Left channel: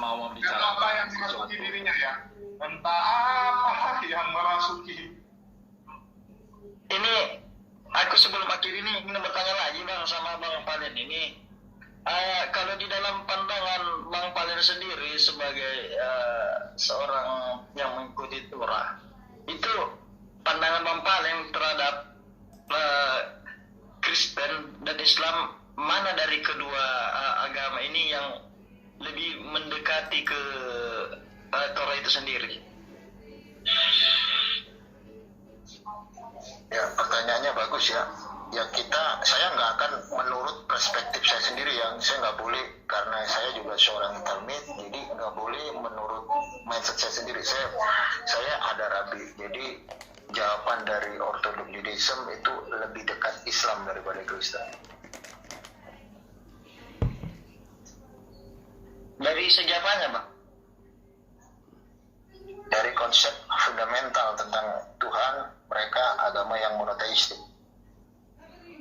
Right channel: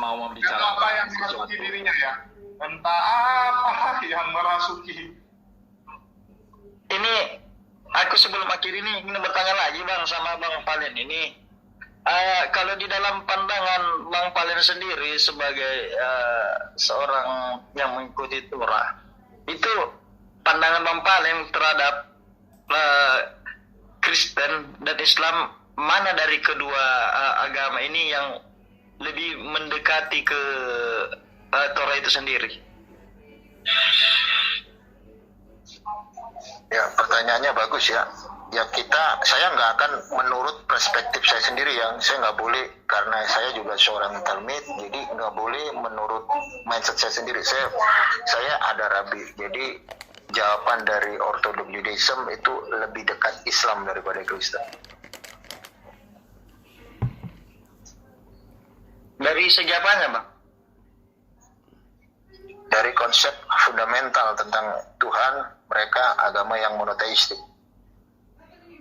mau membicarakan apa yang merasuki dirinya ya, entah apa yang merasuki. Ini aku sebelum akhir ini bertanya lagi Bang sama Bang Palen ini. Kalau di dalam pandangan Bang Palen sendiri sebagai seorang yang mengikuti Torah, itu pandangan Bang Palen terhadap Kristen dan Islam, mana dari kedua agama ini yang lebih mendekati ke Torah itu sendiri? Ya, pertanyaannya bagus ya. Ya saya nggak akan menurut perspektif saya sendiri, yang saya nggak boleh, karena saya juga seorang talmid, jadi nggak boleh menurut mindset saya sendiri. Saya ada rabi, jadi jawaban dari Orthodox Judaism itu lebih dekat Islam daripada Kristen. Dari segi apanya, Bang? Dari konsep fundamental tentang Tuhan, mereka agama yang monoteistik.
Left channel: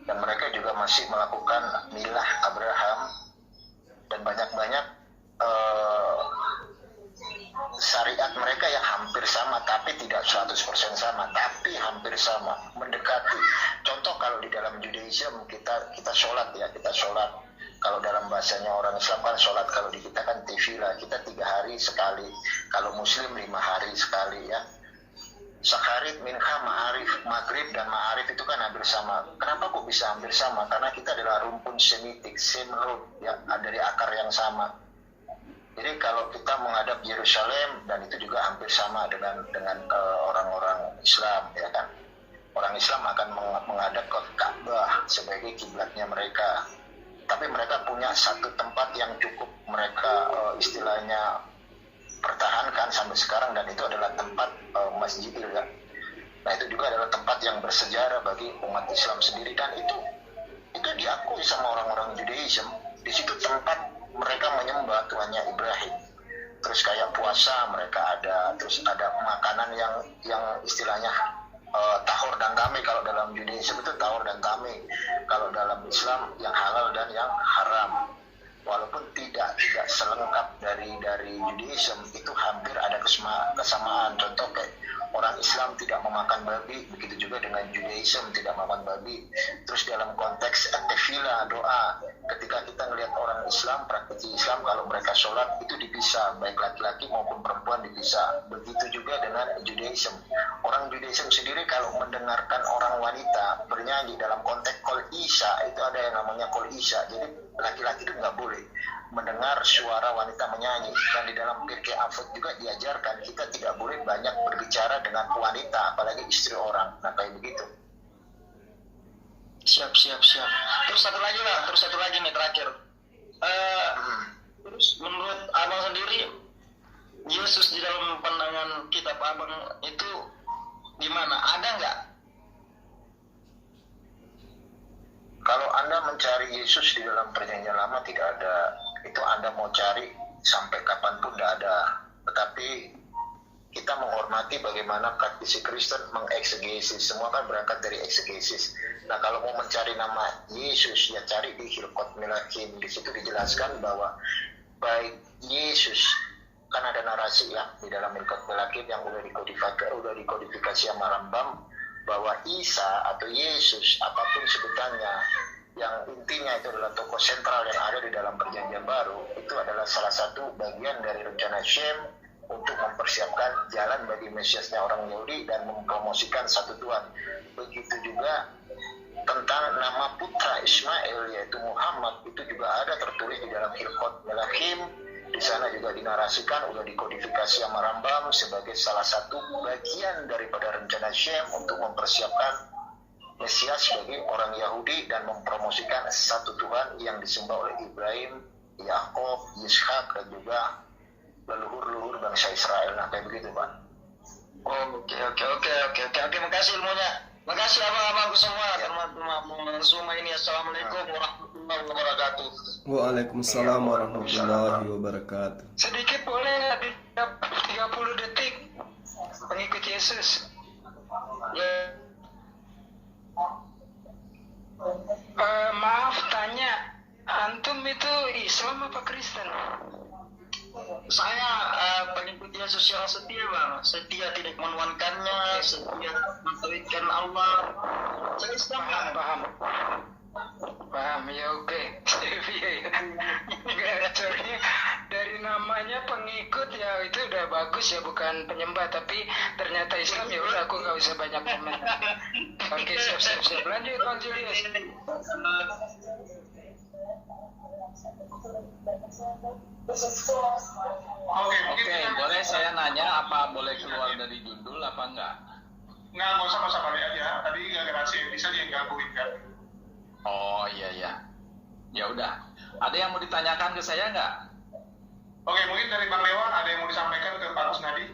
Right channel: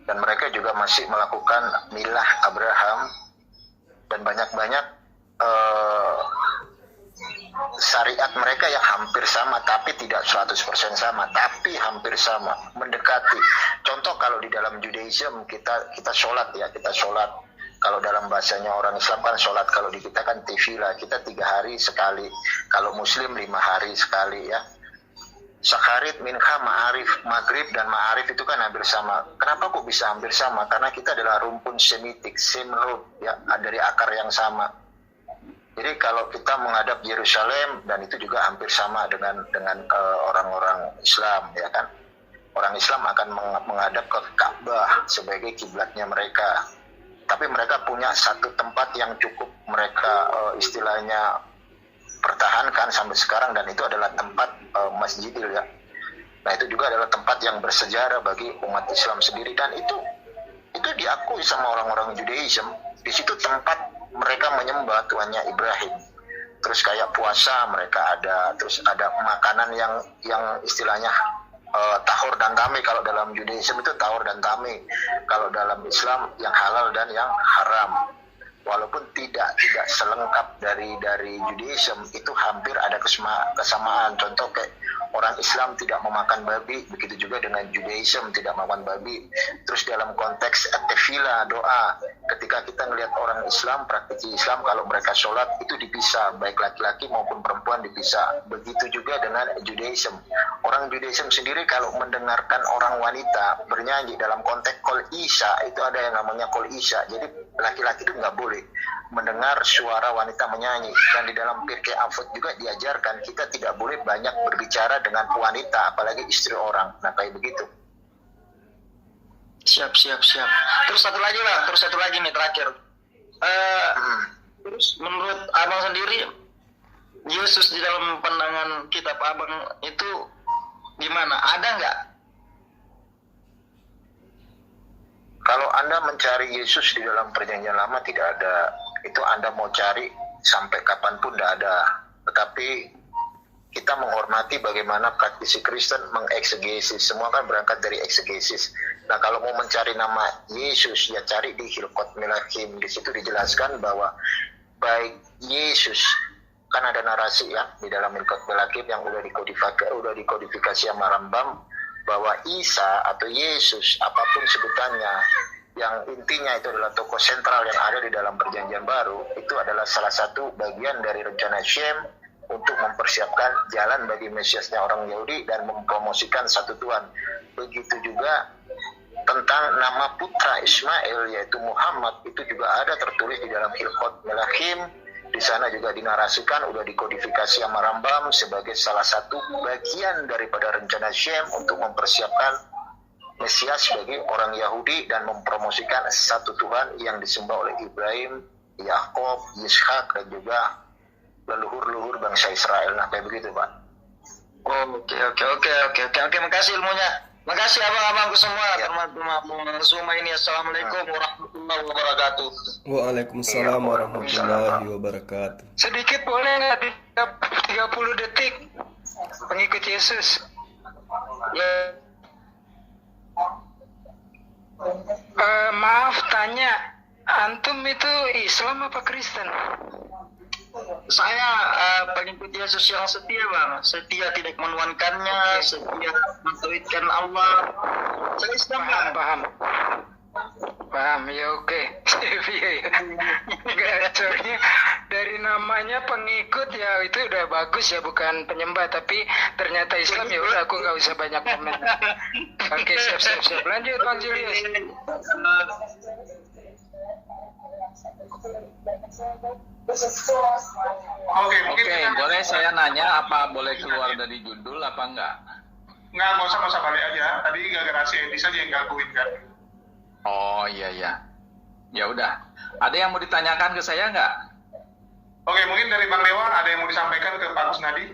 Dan mereka juga masih melakukan milah Abraham dan banyak-banyak syariat mereka yang hampir sama, tapi tidak 100% sama, tapi hampir sama, mendekati. Contoh kalau di dalam Judaism kita sholat ya, kita sholat. Kalau dalam bahasanya orang Islam kan sholat, kalau di kita kan tefillah, kita 3 hari sekali. Kalau Muslim 5 hari sekali ya. Syakharit, minha, ma'arif, maghrib dan ma'arif itu kan hampir sama. Kenapa kok bisa hampir sama? Karena kita adalah rumpun semitik, same root, ya, dari akar yang sama. Jadi kalau kita menghadap Yerusalem, dan itu juga hampir sama dengan orang-orang Islam, ya kan. Orang Islam akan menghadap ke Ka'bah sebagai kiblatnya mereka. Tapi mereka punya satu tempat yang cukup mereka istilahnya pertahankan sampai sekarang, dan itu adalah tempat Masjidil ya. Nah, itu juga adalah tempat yang bersejarah bagi umat Islam sendiri, dan itu diakui sama orang-orang Judaism. Di situ tempat mereka menyembah Tuhannya Ibrahim. Terus kayak puasa mereka ada, terus ada makanan yang istilahnya tahur dan tamih. Kalau dalam Judaism itu tahur dan tamih. Kalau dalam Islam yang halal dan yang haram. Walaupun tidak selengkap dari Judaism, itu hampir ada kesamaan. Contoh kayak orang Islam tidak memakan babi, begitu juga dengan Judaism tidak memakan babi. Terus dalam konteks tefillah, doa, ketika kita melihat orang Islam, praktisi Islam, kalau mereka sholat itu dipisah, baik laki-laki maupun perempuan dipisah. Begitu juga dengan Judaism. Orang Judaism sendiri kalau mendengarkan orang wanita bernyanyi dalam konteks kol isya, itu ada yang namanya kol isya. Jadi laki-laki itu nggak boleh mendengar suara wanita menyanyi. Dan di dalam Pirkei Avot juga diajarkan kita tidak boleh banyak berbicara dengan wanita, apalagi istri orang. Nah, kayak begitu. Siap. Terus satu lagi nih terakhir. Terus menurut abang sendiri, Yesus di dalam pandangan kitab abang itu gimana? Ada nggak? Kalau Anda mencari Yesus di dalam perjanjian lama tidak ada. Itu Anda mau cari sampai kapanpun tidak ada. Tetapi kita menghormati bagaimana praktisi Kristen mengeksegesis. Semua kan berangkat dari eksegesis. Nah, kalau mau mencari nama Yesus, ya cari di Hilkot Melachim. Di situ dijelaskan bahwa baik Yesus, kan ada narasi ya di dalam Hilkot Melachim yang udah dikodifikasi sama Rambam, bahwa Isa atau Yesus, apapun sebutannya, yang intinya itu adalah tokoh sentral yang ada di dalam perjanjian baru, itu adalah salah satu bagian dari rencana Shem untuk mempersiapkan jalan bagi Mesiasnya orang Yahudi dan mempromosikan satu Tuhan. Begitu juga tentang nama putra Ismail yaitu Muhammad, itu juga ada tertulis di dalam Hilkot Melachim. Di sana juga dinarasikan, udah dikodifikasi sama Rambam sebagai salah satu bagian daripada rencana Shem untuk mempersiapkan Mesias bagi orang Yahudi dan mempromosikan satu Tuhan yang disembah oleh Ibrahim, Yakub, Yishak, dan juga leluhur-leluhur bangsa Israel. Nah, kayak begitu, Pak. Oke, makasih ilmunya. Makasih abang-abangku semua, teman-teman semua ini. Assalamualaikum warahmatullahi wabarakatuh. Waalaikumsalam warahmatullahi wabarakatuh. Sedikit boleh nggak di 30 detik pengikut Yesus? Ya. Maaf tanya, antum itu Islam apa Kristen? Saya pengikut Yesus yang setia bang, setia tidak menuankannya, setia mentauhidkan Allah. Saya Islam bang. Paham ya, oke. Enggak, soalnya dari namanya pengikut ya itu udah bagus ya, bukan penyembah, tapi ternyata Islam ya udah, aku nggak usah banyak komen. Oke, siap. Lanjut Bang Julius. Oke, mungkin Oke, boleh saya nanya apa boleh keluar dari judul apa enggak? nggak usah balik aja. Tadi gara-gara si Edi saja yang gangguin kan. Oh iya. Ya udah. Ada yang mau ditanyakan ke saya enggak? Oke, mungkin dari Bang Dewa ada yang mau disampaikan ke Pak Kusnadi?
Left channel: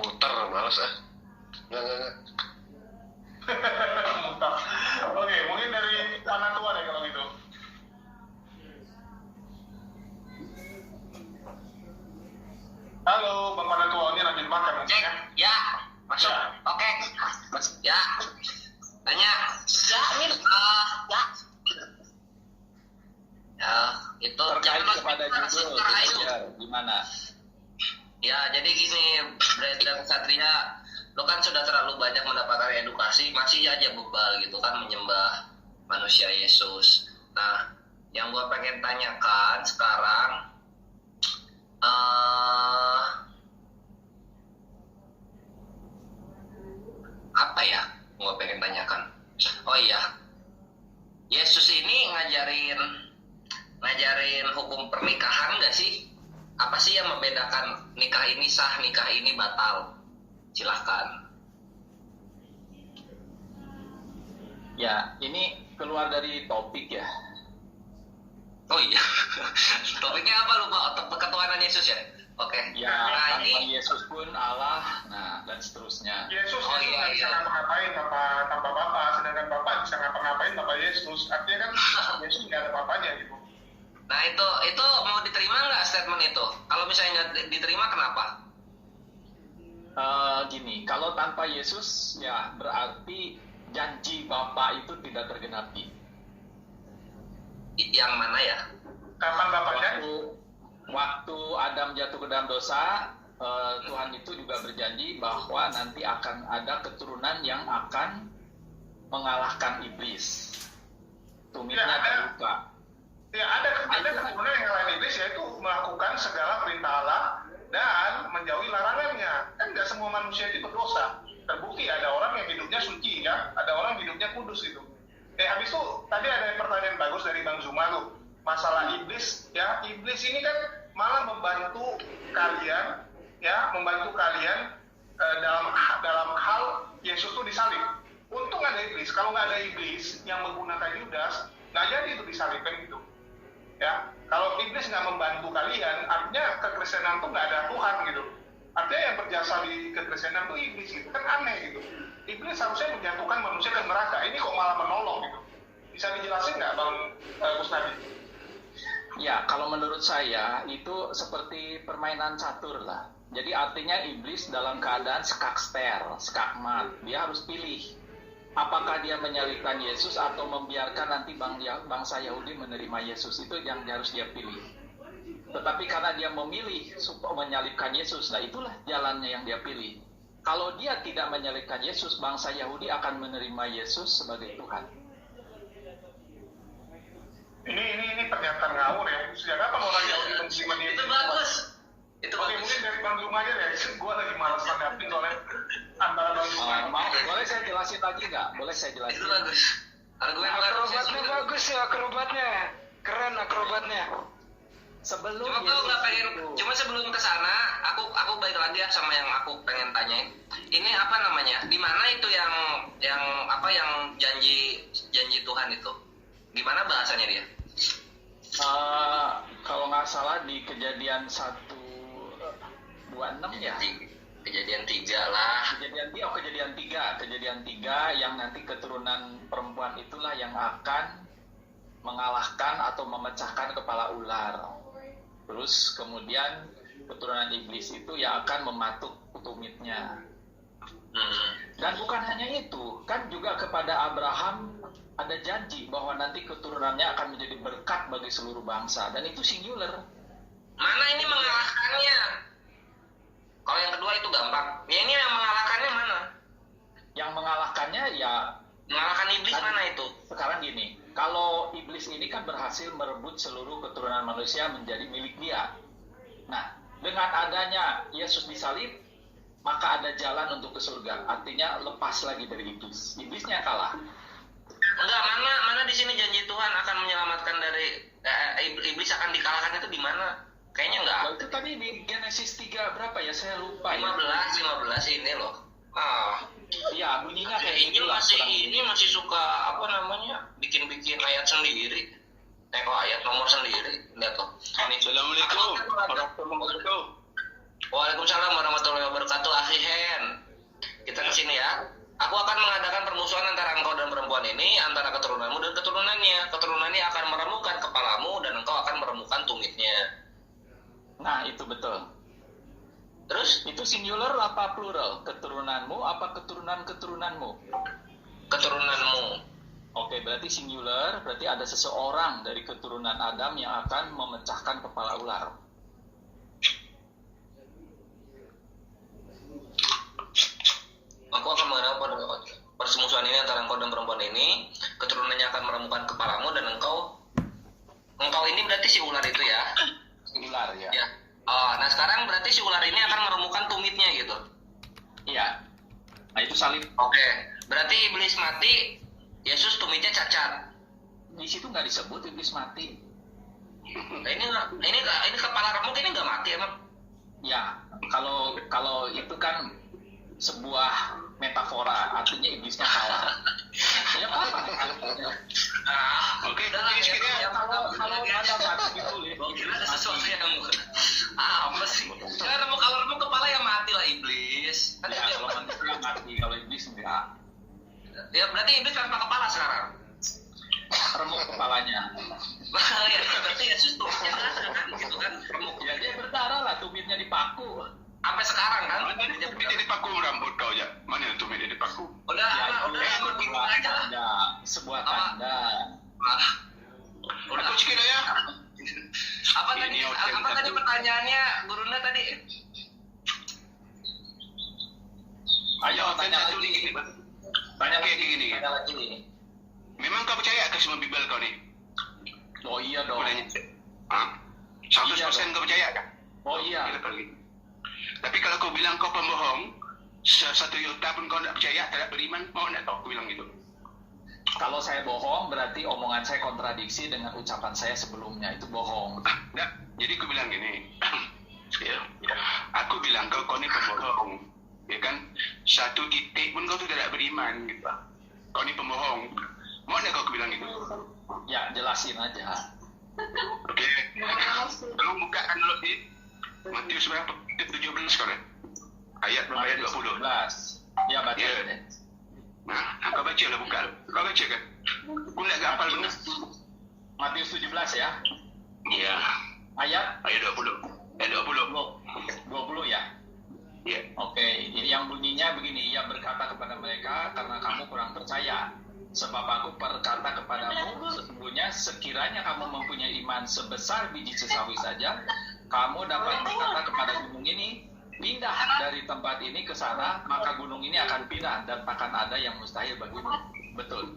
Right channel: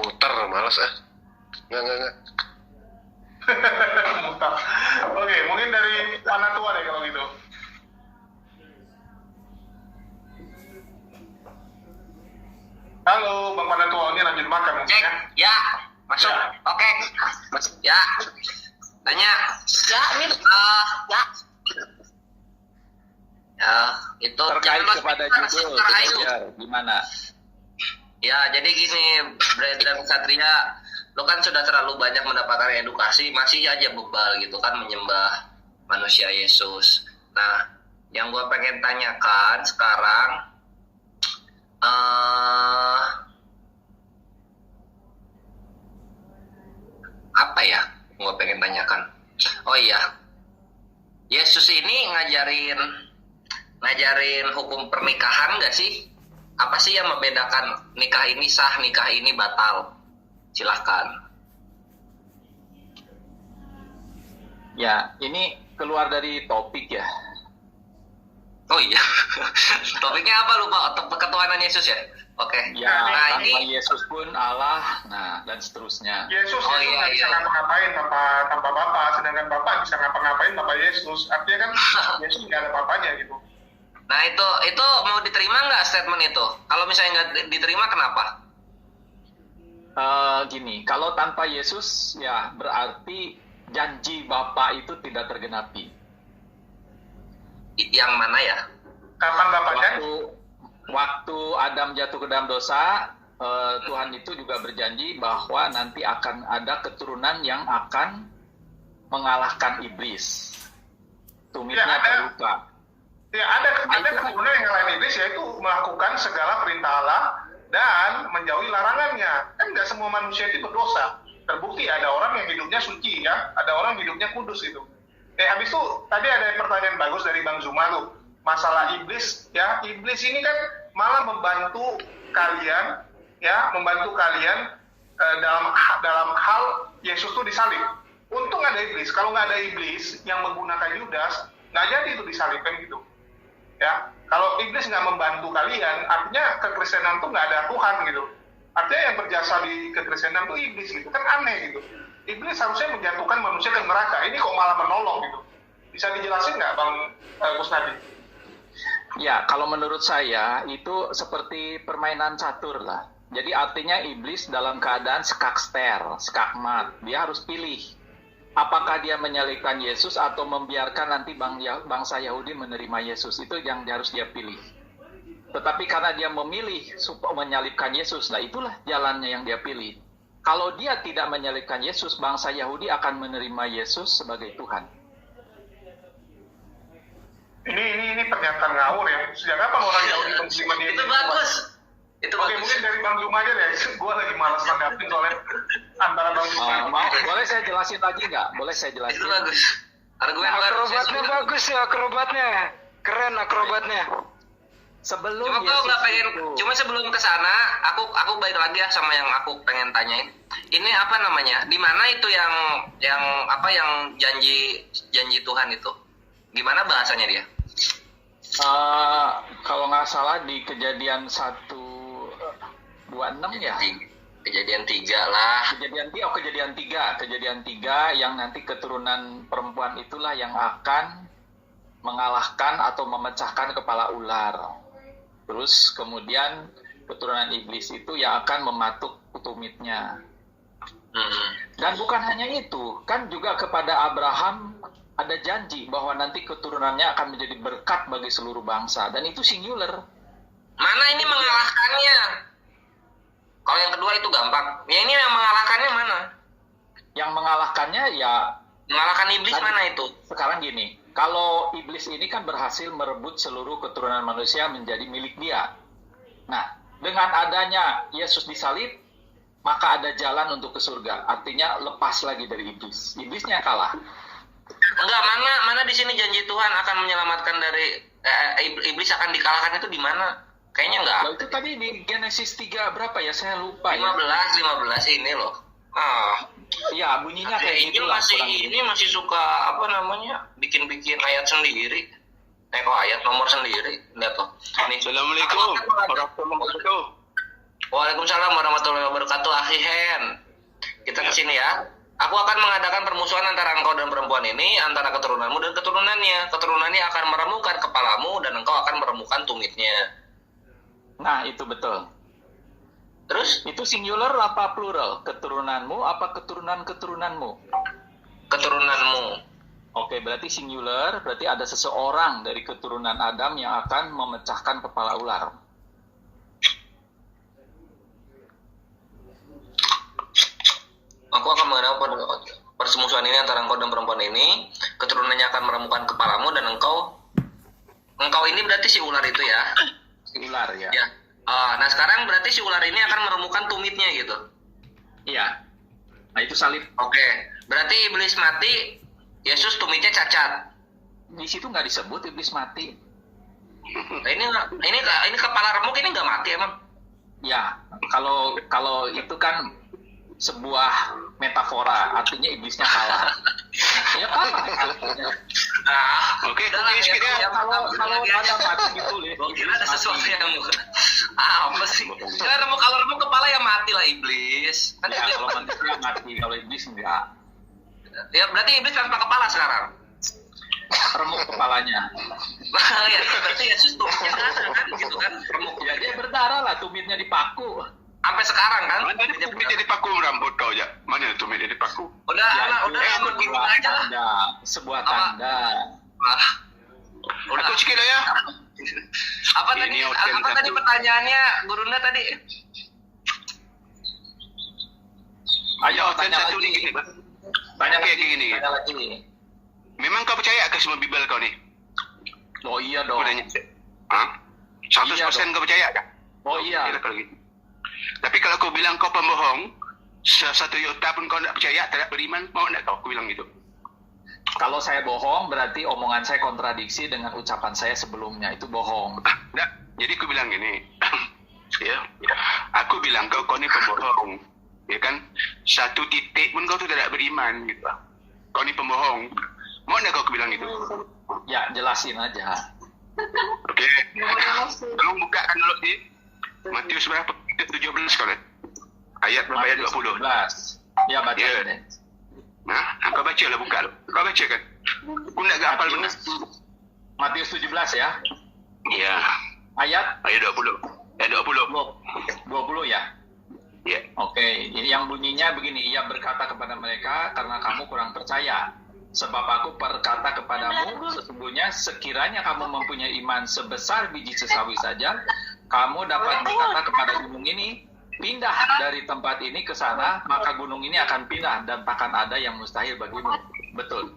Muter, malas Enggak. Mutar. Oke, mungkin dari Pana Tua deh kalau gitu. Halo, Bang Pana Tua, ini lanjut makan mungkin ya? Ya, masuk. Ya. Oke. Ya. Tanya. Ya, ini ya. Ya, itu Terkait jangan kepada judul, ya, gimana? Ya, jadi gini, Brandon Satria, lo kan sudah terlalu banyak mendapatkan edukasi, masih aja bebal gitu kan menyembah manusia Yesus. Nah, yang gue pengen tanyakan sekarang, apa ya? Gue pengen tanyakan. Oh iya, Yesus ini ngajarin hukum pernikahan nggak sih? Apa sih yang membedakan nikah ini sah, nikah ini batal? Silahkan. Ya, ini keluar dari topik ya. Oh iya, topiknya apa lupa? Ketuhanan Yesus ya? Oke. Ya, Nah, tanpa ini Yesus pun Allah, nah dan seterusnya. Yesus Oh, itu iya, nggak bisa iya. ngapa-ngapain tanpa Bapa, sedangkan Bapa bisa ngapa-ngapain tanpa Yesus. Artinya kan Yesus nggak ada papanya gitu. Nah itu mau diterima nggak statement itu? Kalau misalnya nggak diterima kenapa? Gini, kalau tanpa Yesus ya berarti janji Bapa itu tidak tergenapi. Yang mana ya? Kapan Bapanya? Waktu Adam jatuh ke dalam dosa, Tuhan itu juga berjanji bahwa nanti akan ada keturunan yang akan mengalahkan iblis. Tumitnya Ya, ada. terluka. Ya ada keturunan yang ngalahin iblis, yaitu melakukan segala perintah Allah dan menjauhi larangannya. Kan nggak semua manusia itu berdosa. Terbukti ada orang yang hidupnya suci ya, ada orang yang hidupnya kudus itu. Habis itu tadi ada pertanyaan bagus dari Bang Zuma tuh, masalah iblis ya. Iblis ini kan malah membantu kalian dalam hal Yesus tuh disalib. Untung ada iblis. Kalau nggak ada iblis yang menggunakan Yudas, nggak jadi itu disalibkan gitu. Ya, kalau iblis nggak membantu kalian, artinya kekristenan tuh nggak ada Tuhan gitu. Artinya yang berjasa di kekristenan tuh iblis gitu, kan aneh gitu. Iblis harusnya menjatuhkan manusia ke neraka, ini kok malah menolong gitu. Bisa dijelasin nggak Bang Kusnadi? Ya, kalau menurut saya itu seperti permainan catur lah. Jadi artinya iblis dalam keadaan skakmat. Dia harus pilih. Apakah dia menyalibkan Yesus atau membiarkan nanti bangsa Yahudi menerima Yesus. Itu yang harus dia pilih. Tetapi karena dia memilih menyalibkan Yesus, nah itulah jalannya yang dia pilih. Kalau dia tidak menyalibkan Yesus, bangsa Yahudi akan menerima Yesus sebagai Tuhan. Ini pernyataan ngawur ya. Sejak kapan orang Yahudi menerima dia? Itu bagus. Itu Oke, bagus. mungkin dari Bang Zuma aja deh. Gue lagi malas nanggapin soalnya antara Bang Zuma. Boleh saya jelasin lagi nggak? Boleh saya jelasin? Itu bagus. Argumen baru. Akrobatnya bagus ya, akrobatnya. Keren akrobatnya. Sebelum Cuma Yesus aku nggak pengen. itu, Cuma sebelum ke sana, aku balik lagi ya sama yang aku pengen tanyain. Ini apa namanya? Di mana itu yang janji Tuhan itu? Gimana bahasanya dia? kalau nggak salah di Kejadian 1:26 ya. Kejadian 3 lah. Kejadian 3 yang nanti keturunan perempuan itulah yang akan mengalahkan atau memecahkan kepala ular. Terus kemudian keturunan iblis itu yang akan mematuk tumitnya. Dan bukan hanya itu, kan juga kepada Abraham ada janji bahwa nanti keturunannya akan menjadi berkat bagi seluruh bangsa. Dan itu singular. Mana ini mengalahkannya? Kalau yang kedua itu gampang. Ya ini yang mengalahkannya mana? Yang mengalahkannya ya Mengalahkan iblis Tadi- mana itu? sekarang gini, kalau iblis ini kan berhasil merebut seluruh keturunan manusia menjadi milik dia. Nah, dengan adanya Yesus disalib, maka ada jalan untuk ke surga. Artinya lepas lagi dari iblis. Iblisnya kalah. Enggak, mana di sini janji Tuhan akan menyelamatkan dari iblis akan dikalahkan itu di mana? Kayaknya enggak. Nah, itu tadi di Genesis 3 berapa ya? Saya lupa ya. 15 ini loh. Iya, bunyinya kayak Ini gitu lah. kurang lebih. masih suka apa namanya? Bikin ayat sendiri. Kok ayat nomor sendiri. Lihat tuh. Ini. Assalamualaikum warahmatullahi wabarakatuh. Waalaikumsalam warahmatullahi wabarakatuh. Akhi Hen. Kita ke sini ya. Aku akan mengadakan permusuhan antara engkau dan perempuan ini, antara keturunanmu dan keturunannya. Keturunannya akan meremukkan kepalamu dan engkau akan meremukkan tumitnya. Nah, itu betul. Terus Itu singular apa plural? Keturunanmu apa keturunan-keturunanmu? keturunanmu. Oke, berarti singular, berarti ada seseorang dari keturunan Adam yang akan memecahkan kepala ular. Aku akan mengadakan permusuhan ini antara engkau dan perempuan ini. Keturunannya akan meremukkan kepalamu dan engkau ini berarti si ular itu ya. Ular ya. Ya. Nah sekarang berarti si ular ini akan meremukkan tumitnya gitu. Iya. Nah, itu salib. Oke. Berarti iblis mati, Yesus tumitnya cacat. Di situ nggak disebut iblis mati. Nah, ini kepala remuk ini nggak mati emang. Ya, kalau itu kan sebuah metafora, artinya iblisnya kalah. Ya kalah. Oke, Udah lah, sedikit ya. Kalau ada mati ditulis. Gua kira ada sesuatu yang apa sih? Kalau remuk kepala ya mati lah iblis. Kan Ya, itu kalau manusia mati, kalau iblis enggak. ya berarti iblis tanpa kepala sekarang. Remuk kepalanya. Ya berarti Yesus tumitnya ada kan gitu kan remuk. Ya dia berdarah lah, tumitnya dipaku. Sampai sekarang kan. Mana ada tumit yang dipaku rambut kau aja? Mana ada tumit yang dipaku? Udah ikut aja lah. Sebuah Apa? tanda. Udah. Aku sikit lah ya. Apa tadi? Ini outcome Apa tadi satu. pertanyaannya Gurunda tadi? Ayo Dan tanya satu lagi. ni gini. Tanya Okey, lagi. gini. Tanya lagi. Memang kau percaya ke semua Bibel kau ni? Oh iya Aku dong. tanya. Ha? 100% kau percaya tak? Oh iya. Okey, lepas lagi. Tapi kalau kau bilang kau pembohong, satu iota pun kau tak percaya, tak beriman, mau tak kau? Aku bilang gitu. Kalau saya bohong, berarti omongan saya kontradiksi dengan ucapan saya sebelumnya. Itu bohong. Tak. Jadi aku bilang gini. Ya. Aku bilang kau ni pembohong. Ya kan? Satu titik pun kau tu tidak beriman gitu. Kau ni pembohong. Mau tak kau aku bilang gitu? Ya, jelasin aja. Okey. Tolong bukakan dulu di Matius berapa? 17 kau lihat. Ayat berapa? Ayat 20. 11. Ya, baca Ya. deh. Nah, kau baca lah, buka. Kau baca kan? Aku nak hafal benar. Matius 17 ya. Ya. Ayat Ayat 20. Ayat 20. 20 ya. Ya. Oke, yang bunyinya begini, ia berkata kepada mereka, karena kamu kurang percaya. Sebab aku berkata kepadamu, sesungguhnya sekiranya kamu mempunyai iman sebesar biji sesawi saja, kamu dapat berkata kepada gunung ini, pindah dari tempat ini ke sana, maka gunung ini akan pindah dan takkan ada yang mustahil bagimu. Betul.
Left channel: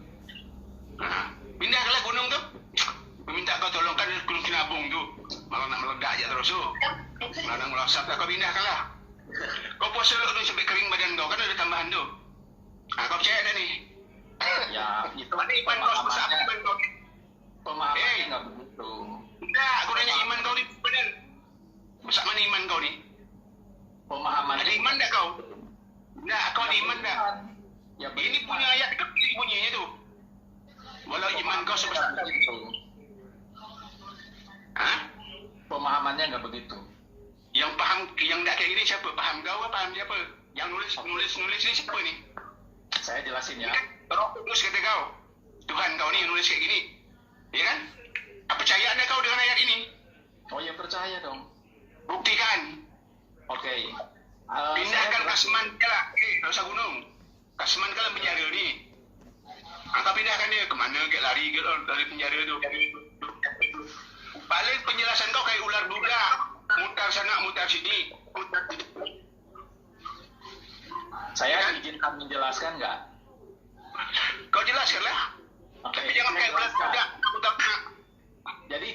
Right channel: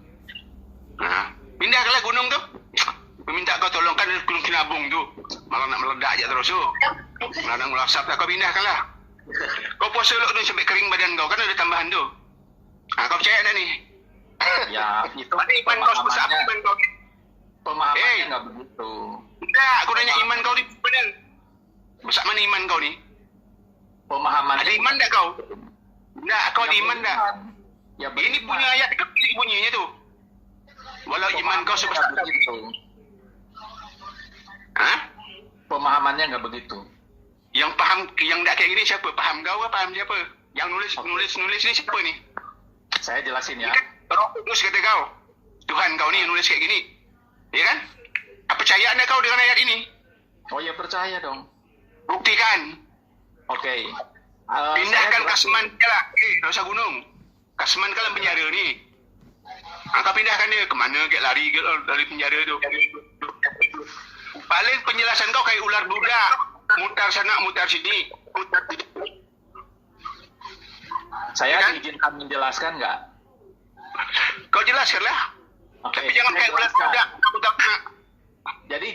Nah, pindahkanlah gunung tu. Meminta kau tolongkan gunung Kinabung tu. Malah nak meledak je terus tu. Malah nak melasap lah, kau pindahkanlah. Kau puasa elok tu sampai kering badan kau, kan ada tambahan tu. Kau percaya dah ni? Ya, itu Mana iman kau sebesar apa iman kau? pemahamannya nggak begitu. Tak, aku nanya iman kau ni benar. Besar mana iman kau ni? Pemahamannya Ada iman tak kau? Tak, kau ada iman tak? Ya, Ini punya ayat ke bunyinya tu. Walau iman kau sebesar apa? begitu. Ha? Pemahamannya nggak begitu. Yang faham, yang tak kayak gini siapa? Faham kau ke faham siapa? Yang nulis ni siapa ni? Saya jelasin ya. Ni kan Roh Kudus kata kau. Tuhan kau ni yang nulis kayak gini. Ya kan? Apa percaya anda kau dengan ayat ini? Oh ya, percaya dong. Buktikan. Oke. Pindahkan Saya Kasman ke lah. Tak usah gunung. Kasman ke dalam penjara ni. Kau pindahkan dia. Kemana ke lari ke dari penjara tu. Paling penjelasan kau kayak ular duda. mutar sana, mutar sini, mutar sini. Saya Ya kan? diizinkan menjelaskan nggak? Kau jelaskanlah. Oke, Tapi jangan saya kayak bulan jelaskan. budak. Jadi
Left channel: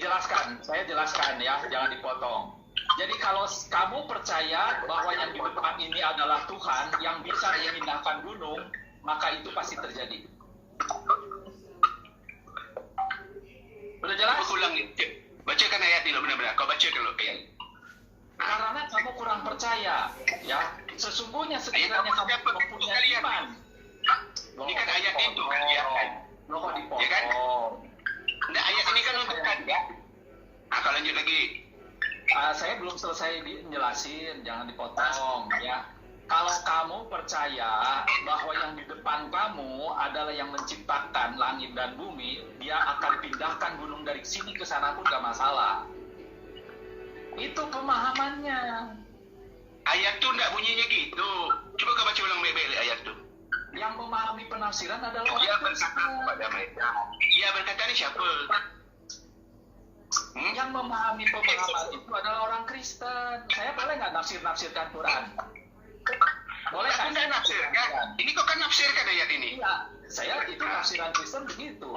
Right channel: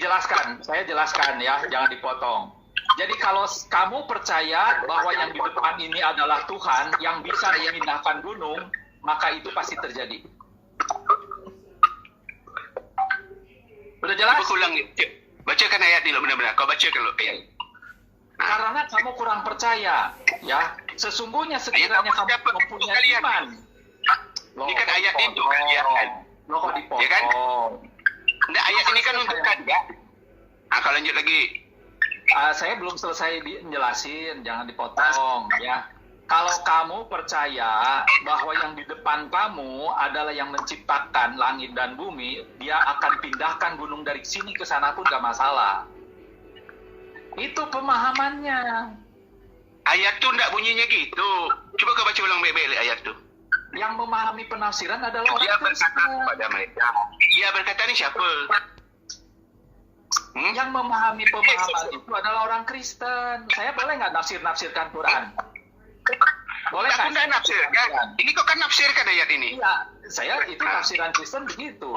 saya jelaskan ya, jangan dipotong. Jadi kalau kamu percaya bahwa yang di depan ini adalah Tuhan yang bisa memindahkan gunung, maka itu pasti terjadi. Udah jelas? Coba ulang ni. Bacakan ayat ni benar-benar. Kau bacakan dulu ayat. Karena kamu kurang percaya, ya. Sesungguhnya sekiranya Ayat apa? kamu Siapa mempunyai kalian? iman. Ini kan ayat itu kan, ya kan? Loh kok dipotong? Ya kan? Nah, ayat ini kan untuk kalian. Nah, kalau lanjut lagi. Saya belum selesai menjelasin, jangan dipotong ya. Kalau kamu percaya bahwa yang di depan kamu adalah yang menciptakan langit dan bumi, dia akan pindahkan gunung dari sini ke sana pun gak masalah. Itu pemahamannya. Ayat tu tak bunyinya gitu. Cuba kau baca ulang baik-baik ayat tu. Yang memahami penafsiran adalah Dia orang berkata Kristen. kepada mereka. Dia berkata ni siapa? Yang memahami pemahaman itu adalah orang Kristen. Saya boleh nggak nafsir-nafsirkan Quran? Boleh Aku nggak? tak nafsirkan. Ini kau kan nafsirkan ayat ini. Iya, saya itu tafsiran Kristen begitu.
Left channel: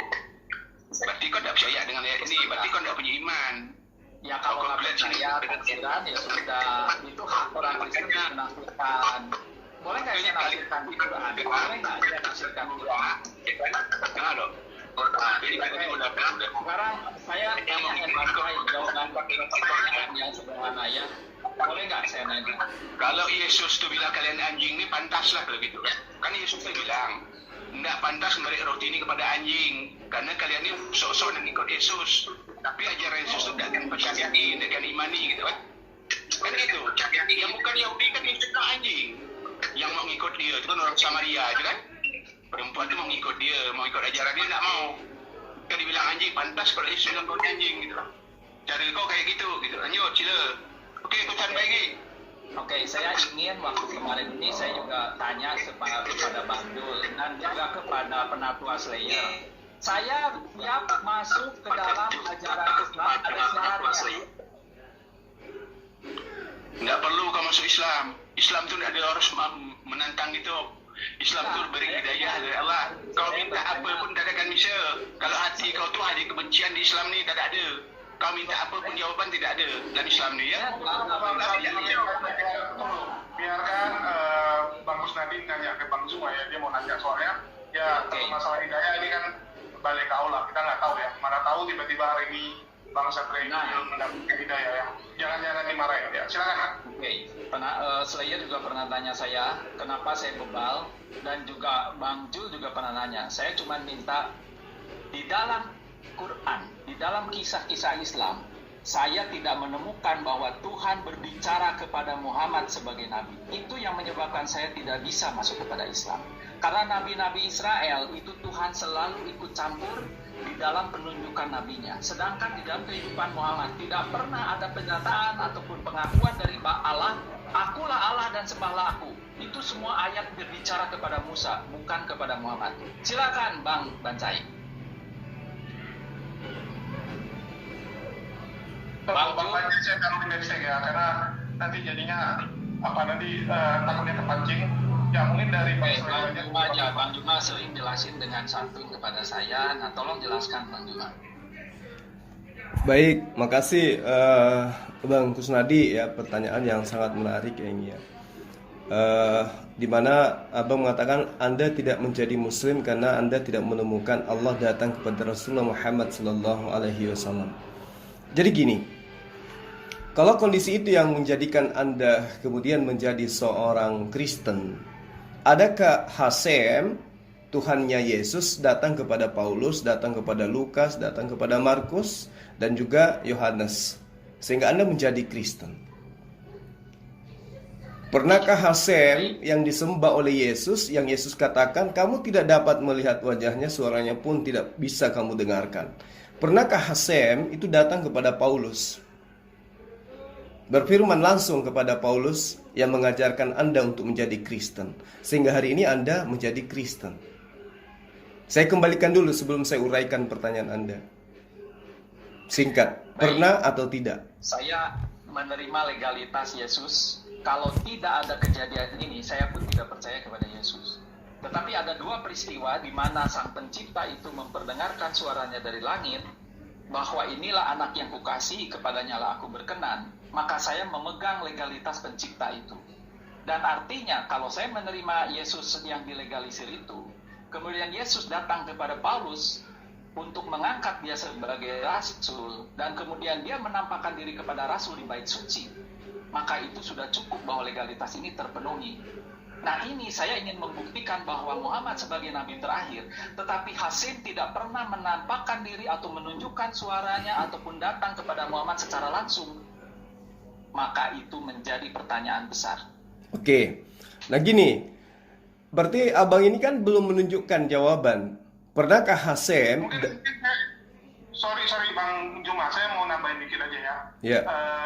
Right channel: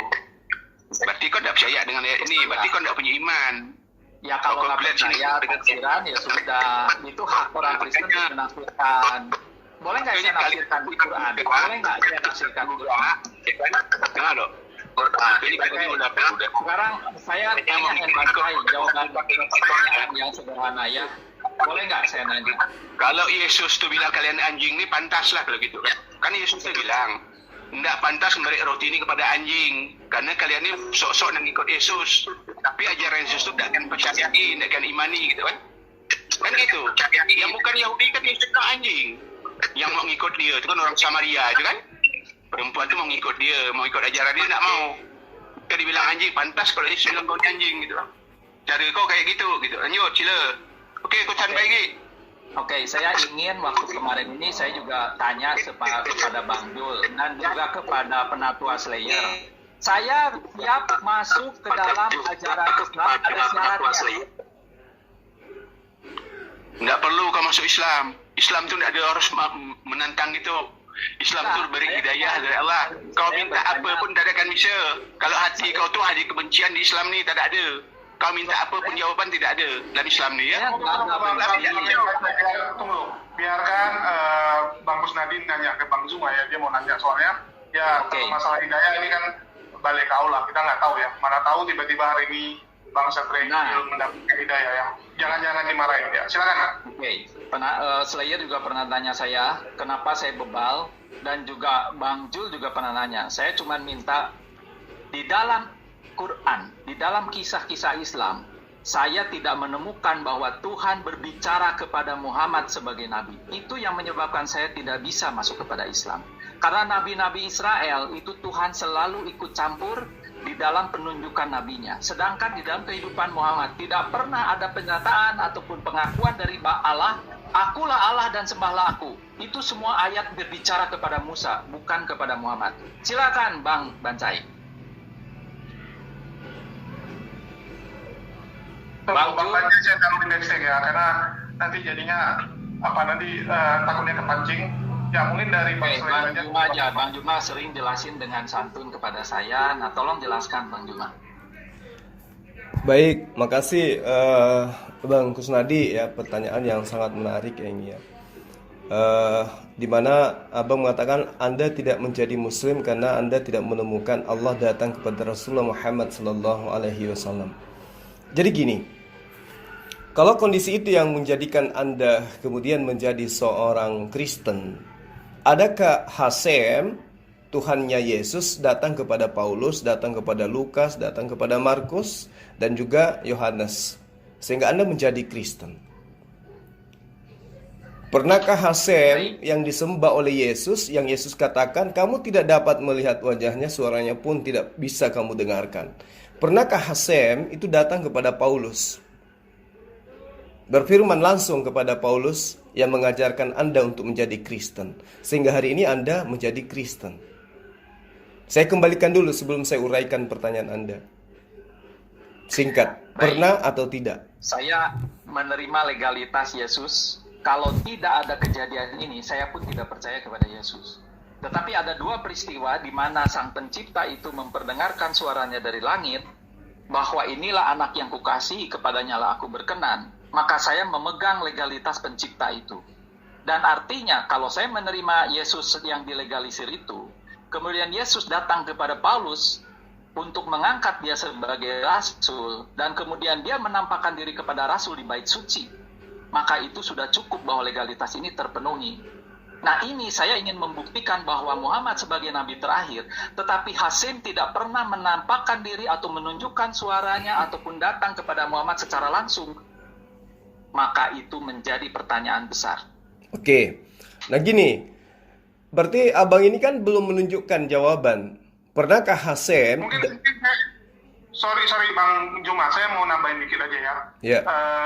Berarti kau tak percaya dengan ayat ini. Berarti kau tak punya iman. Ya kalau nggak percaya tafsiran ya sudah, itu hak orang Kristen untuk menafsirkan. Boleh nggak saya nafsirkan di Quran? Boleh nggak saya nafsirkan di Quran? Dengar dok. Ini kita ni udah. Sekarang saya tanya yang pakai jawaban pertanyaan yang sederhana ya. Boleh nggak saya nanya? Kalau Yesus tu bilang kalian anjing ni pantaslah kalau gitu. Kan Yesus tu bilang, tidak pantas memberi roti ini kepada anjing. Karena kalian ni sok-sok nak ikut Yesus. Tapi ajaran Yesus tu tak akan percayai, tak akan imani gitu kan. Kan gitu. Yang bukan Yahudi kan yang suka anjing. Yang mau ngikut dia tu kan orang Samaria itu kan. Perempuan tu mau ngikut dia, mau ikut ajaran dia, tak mau. Kan dibilang anjing, pantas kalau Yesus bilang kau ni anjing gitu. Cara kau kayak gitu. Lanjut, sila. Okey, kau sampai lagi. Oke, saya ingin waktu kemarin ini saya juga tanya kepada Bang Jul dan juga kepada penatua Slayer. Saya siap masuk ke dalam ajaran Islam, ada syaratnya. Tidak perlu kau masuk Islam. Islam tu tidak ada harus menantang itu. Islam tu beri hidayah dari Allah. Kau minta apa pun tak akan bisa. Kalau hati kau tu hati kebencian di Islam ni tak ada. Kau minta apa pun jawapan tidak ada dalam Islam ni ya. Biarkan Bang Kusnadi nanya ke Bang Zuma ya, dia mau nanya soalnya. Ya, Oke. kalau masalah hidayah ini kan balik ke Allah, kita nggak tahu ya. Mana tahu tiba-tiba hari ini Bang Satria mendapatkan hidayah ya. Jangan-jangan dimarahin ya. Silakan. Oke, Slayer juga pernah tanya saya kenapa saya bebal dan juga Bang Jul juga pernah nanya. Saya cuma minta di dalam Quran, di dalam kisah-kisah Islam, saya tidak menemukan bahwa Tuhan berbicara kepada Muhammad sebagai nabi. Itu yang menyebabkan saya tidak bisa masuk kepada Islam. Karena nabi-nabi Israel itu Tuhan selalu ikut campur di dalam penunjukan nabinya. Sedangkan di dalam kehidupan Muhammad tidak pernah ada pernyataan ataupun pengakuan dari Allah, akulah Allah dan sembahlah aku. Itu semua ayat berbicara kepada Musa, bukan kepada Muhammad. Silakan Bang Bancai. Bang Tanya saya taruh indeksnya ya, karena nanti jadinya takutnya kepancing. Ya mungkin dari Bang Slayer aja. Bang Juma sering jelasin dengan santun kepada saya. Nah, tolong jelaskan Bang Juma. Baik, makasih Bang Kusnadi ya, pertanyaan yang sangat menarik ini ya. Di mana Abang mengatakan Anda tidak menjadi Muslim karena Anda tidak menemukan Allah datang kepada Rasulullah Muhammad SAW. Jadi gini, kalau kondisi itu yang menjadikan Anda kemudian menjadi seorang Kristen, adakah Hasem, Tuhannya Yesus, datang kepada Paulus, datang kepada Lukas, datang kepada Markus, dan juga Yohanes, sehingga Anda menjadi Kristen? Pernahkah Hasem yang disembah oleh Yesus, yang Yesus katakan, kamu tidak dapat melihat wajahnya, suaranya pun tidak bisa kamu dengarkan? Pernahkah Hasem itu datang kepada Paulus, berfirman langsung kepada Paulus yang mengajarkan Anda untuk menjadi Kristen, sehingga hari ini Anda menjadi Kristen? Saya kembalikan dulu sebelum saya uraikan pertanyaan Anda. Singkat, pernah atau tidak? Saya menerima legalitas Yesus. Kalau tidak ada kejadian ini, saya pun tidak percaya kepada Yesus. Tetapi ada dua peristiwa di mana Sang Pencipta itu memperdengarkan suaranya dari langit, bahwa inilah anak yang kukasihi, kepadanya lah aku berkenan. Maka saya memegang legalitas Pencipta itu. Dan artinya kalau saya menerima Yesus yang dilegalisir itu, kemudian Yesus datang kepada Paulus untuk mengangkat dia sebagai rasul, dan kemudian dia menampakkan diri kepada rasul di bait suci, maka itu sudah cukup bahwa legalitas ini terpenuhi. Nah, ini saya ingin membuktikan bahwa Muhammad sebagai nabi terakhir, tetapi Hasim tidak pernah menampakkan diri atau menunjukkan suaranya ataupun datang kepada Muhammad secara langsung. Maka itu menjadi pertanyaan besar. Oke, nah gini, berarti abang ini kan belum menunjukkan jawaban. Pernahkah Hasim? Sorry Bang Juma, saya mau nambahin dikit aja ya. Ya.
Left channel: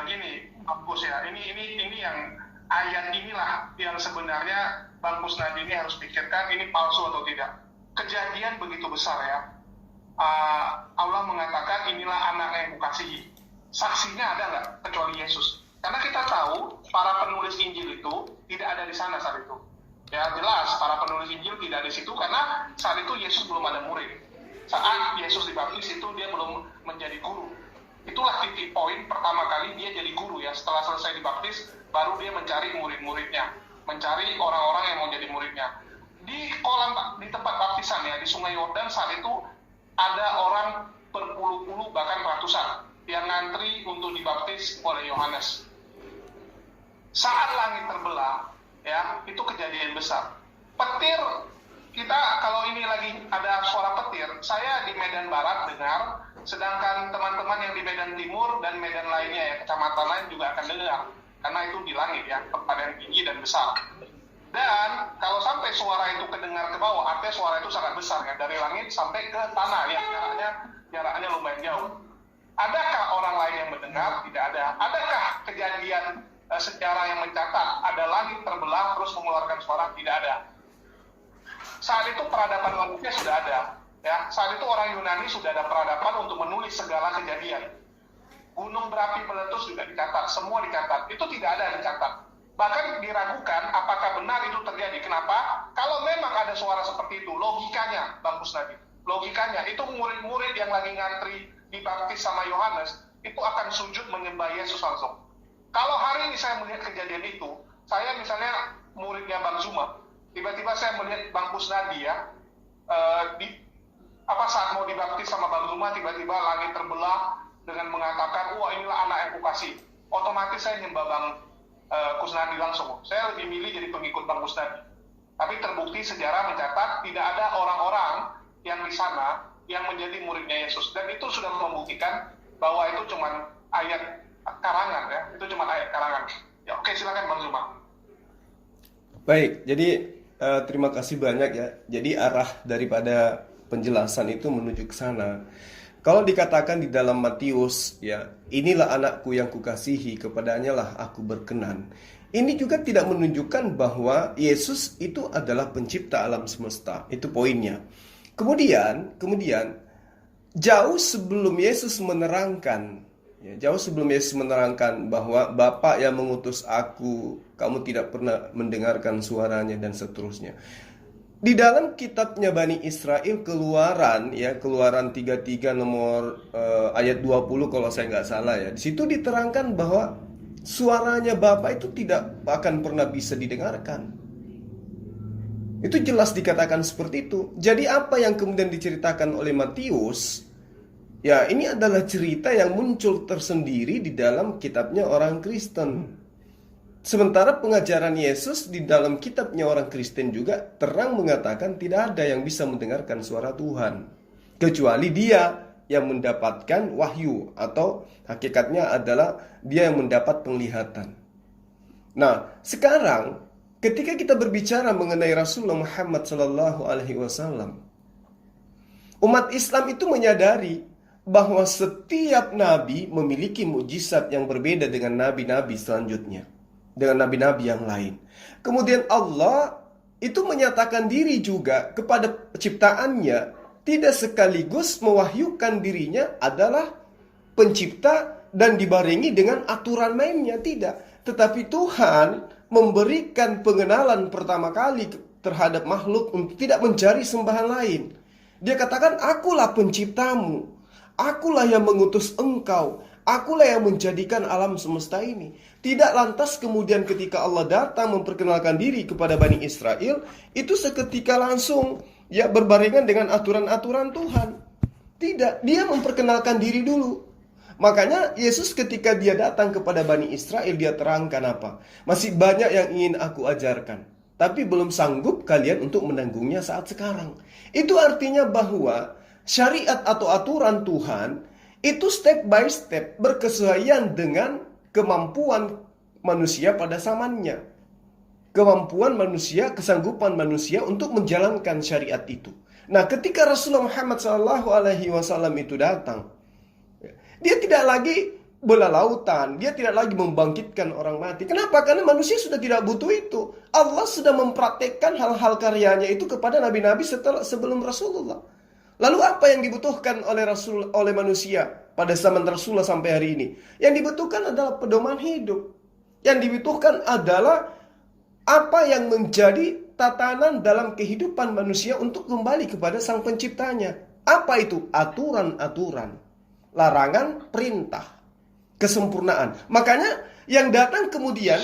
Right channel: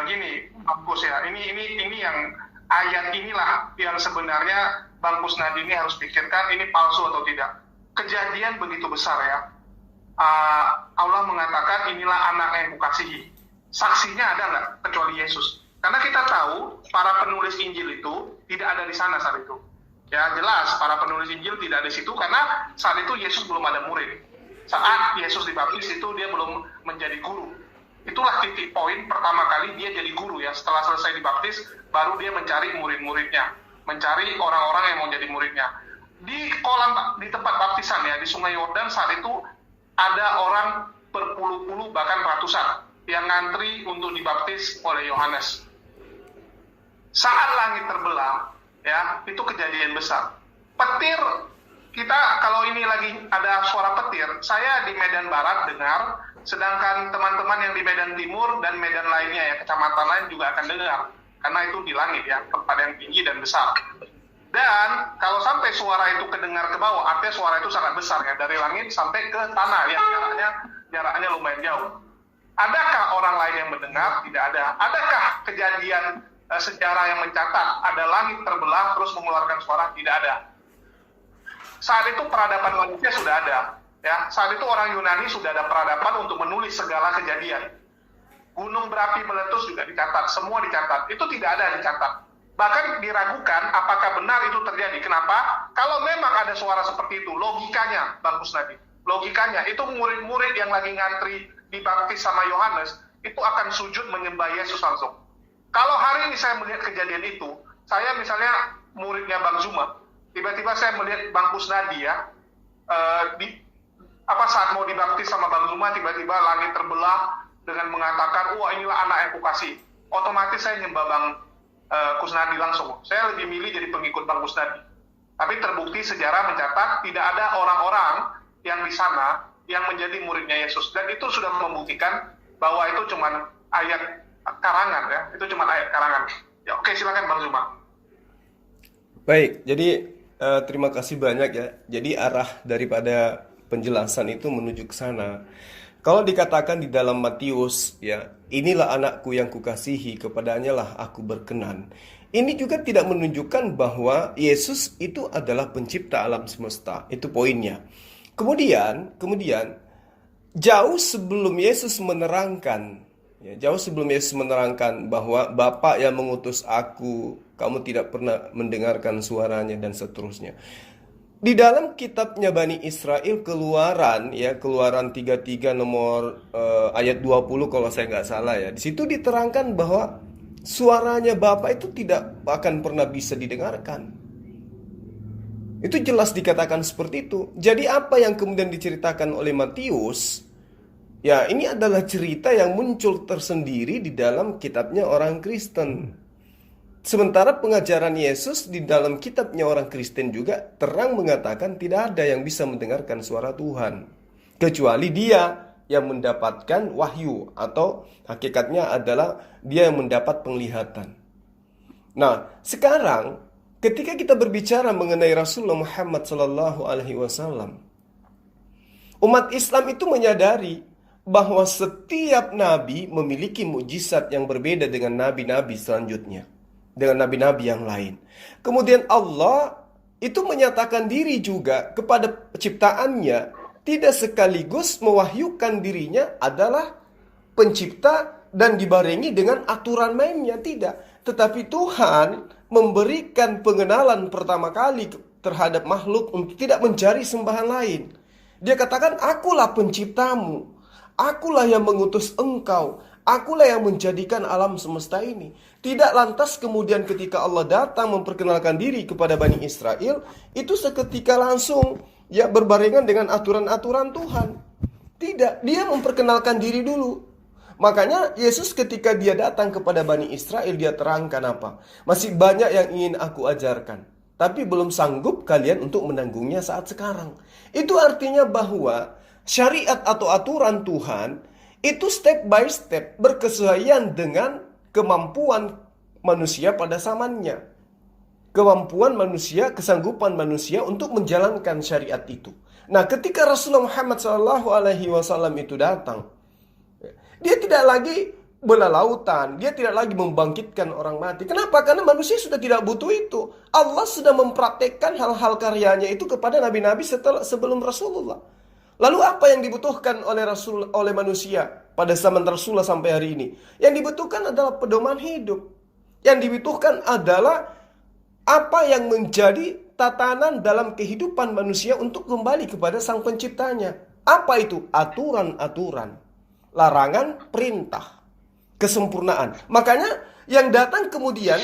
Gini, Bang Kus ya, ini yang ayat inilah yang sebenarnya Bang Kusnadi ini harus pikirkan ini palsu atau tidak. Kejadian begitu besar ya. Allah mengatakan inilah anak yang kukasihi. Saksinya ada nggak kecuali Yesus? Karena kita tahu para penulis Injil itu tidak ada di sana saat itu. Ya jelas para penulis Injil tidak ada di situ karena saat itu Yesus belum ada murid. Saat Yesus dibaptis itu dia belum menjadi guru. Itulah titik poin pertama kali dia jadi guru ya. Setelah selesai dibaptis, baru dia mencari murid-muridnya, mencari orang-orang yang mau jadi muridnya. Di tempat baptisan ya, di Sungai Yordan saat itu ada orang berpuluh-puluh bahkan ratusan yang ngantri untuk dibaptis oleh Yohanes. Saat langit terbelah, ya itu kejadian besar. Petir, kita kalau ini lagi ada suara petir, saya di Medan Barat dengar, sedangkan teman-teman yang di Medan Timur dan Medan lainnya ya, kecamatan lain juga akan dengar, karena itu di langit ya, tempat yang tinggi dan besar. Dan kalau sampai suara itu kedengar ke bawah, artinya suara itu sangat besar ya, dari langit sampai ke tanah ya, jaraknya lumayan jauh. Adakah orang lain yang mendengar? Tidak ada. Adakah kejadian sejarah yang mencatat ada langit terbelah terus mengeluarkan suara? Tidak ada. Saat itu peradaban manusia sudah ada. Ya, saat itu orang Yunani sudah ada peradaban untuk menulis segala kejadian. Gunung berapi meletus juga dicatat, semua dicatat. Itu tidak ada dicatat. Bahkan diragukan apakah benar itu terjadi. Kenapa? Kalau memang ada suara seperti itu, logikanya, Bang Kusnadi, logikanya itu murid-murid yang lagi ngantri dibaptis sama Yohanes itu akan sujud menyembah Yesus langsung. Kalau hari ini saya melihat kejadian itu, saya misalnya muridnya Bang Zuma, tiba-tiba saya melihat Bang Kusnadi ya, saat mau dibaptis sama Bang Zuma, tiba-tiba langit terbelah dengan mengatakan, wah inilah anak yang kukasih. Otomatis saya nyembah Bang Kusnadi langsung. Saya lebih milih jadi pengikut Bang Kusnadi. Tapi terbukti sejarah mencatat tidak ada orang-orang yang di sana yang menjadi muridnya Yesus. Dan itu sudah membuktikan bahwa itu cuma ayat karangan ya. Itu cuma ayat karangan. Ya, oke, silakan Bang Zuma. Baik, jadi terima kasih banyak ya. Jadi arah daripada penjelasan itu menuju ke sana. Kalau dikatakan di dalam Matius ya, inilah anakku yang kukasihi, kepadanya lah aku berkenan. Ini juga tidak menunjukkan bahwa Yesus itu adalah pencipta alam semesta. Itu poinnya. Kemudian jauh sebelum Yesus menerangkan bahwa Bapa yang mengutus aku, kamu tidak pernah mendengarkan suaranya dan seterusnya. Di dalam kitabnya Bani Israel Keluaran 33 nomor ayat 20 kalau saya nggak salah ya. Di situ diterangkan bahwa suaranya Bapa itu tidak akan pernah bisa didengarkan. Itu jelas dikatakan seperti itu. Jadi apa yang kemudian diceritakan oleh Matius, ya ini adalah cerita yang muncul tersendiri di dalam kitabnya orang Kristen. Sementara pengajaran Yesus di dalam kitabnya orang Kristen juga terang mengatakan tidak ada yang bisa mendengarkan suara Tuhan, kecuali dia yang mendapatkan wahyu, atau hakikatnya adalah dia yang mendapat penglihatan. Nah, sekarang ketika kita berbicara mengenai Rasulullah Muhammad SAW, umat Islam itu menyadari bahwa setiap nabi memiliki mukjizat yang berbeda dengan nabi-nabi selanjutnya, dengan nabi-nabi yang lain. Kemudian Allah itu menyatakan diri juga kepada penciptaannya, tidak sekaligus mewahyukan dirinya adalah pencipta dan dibarengi dengan aturan mainnya, tidak. Tetapi Tuhan memberikan pengenalan pertama kali terhadap makhluk untuk tidak mencari sembahan lain. Dia katakan, akulah penciptamu, akulah yang mengutus engkau, akulah yang menjadikan alam semesta ini. Tidak lantas kemudian ketika Allah datang memperkenalkan diri kepada Bani Israel, itu seketika langsung ya berbarengan dengan aturan-aturan Tuhan. Tidak, dia memperkenalkan diri dulu. Makanya Yesus ketika dia datang kepada Bani Israel, dia terangkan apa? Masih banyak yang ingin aku ajarkan, tapi belum sanggup kalian untuk menanggungnya saat sekarang. Itu artinya bahwa syariat atau aturan Tuhan itu step by step berkesesuaian dengan kemampuan manusia pada zamannya. Kemampuan manusia, kesanggupan manusia untuk menjalankan syariat itu. Nah, ketika Rasulullah Muhammad SAW itu datang, dia tidak lagi bela lautan, dia tidak lagi membangkitkan orang mati. Kenapa? Karena manusia sudah tidak butuh itu. Allah sudah mempraktekkan hal-hal karyanya itu kepada nabi-nabi sebelum Rasulullah. Lalu apa yang dibutuhkan oleh manusia pada zaman Rasulullah sampai hari ini? Yang dibutuhkan adalah pedoman hidup. Yang dibutuhkan adalah apa yang menjadi tatanan dalam kehidupan manusia untuk kembali kepada sang penciptanya. Apa itu? Aturan-aturan, larangan, perintah, kesempurnaan. Makanya yang datang kemudian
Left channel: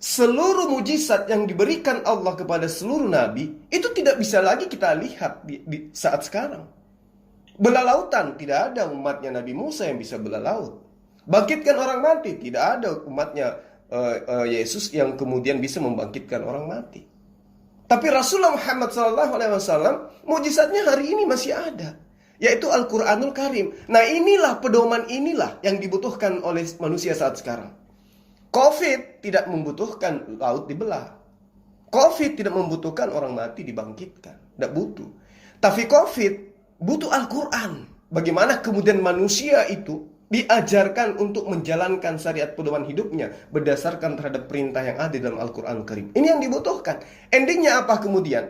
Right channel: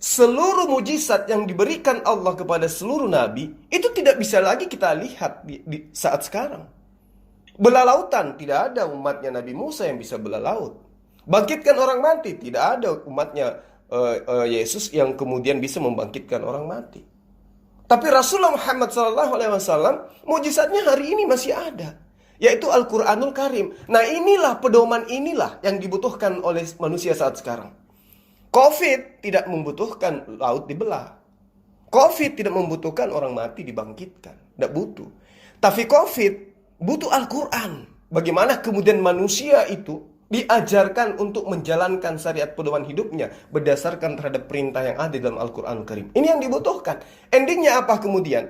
seluruh mujizat yang diberikan Allah kepada seluruh nabi itu tidak bisa lagi kita lihat di saat sekarang. Belah lautan, tidak ada umatnya Nabi Musa yang bisa belah laut. Bangkitkan orang mati, tidak ada umatnya Yesus yang kemudian bisa membangkitkan orang mati. Tapi Rasulullah Muhammad SAW mujizatnya hari ini masih ada, yaitu Al-Quranul Karim. Nah, inilah pedoman inilah yang dibutuhkan oleh manusia saat sekarang. COVID tidak membutuhkan laut dibelah. COVID tidak membutuhkan orang mati dibangkitkan. Tidak butuh. Tapi COVID butuh Al-Quran. Bagaimana kemudian manusia itu diajarkan untuk menjalankan syariat pedoman hidupnya berdasarkan terhadap perintah yang ada dalam Al-Quran Karim. Ini yang dibutuhkan. Endingnya apa kemudian?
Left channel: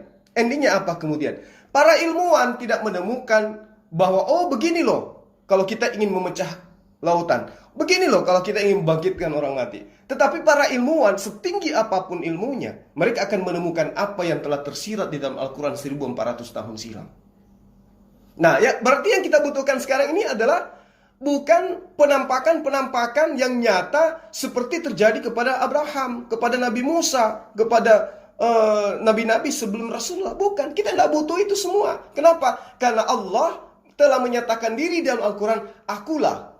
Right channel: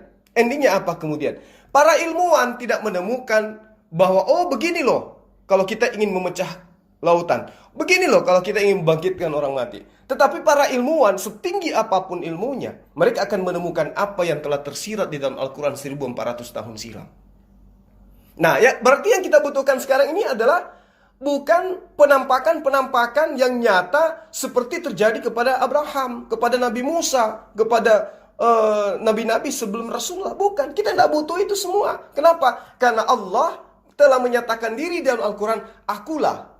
Para ilmuwan tidak menemukan bahwa begini loh kalau kita ingin memecah lautan, begini loh kalau kita ingin membangkitkan orang mati. Tetapi para ilmuwan setinggi apapun ilmunya, mereka akan menemukan apa yang telah tersirat di dalam Al-Quran 1400 tahun silam. Nah, ya berarti yang kita butuhkan sekarang ini adalah bukan penampakan-penampakan yang nyata seperti terjadi kepada Abraham, kepada Nabi Musa, kepada nabi-nabi sebelum Rasulullah. Bukan, kita tidak butuh itu semua. Kenapa? Karena Allah telah menyatakan diri dalam Al-Quran, akulah.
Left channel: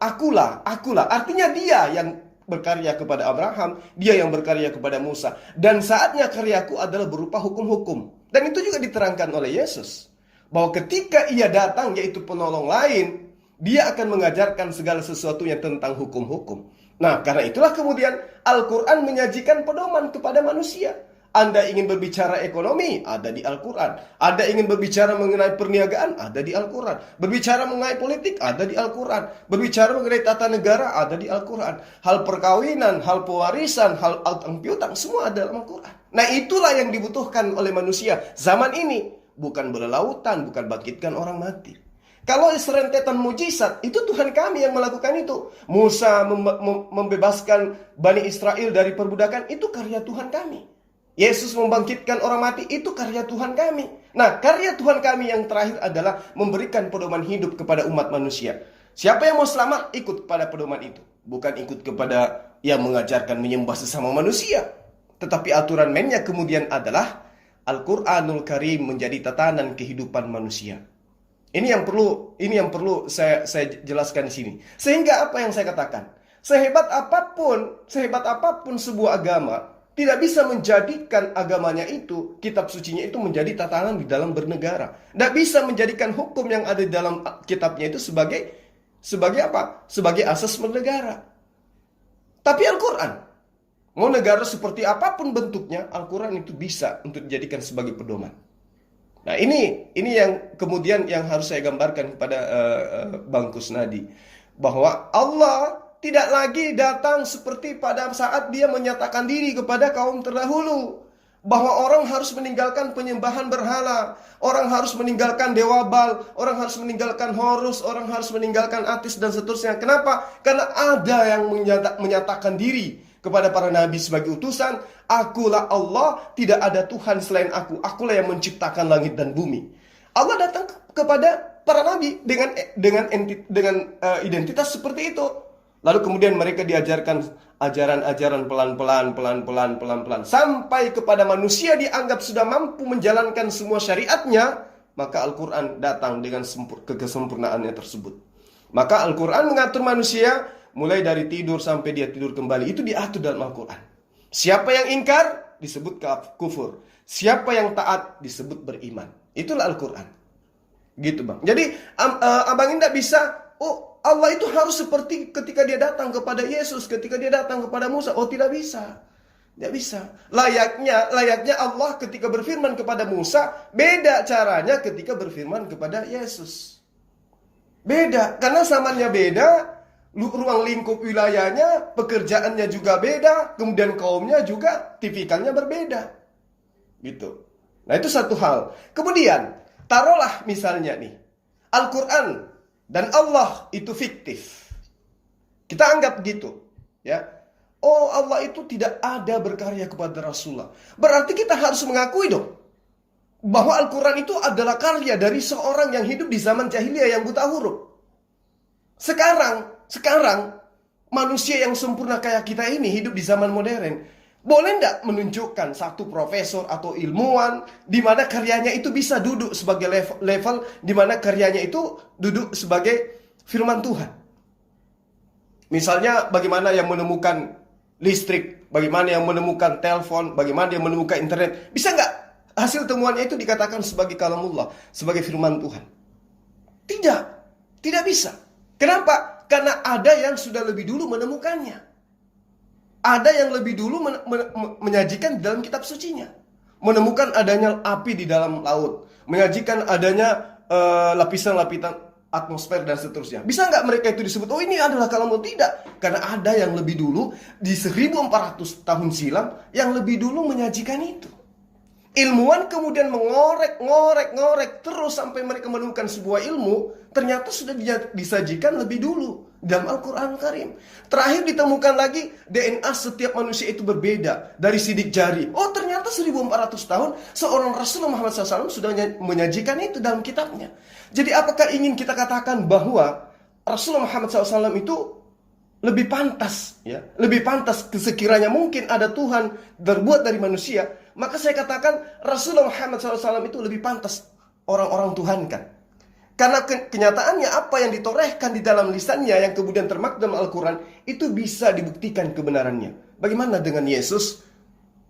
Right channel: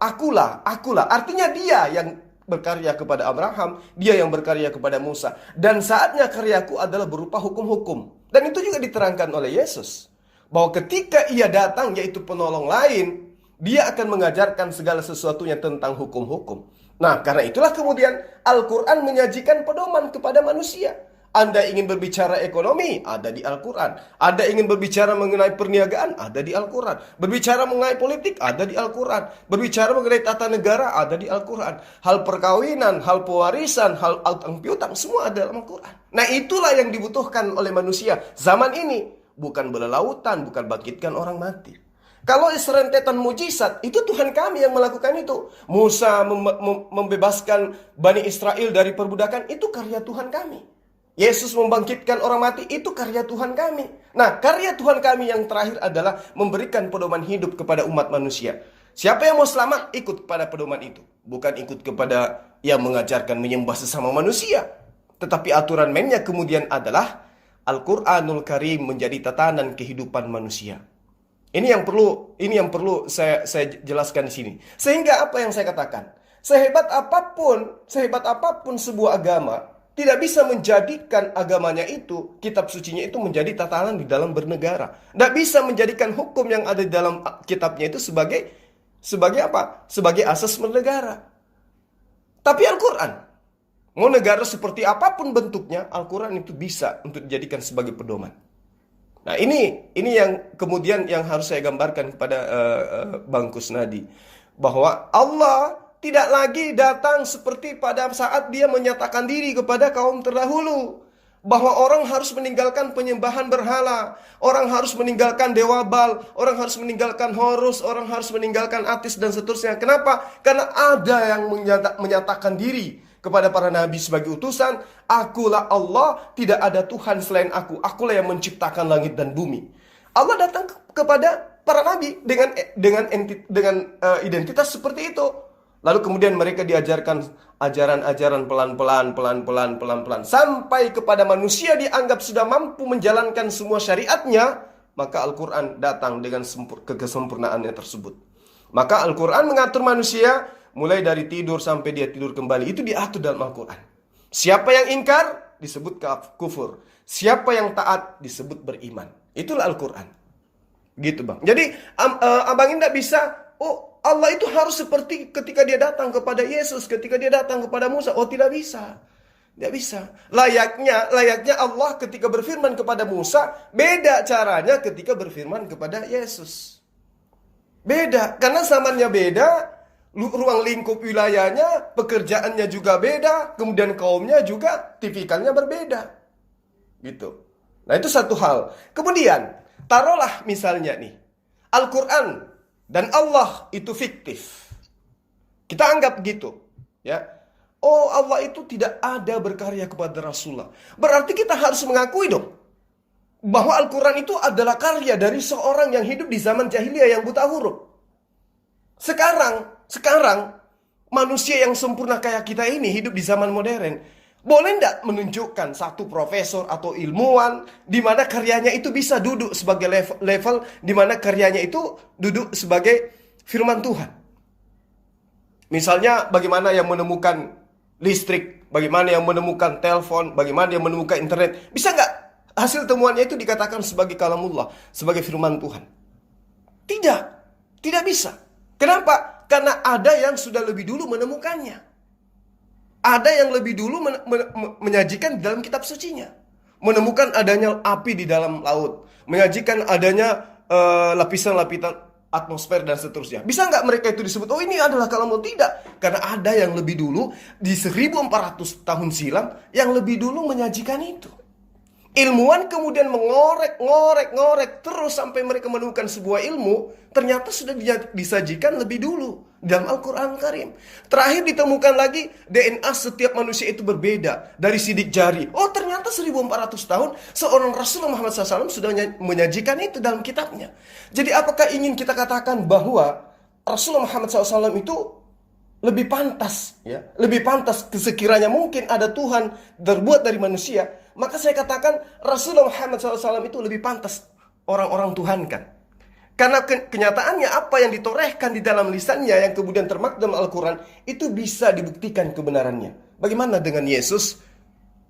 Artinya dia yang berkarya kepada Abraham, dia yang berkarya kepada Musa. Dan saatnya karyaku adalah berupa hukum-hukum. Dan itu juga diterangkan oleh Yesus, bahwa ketika ia datang, yaitu penolong lain, dia akan mengajarkan segala sesuatunya tentang hukum-hukum. Nah, karena itulah kemudian Al-Quran menyajikan pedoman kepada manusia. Anda ingin berbicara ekonomi, ada di Al-Quran. Anda ingin berbicara mengenai perniagaan, ada di Al-Quran. Berbicara mengenai politik, ada di Al-Quran. Berbicara mengenai tata negara, ada di Al-Quran. Hal perkawinan, hal pewarisan, hal utang piutang, semua ada dalam Al-Quran. Nah, itulah yang dibutuhkan oleh manusia zaman ini. Bukan berlautan, bukan bangkitkan orang mati. Kalau serentetan mujizat, itu Tuhan kami yang melakukan itu. Musa membebaskan Bani Israel dari perbudakan, itu karya Tuhan kami. Yesus membangkitkan orang mati, itu karya Tuhan kami. Nah, karya Tuhan kami yang terakhir adalah memberikan pedoman hidup kepada umat manusia. Siapa yang mau selamat, ikut kepada pedoman itu. Bukan ikut kepada yang mengajarkan menyembah sesama manusia. Tetapi aturan mainnya kemudian adalah Al-Quranul Karim menjadi tatanan kehidupan manusia. Ini yang perlu saya jelaskan di sini. Sehingga apa yang saya katakan, sehebat apapun sebuah agama tidak bisa menjadikan agamanya itu, kitab sucinya itu menjadi tatanan di dalam bernegara. Tidak bisa menjadikan hukum yang ada di dalam kitabnya itu sebagai apa? Sebagai asas bernegara. Tapi Al-Quran, mau negara seperti apapun bentuknya, Al-Quran itu bisa untuk dijadikan sebagai pedoman. Nah, ini yang kemudian yang harus saya gambarkan kepada Bang Kusnadi, bahwa Allah tidak lagi datang seperti pada saat dia menyatakan diri kepada kaum terdahulu. bahwa orang harus meninggalkan penyembahan berhala, orang harus meninggalkan dewa Baal, orang harus meninggalkan Horus, orang harus meninggalkan Atis dan seterusnya. Kenapa? Karena ada yang menyatakan diri kepada para nabi sebagai utusan, akulah Allah, tidak ada Tuhan selain akulah yang menciptakan langit dan bumi. Allah datang kepada para nabi dengan identitas seperti itu. Lalu kemudian mereka diajarkan ajaran-ajaran pelan-pelan sampai kepada manusia dianggap sudah mampu menjalankan semua syariatnya, maka Al-Quran datang dengan kesempurnaannya tersebut. Maka Al-Quran mengatur manusia mulai dari tidur sampai dia tidur kembali, itu diatur dalam Al-Quran. Siapa yang ingkar disebut kufur, siapa yang taat disebut beriman. Itulah Al-Quran. Gitu bang. Jadi abang ini tidak bisa, Allah itu harus seperti ketika dia datang kepada Yesus, ketika dia datang kepada Musa. Tidak bisa. Tidak bisa. Layaknya Allah ketika berfirman kepada Musa, beda caranya ketika berfirman kepada Yesus. Beda. Karena zamannya beda, ruang lingkup wilayahnya, pekerjaannya juga beda, kemudian kaumnya juga tipikalnya berbeda. Gitu. Nah itu satu hal. Kemudian, taruhlah misalnya nih, Al-Quran dan Allah itu fiktif. Kita anggap gitu, ya. Allah itu tidak ada berkarya kepada Rasulullah. Berarti kita harus mengakui dong bahwa Al-Quran itu adalah karya dari seorang yang hidup di zaman jahiliyah yang buta huruf. Sekarang manusia yang sempurna kayak kita ini hidup di zaman modern. Boleh tidak menunjukkan satu profesor atau ilmuwan di mana karyanya itu bisa duduk sebagai level di mana karyanya itu duduk sebagai firman Tuhan? Misalnya bagaimana yang menemukan listrik, bagaimana yang menemukan telepon, bagaimana yang menemukan internet. Bisa nggak hasil temuannya itu dikatakan sebagai kalamullah, sebagai firman Tuhan? Tidak bisa. Kenapa? Karena ada yang sudah lebih dulu menemukannya. Ada yang lebih dulu menyajikan di dalam kitab sucinya. Menemukan adanya api di dalam laut. Menyajikan adanya lapisan-lapisan atmosfer dan seterusnya. Bisa nggak mereka itu disebut, ini adalah kalamullah? Tidak. Karena ada yang lebih dulu, di 1400 tahun silam, yang lebih dulu menyajikan itu. Ilmuwan kemudian ngorek terus sampai mereka menemukan sebuah ilmu, ternyata sudah disajikan lebih dulu dalam Al-Quran Karim. Terakhir ditemukan lagi DNA setiap manusia itu berbeda dari sidik jari. Ternyata 1400 tahun seorang Rasulullah Muhammad SAW sudah menyajikan itu dalam kitabnya. Jadi apakah ingin kita katakan bahwa Rasulullah Muhammad SAW itu lebih pantas, ya, lebih pantas sekiranya mungkin ada Tuhan terbuat dari manusia, maka saya katakan Rasulullah Muhammad SAW itu lebih pantas orang-orang Tuhan kan. Karena kenyataannya apa yang ditorehkan di dalam lisannya yang kemudian termaktub dalam Al-Quran itu bisa dibuktikan kebenarannya. Bagaimana dengan Yesus?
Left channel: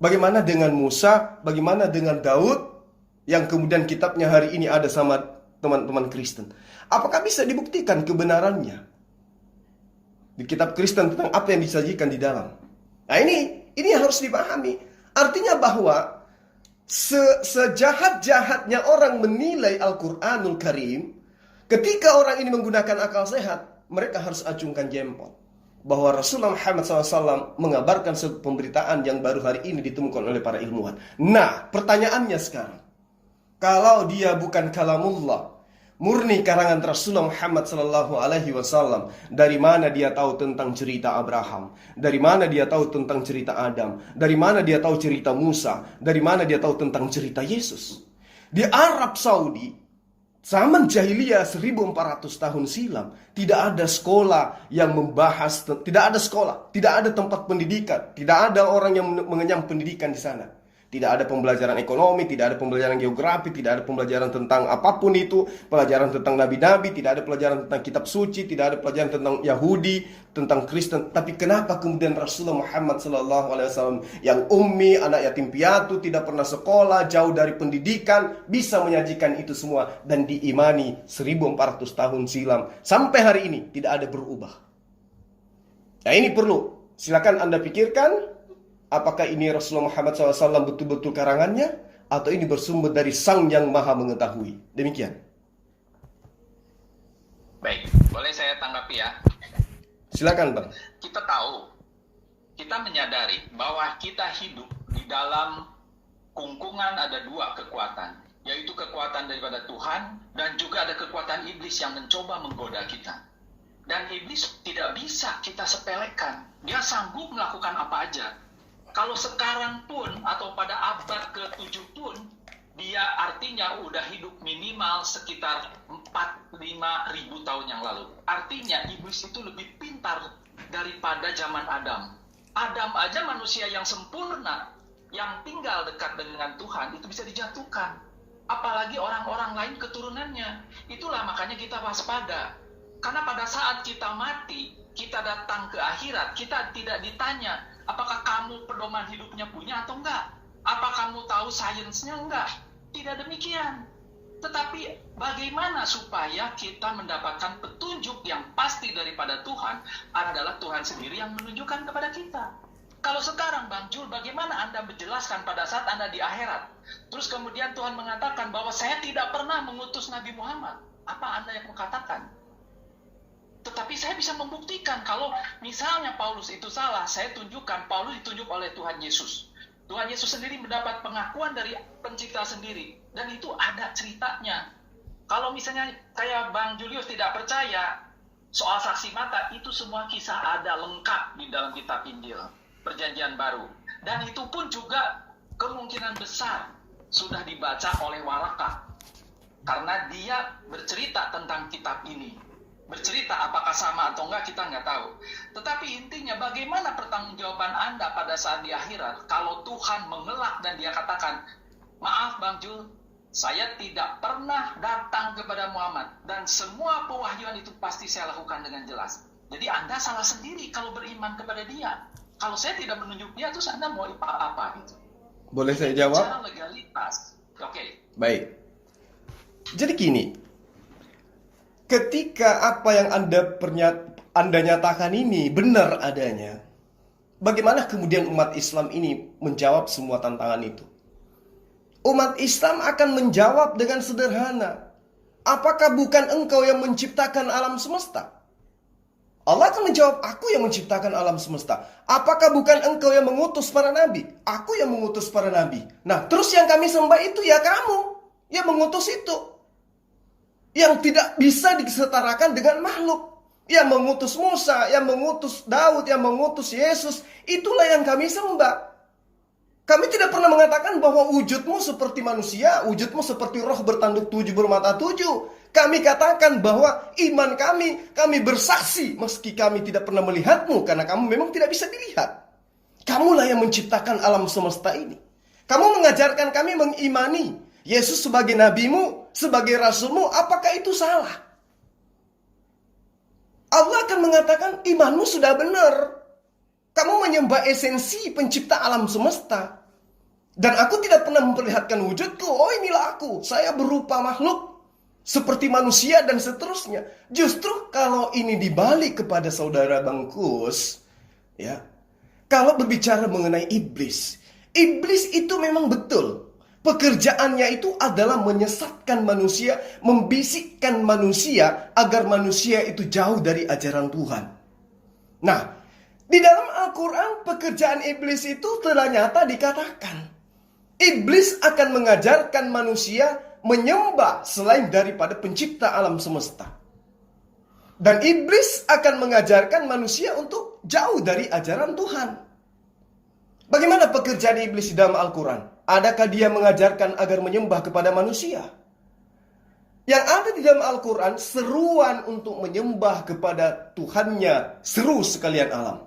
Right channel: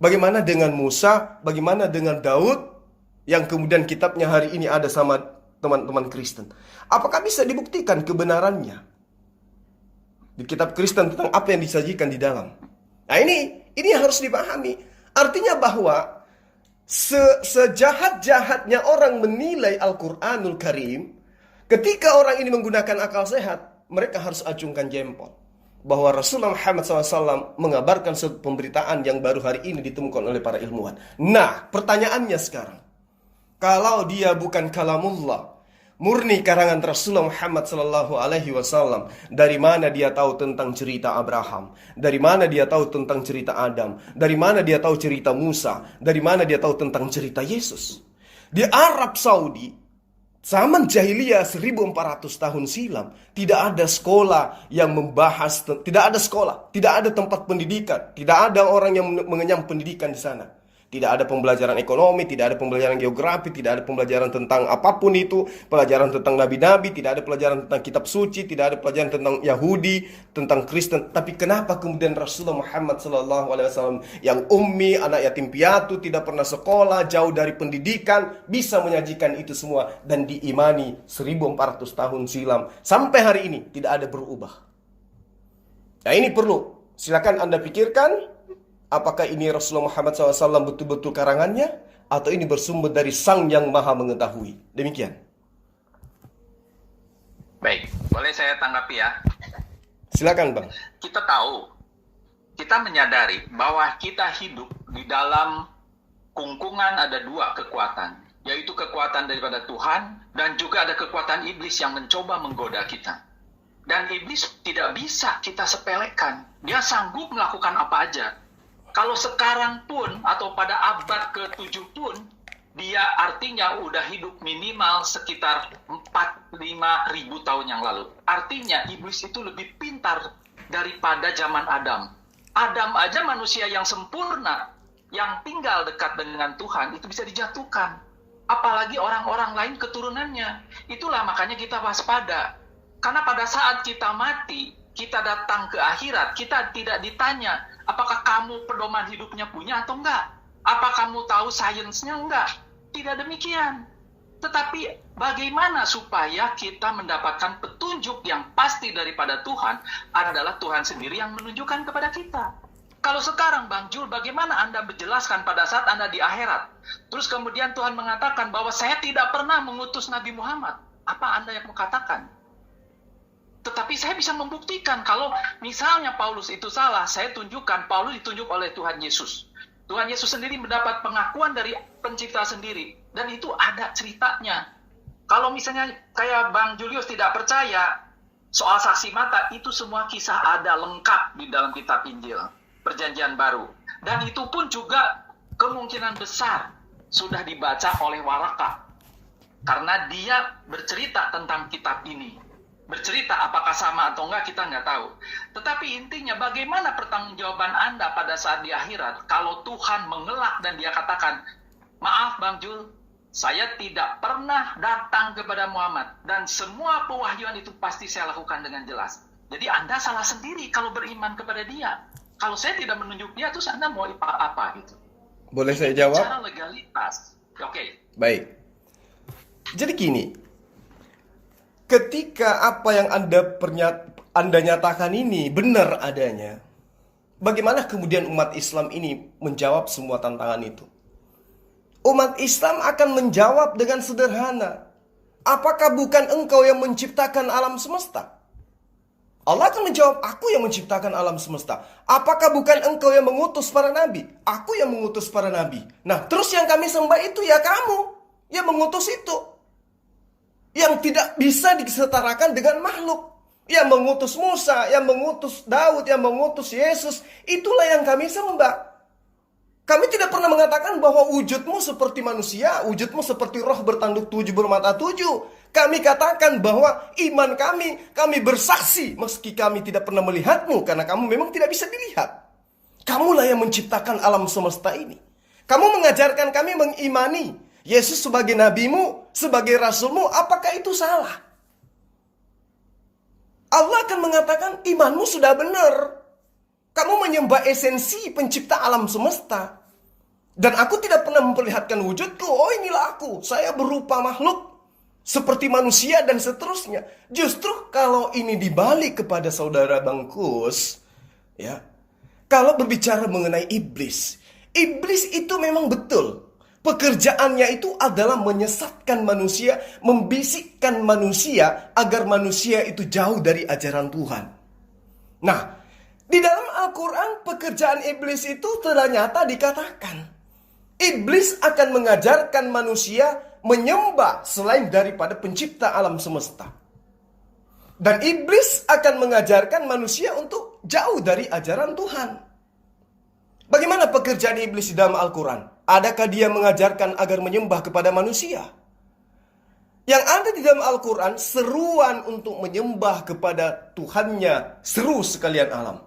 Bagaimana dengan Musa? Bagaimana dengan Daud? Yang kemudian kitabnya hari ini ada sama teman-teman Kristen. Apakah bisa dibuktikan kebenarannya di kitab Kristen tentang apa yang disajikan di dalam? Nah ini harus dipahami. Artinya bahwa sejahat-jahatnya orang menilai Al-Quranul Karim, ketika orang ini menggunakan akal sehat, mereka harus acungkan jempol bahwa Rasulullah Muhammad SAW mengabarkan suatu pemberitaan yang baru hari ini ditemukan oleh para ilmuwan. Nah, pertanyaannya sekarang, kalau dia bukan kalamullah, murni karangan Rasulullah Muhammad SAW, dari mana dia tahu tentang cerita Abraham? Dari mana dia tahu tentang cerita Adam? Dari mana dia tahu cerita Musa? Dari mana dia tahu tentang cerita Yesus? Di Arab Saudi, zaman jahiliyah 1400 tahun silam, tidak ada sekolah yang membahas, tidak ada sekolah, tidak ada tempat pendidikan, tidak ada orang yang mengenyam pendidikan di sana. Tidak ada pembelajaran ekonomi, tidak ada pembelajaran geografi, tidak ada pembelajaran tentang apapun itu, pelajaran tentang nabi-nabi, tidak ada pelajaran tentang kitab suci, tidak ada pelajaran tentang Yahudi, tentang Kristen. Tapi kenapa kemudian Rasulullah Muhammad SAW yang ummi, anak yatim piatu, tidak pernah sekolah, jauh dari pendidikan, bisa menyajikan itu semua dan diimani 1400 tahun silam sampai hari ini tidak ada berubah. Nah ini perlu, silakan Anda pikirkan. Apakah ini Rasulullah Muhammad SAW betul-betul karangannya? Atau ini bersumber dari Sang yang Maha Mengetahui? Demikian. Baik, boleh saya tanggapi ya? Silakan Bang. Kita tahu, kita menyadari bahwa kita hidup di dalam kungkungan ada dua kekuatan, yaitu kekuatan daripada Tuhan dan juga ada kekuatan iblis yang mencoba menggoda kita. Dan iblis tidak bisa kita sepelekan. Dia sanggup melakukan apa aja. Kalau sekarang pun atau pada abad ke-7 pun, dia artinya udah hidup minimal sekitar 4-5 ribu tahun yang lalu. Artinya iblis itu lebih pintar daripada zaman Adam. Adam aja manusia yang sempurna, yang tinggal dekat dengan Tuhan, itu bisa dijatuhkan. Apalagi orang-orang lain keturunannya. Itulah makanya kita waspada. Karena pada saat kita mati, kita datang ke akhirat, kita tidak ditanya, apakah kamu pedoman hidupnya punya atau enggak? Apa kamu tahu sainsnya enggak? Tidak demikian. Tetapi bagaimana supaya kita mendapatkan petunjuk yang pasti daripada Tuhan adalah Tuhan sendiri yang menunjukkan kepada kita. Kalau sekarang Bang Jul, bagaimana Anda menjelaskan pada saat Anda di akhirat? Terus kemudian Tuhan mengatakan bahwa saya tidak pernah mengutus Nabi Muhammad. Apa Anda yang mengatakan? Tetapi saya bisa membuktikan kalau misalnya Paulus itu salah, saya tunjukkan Paulus ditunjuk oleh Tuhan Yesus. Tuhan Yesus sendiri mendapat pengakuan dari pencipta sendiri. Dan itu ada ceritanya. Kalau misalnya kayak Bang Julius tidak percaya soal saksi mata, itu semua kisah ada lengkap di dalam kitab Injil, Perjanjian Baru. Dan itu pun juga kemungkinan besar sudah dibaca oleh Waraka. Karena dia bercerita tentang kitab ini. Bercerita apakah sama atau enggak kita nggak tahu. Tetapi intinya bagaimana pertanggungjawaban Anda pada saat di akhirat kalau Tuhan mengelak dan dia katakan, maaf Bang Jul, saya tidak pernah datang kepada Muhammad dan semua pewahyuan itu pasti saya lakukan dengan jelas. Jadi Anda salah sendiri kalau beriman kepada dia. Kalau saya tidak menunjuk dia, terus Anda mau apa gitu? Boleh saya jawab? Cara legalitas. Oke. Baik. Jadi gini, ketika apa yang Anda nyatakan ini benar adanya, bagaimana kemudian umat Islam ini menjawab semua tantangan itu? Umat Islam akan menjawab dengan sederhana. Apakah bukan engkau yang menciptakan alam semesta? Allah akan menjawab, aku yang menciptakan alam semesta. Apakah bukan engkau yang mengutus para nabi? Aku yang mengutus para nabi. Nah, terus yang kami sembah itu ya kamu yang mengutus itu. Yang tidak bisa disetarakan dengan makhluk. Yang mengutus Musa, yang mengutus Daud, yang mengutus Yesus. Itulah yang kami sembah. Kami tidak pernah mengatakan bahwa wujudmu seperti manusia, wujudmu seperti roh bertanduk 7 bermata 7. Kami katakan bahwa iman kami bersaksi meski kami tidak pernah melihatmu karena kamu memang tidak bisa dilihat. Kamulah yang menciptakan alam semesta ini. Kamu mengajarkan kami mengimani Yesus sebagai nabimu, sebagai rasulmu, apakah itu salah? Allah akan mengatakan imanmu sudah benar. Kamu menyembah esensi pencipta alam semesta. Dan aku tidak pernah memperlihatkan wujudku. Oh, inilah aku. Saya berupa makhluk. Seperti manusia dan seterusnya. Justru kalau ini dibalik kepada saudara Bangkus, ya, kalau berbicara mengenai iblis, iblis itu memang betul. Pekerjaannya itu adalah menyesatkan manusia, membisikkan manusia agar manusia itu jauh dari ajaran Tuhan. Nah, di dalam Al-Quran pekerjaan iblis itu ternyata dikatakan iblis akan mengajarkan manusia menyembah selain daripada pencipta alam semesta. Dan iblis akan mengajarkan manusia untuk jauh dari ajaran Tuhan. Bagaimana pekerjaan iblis di dalam Al-Quran? Adakah dia mengajarkan agar menyembah kepada manusia? Yang ada di dalam Al-Quran seruan untuk menyembah kepada Tuhannya, seru sekalian alam,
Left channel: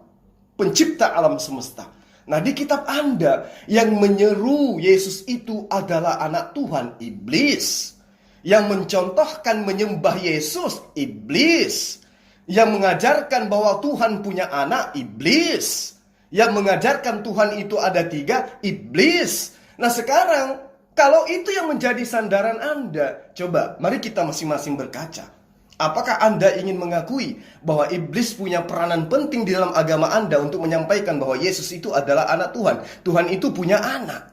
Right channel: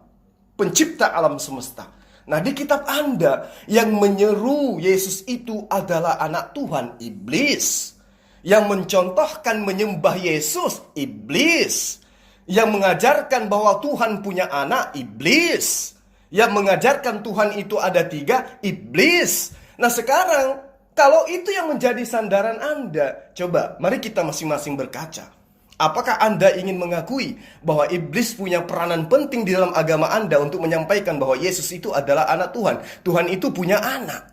pencipta alam semesta. Nah, di kitab Anda yang menyeru Yesus itu adalah anak Tuhan, iblis. Yang mencontohkan menyembah Yesus, iblis. Yang mengajarkan bahwa Tuhan punya anak, iblis. Yang mengajarkan Tuhan itu ada 3, iblis. Nah, sekarang kalau itu yang menjadi sandaran Anda, coba mari kita masing-masing berkaca. Apakah Anda ingin mengakui bahwa iblis punya peranan penting di dalam agama Anda untuk menyampaikan bahwa Yesus itu adalah anak Tuhan? Tuhan itu punya anak.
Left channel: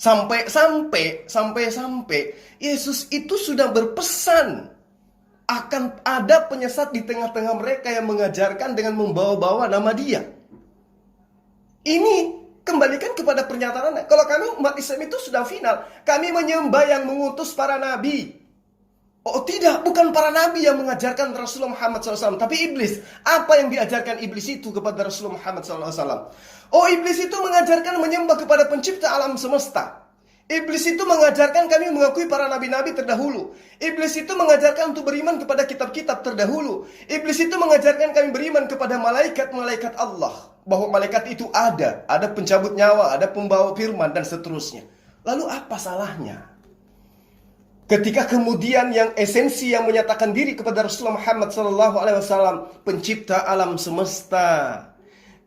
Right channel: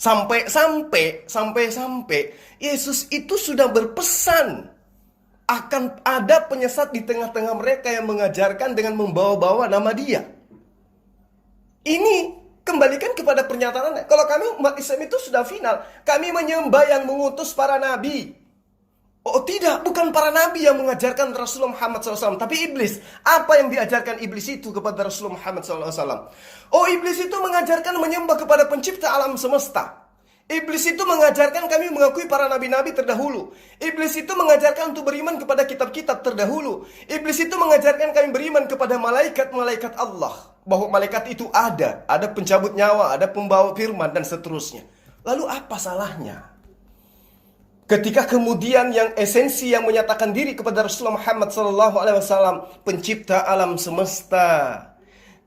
Sampai Yesus itu sudah berpesan akan ada penyesat di tengah-tengah mereka yang mengajarkan dengan membawa-bawa nama Dia. Ini Kembalikan kepada pernyataannya. Kalau kami umat Islam itu sudah final. Kami menyembah yang mengutus para nabi. Oh tidak, bukan para nabi yang mengajarkan Rasulullah Muhammad SAW, tapi iblis. Apa yang diajarkan iblis itu kepada Rasulullah Muhammad SAW? Oh, iblis itu mengajarkan menyembah kepada pencipta alam semesta. Iblis itu mengajarkan kami mengakui para nabi-nabi terdahulu. Iblis itu mengajarkan untuk beriman kepada kitab-kitab terdahulu. Iblis itu mengajarkan kami beriman kepada malaikat-malaikat Allah. Bahwa malaikat itu ada pencabut nyawa, ada pembawa firman, dan seterusnya. Lalu apa salahnya? Ketika kemudian yang esensi yang menyatakan diri kepada Rasulullah Muhammad SAW, pencipta alam semesta,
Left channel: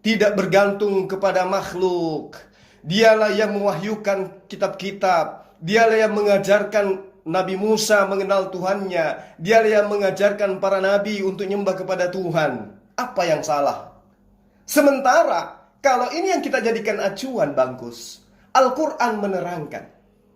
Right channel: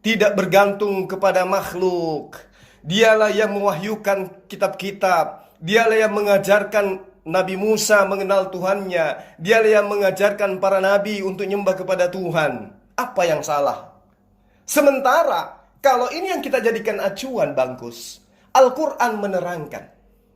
tidak bergantung kepada makhluk. Dialah yang mewahyukan kitab-kitab. Dialah yang mengajarkan Nabi Musa mengenal Tuhannya. Dialah yang mengajarkan para nabi untuk nyembah kepada Tuhan. Apa yang salah? Sementara kalau ini yang kita jadikan acuan, Bangkus, Al-Quran menerangkan.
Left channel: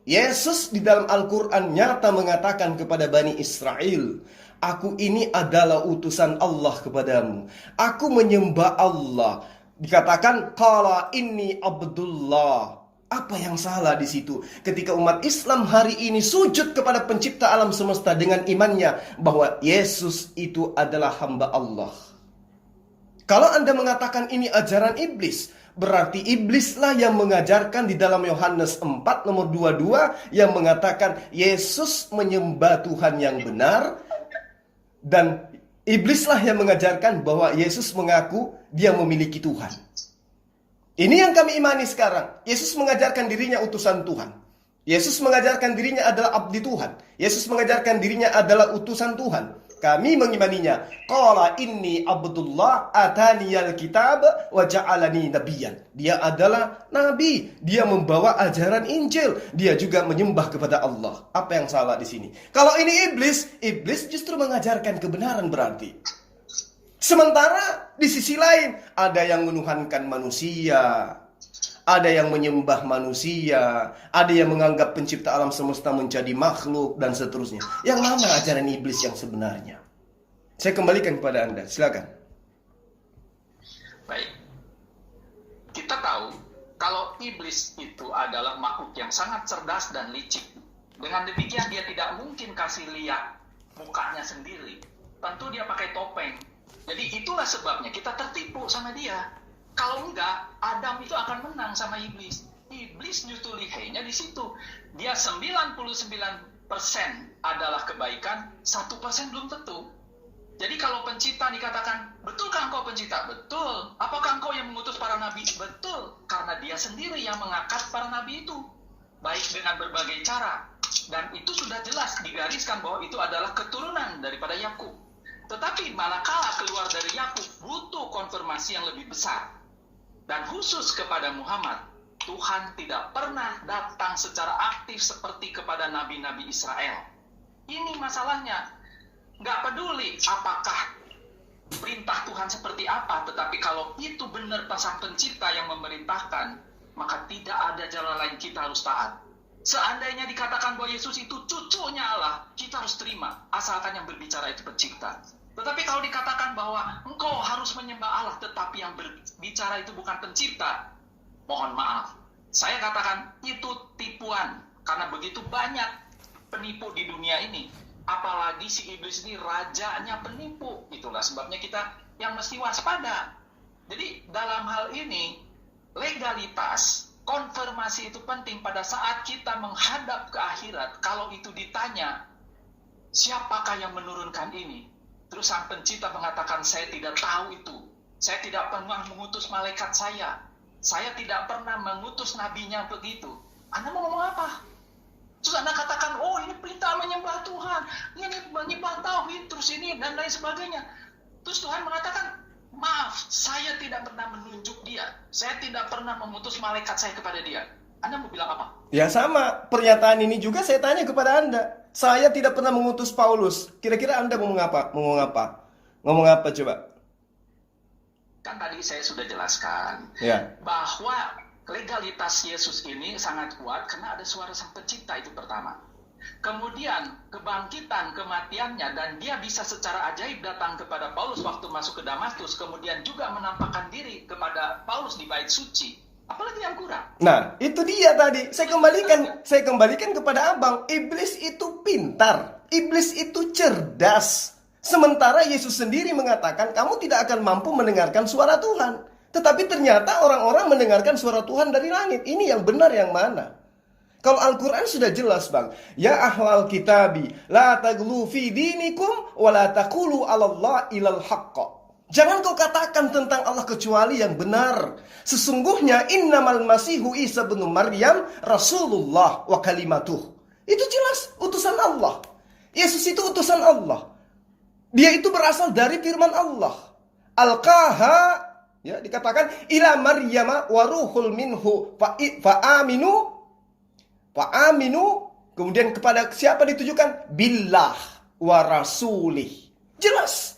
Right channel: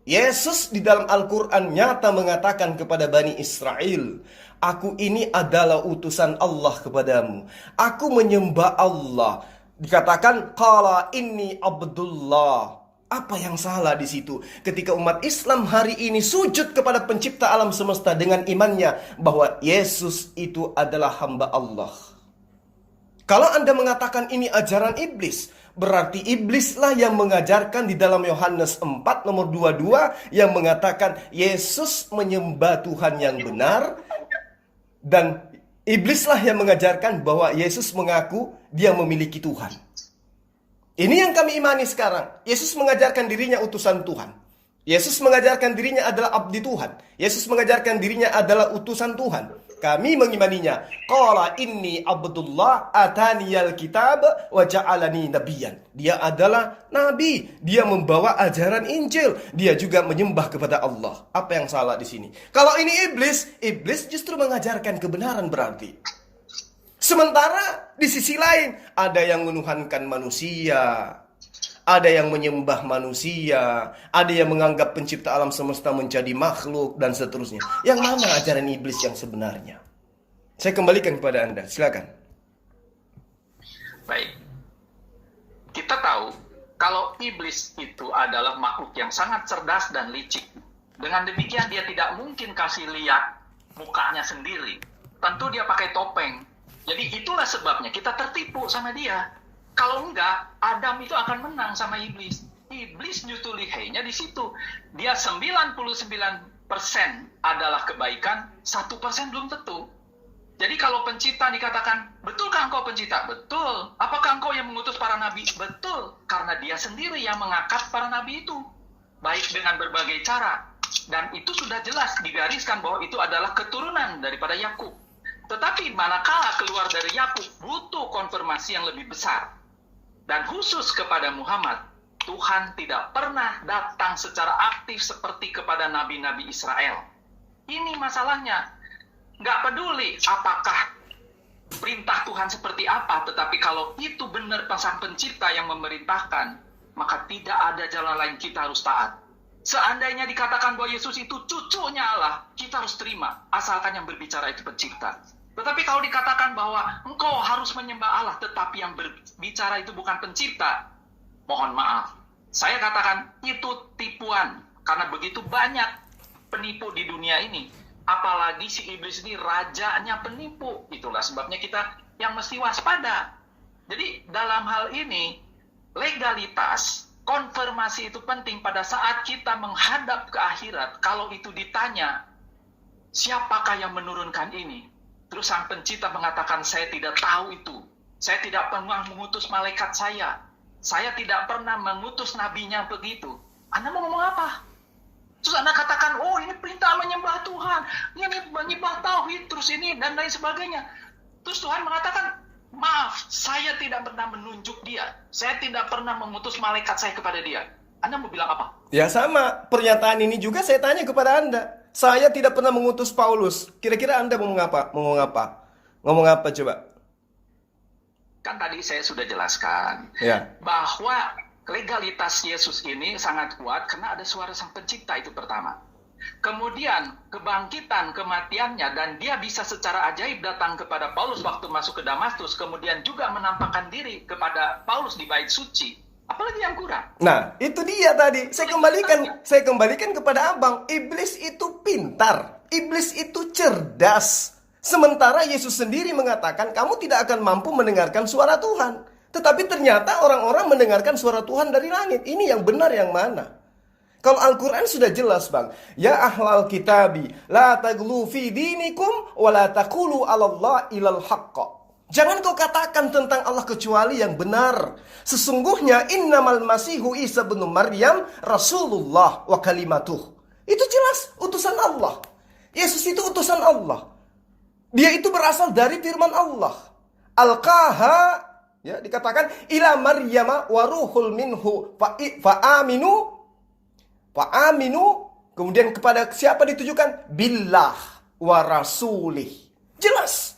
Yesus di dalam Al-Quran nyata mengatakan kepada Bani Israel, aku ini adalah utusan Allah kepadamu. Aku menyembah Allah. Dikatakan qala inni abdullah. Apa yang salah di situ? Ketika umat Islam hari ini sujud kepada pencipta alam semesta dengan imannya bahwa Yesus itu adalah hamba Allah. Kalau Anda mengatakan ini ajaran iblis, berarti iblislah yang mengajarkan di dalam Yohanes 4 nomor 22 yang mengatakan Yesus menyembah Tuhan yang benar, dan iblislah yang mengajarkan bahwa Yesus mengaku dia memiliki Tuhan. Ini yang kami imani sekarang. Yesus mengajarkan dirinya utusan Tuhan. Yesus mengajarkan dirinya adalah abdi Tuhan. Yesus mengajarkan dirinya adalah utusan Tuhan. Kami mengimaninya. Qala inni abdullah ataniyal kitab wa ja'alani nabiyyan. Dia adalah nabi. Dia membawa ajaran Injil. Dia juga menyembah kepada Allah. Apa yang salah di sini? Kalau ini iblis justru mengajarkan kebenaran berarti. Sementara di sisi lain ada yang menuhankan manusia, ada yang menyembah manusia, ada yang menganggap pencipta alam semesta menjadi makhluk, dan seterusnya. Yang mana ajaran iblis yang sebenarnya? Saya kembalikan kepada Anda, silakan. Baik. Kita tahu kalau iblis itu adalah makhluk yang sangat cerdas dan licik. Dengan demikian dia tidak mungkin kasih lihat mukanya sendiri. Tentu dia pakai topeng. Jadi itulah sebabnya kita tertipu sama dia. Kalau enggak, Adam itu akan menang sama iblis. Iblis justru lihainya di situ. Dia 99% adalah kebaikan, 1% belum tentu. Jadi kalau pencipta dikatakan, betulkah engkau pencipta? Betul. Apakah engkau yang mengutus para nabi? Betul. Karena dia sendiri yang mengangkat para nabi itu. Baik dengan berbagai cara. Dan itu sudah jelas digariskan bahwa itu adalah keturunan daripada Yakub. Tetapi manakala keluar dari Yakub butuh konfirmasi yang lebih besar. Dan khusus kepada Muhammad, Tuhan tidak pernah datang secara aktif seperti kepada nabi-nabi Israel. Ini masalahnya. Nggak peduli apakah perintah Tuhan seperti apa, tetapi kalau itu benar Sang Pencipta yang memerintahkan, maka tidak ada jalan lain, kita harus taat. Seandainya dikatakan bahwa Yesus itu cucunya Allah, kita harus terima, asalkan yang berbicara itu Pencipta. Tetapi kalau dikatakan bahwa engkau harus menyembah Allah, tetapi yang berbicara itu bukan Pencipta, mohon maaf. Saya katakan itu tipuan, karena begitu banyak penipu di dunia ini. Apalagi si iblis ini rajanya penipu. Itulah sebabnya kita yang mesti waspada. Jadi dalam hal ini, legalitas, konfirmasi itu penting pada saat kita menghadap ke akhirat. Kalau itu ditanya, siapakah yang menurunkan ini? Terus Sang Pencipta mengatakan, saya tidak tahu itu. Saya tidak pernah mengutus malaikat saya. Saya tidak pernah mengutus nabinya begitu. Anda mau ngomong apa? Terus Anda katakan, oh ini perintah menyembah Tuhan. Ini menyembah tauhid, terus ini dan lain sebagainya. Terus Tuhan mengatakan, maaf, saya tidak pernah menunjuk dia. Saya tidak pernah mengutus malaikat saya kepada dia. Anda mau bilang apa? Ya sama, pernyataan ini juga saya tanya kepada Anda. Saya tidak pernah mengutus Paulus. Kira-kira Anda ngomong apa? Ngomong apa coba? Kan tadi saya sudah jelaskan bahwa legalitas Yesus ini sangat kuat karena ada suara Sang Pencipta, itu pertama. Kemudian kebangkitan kematiannya, dan dia bisa secara ajaib datang kepada Paulus waktu masuk ke Damaskus, kemudian juga menampakkan diri kepada Paulus di bait suci. Apalagi yang kurang? Nah, itu dia tadi. Saya kembalikan kepada Abang. Iblis itu pintar. Iblis itu cerdas. Sementara Yesus sendiri mengatakan, kamu tidak akan mampu mendengarkan suara Tuhan. Tetapi ternyata orang-orang mendengarkan suara Tuhan dari langit. Ini yang benar yang mana? Kalau Al-Quran sudah jelas, Bang. Ya ahlal kitabi, la taglu fi dinikum, wa la taqulu 'alallah ilal haqqa. Jangan kau katakan tentang Allah kecuali yang benar. Sesungguhnya innamal masihu Isa bin Maryam Rasulullah wa kalimatuh. Itu jelas utusan Allah. Yesus itu utusan Allah. Dia itu berasal dari firman Allah. Alqaha, ya, dikatakan ila Maryama wa ruhul minhu fa aminu. Kemudian kepada siapa ditujukan? Billah wa rasulih. Jelas.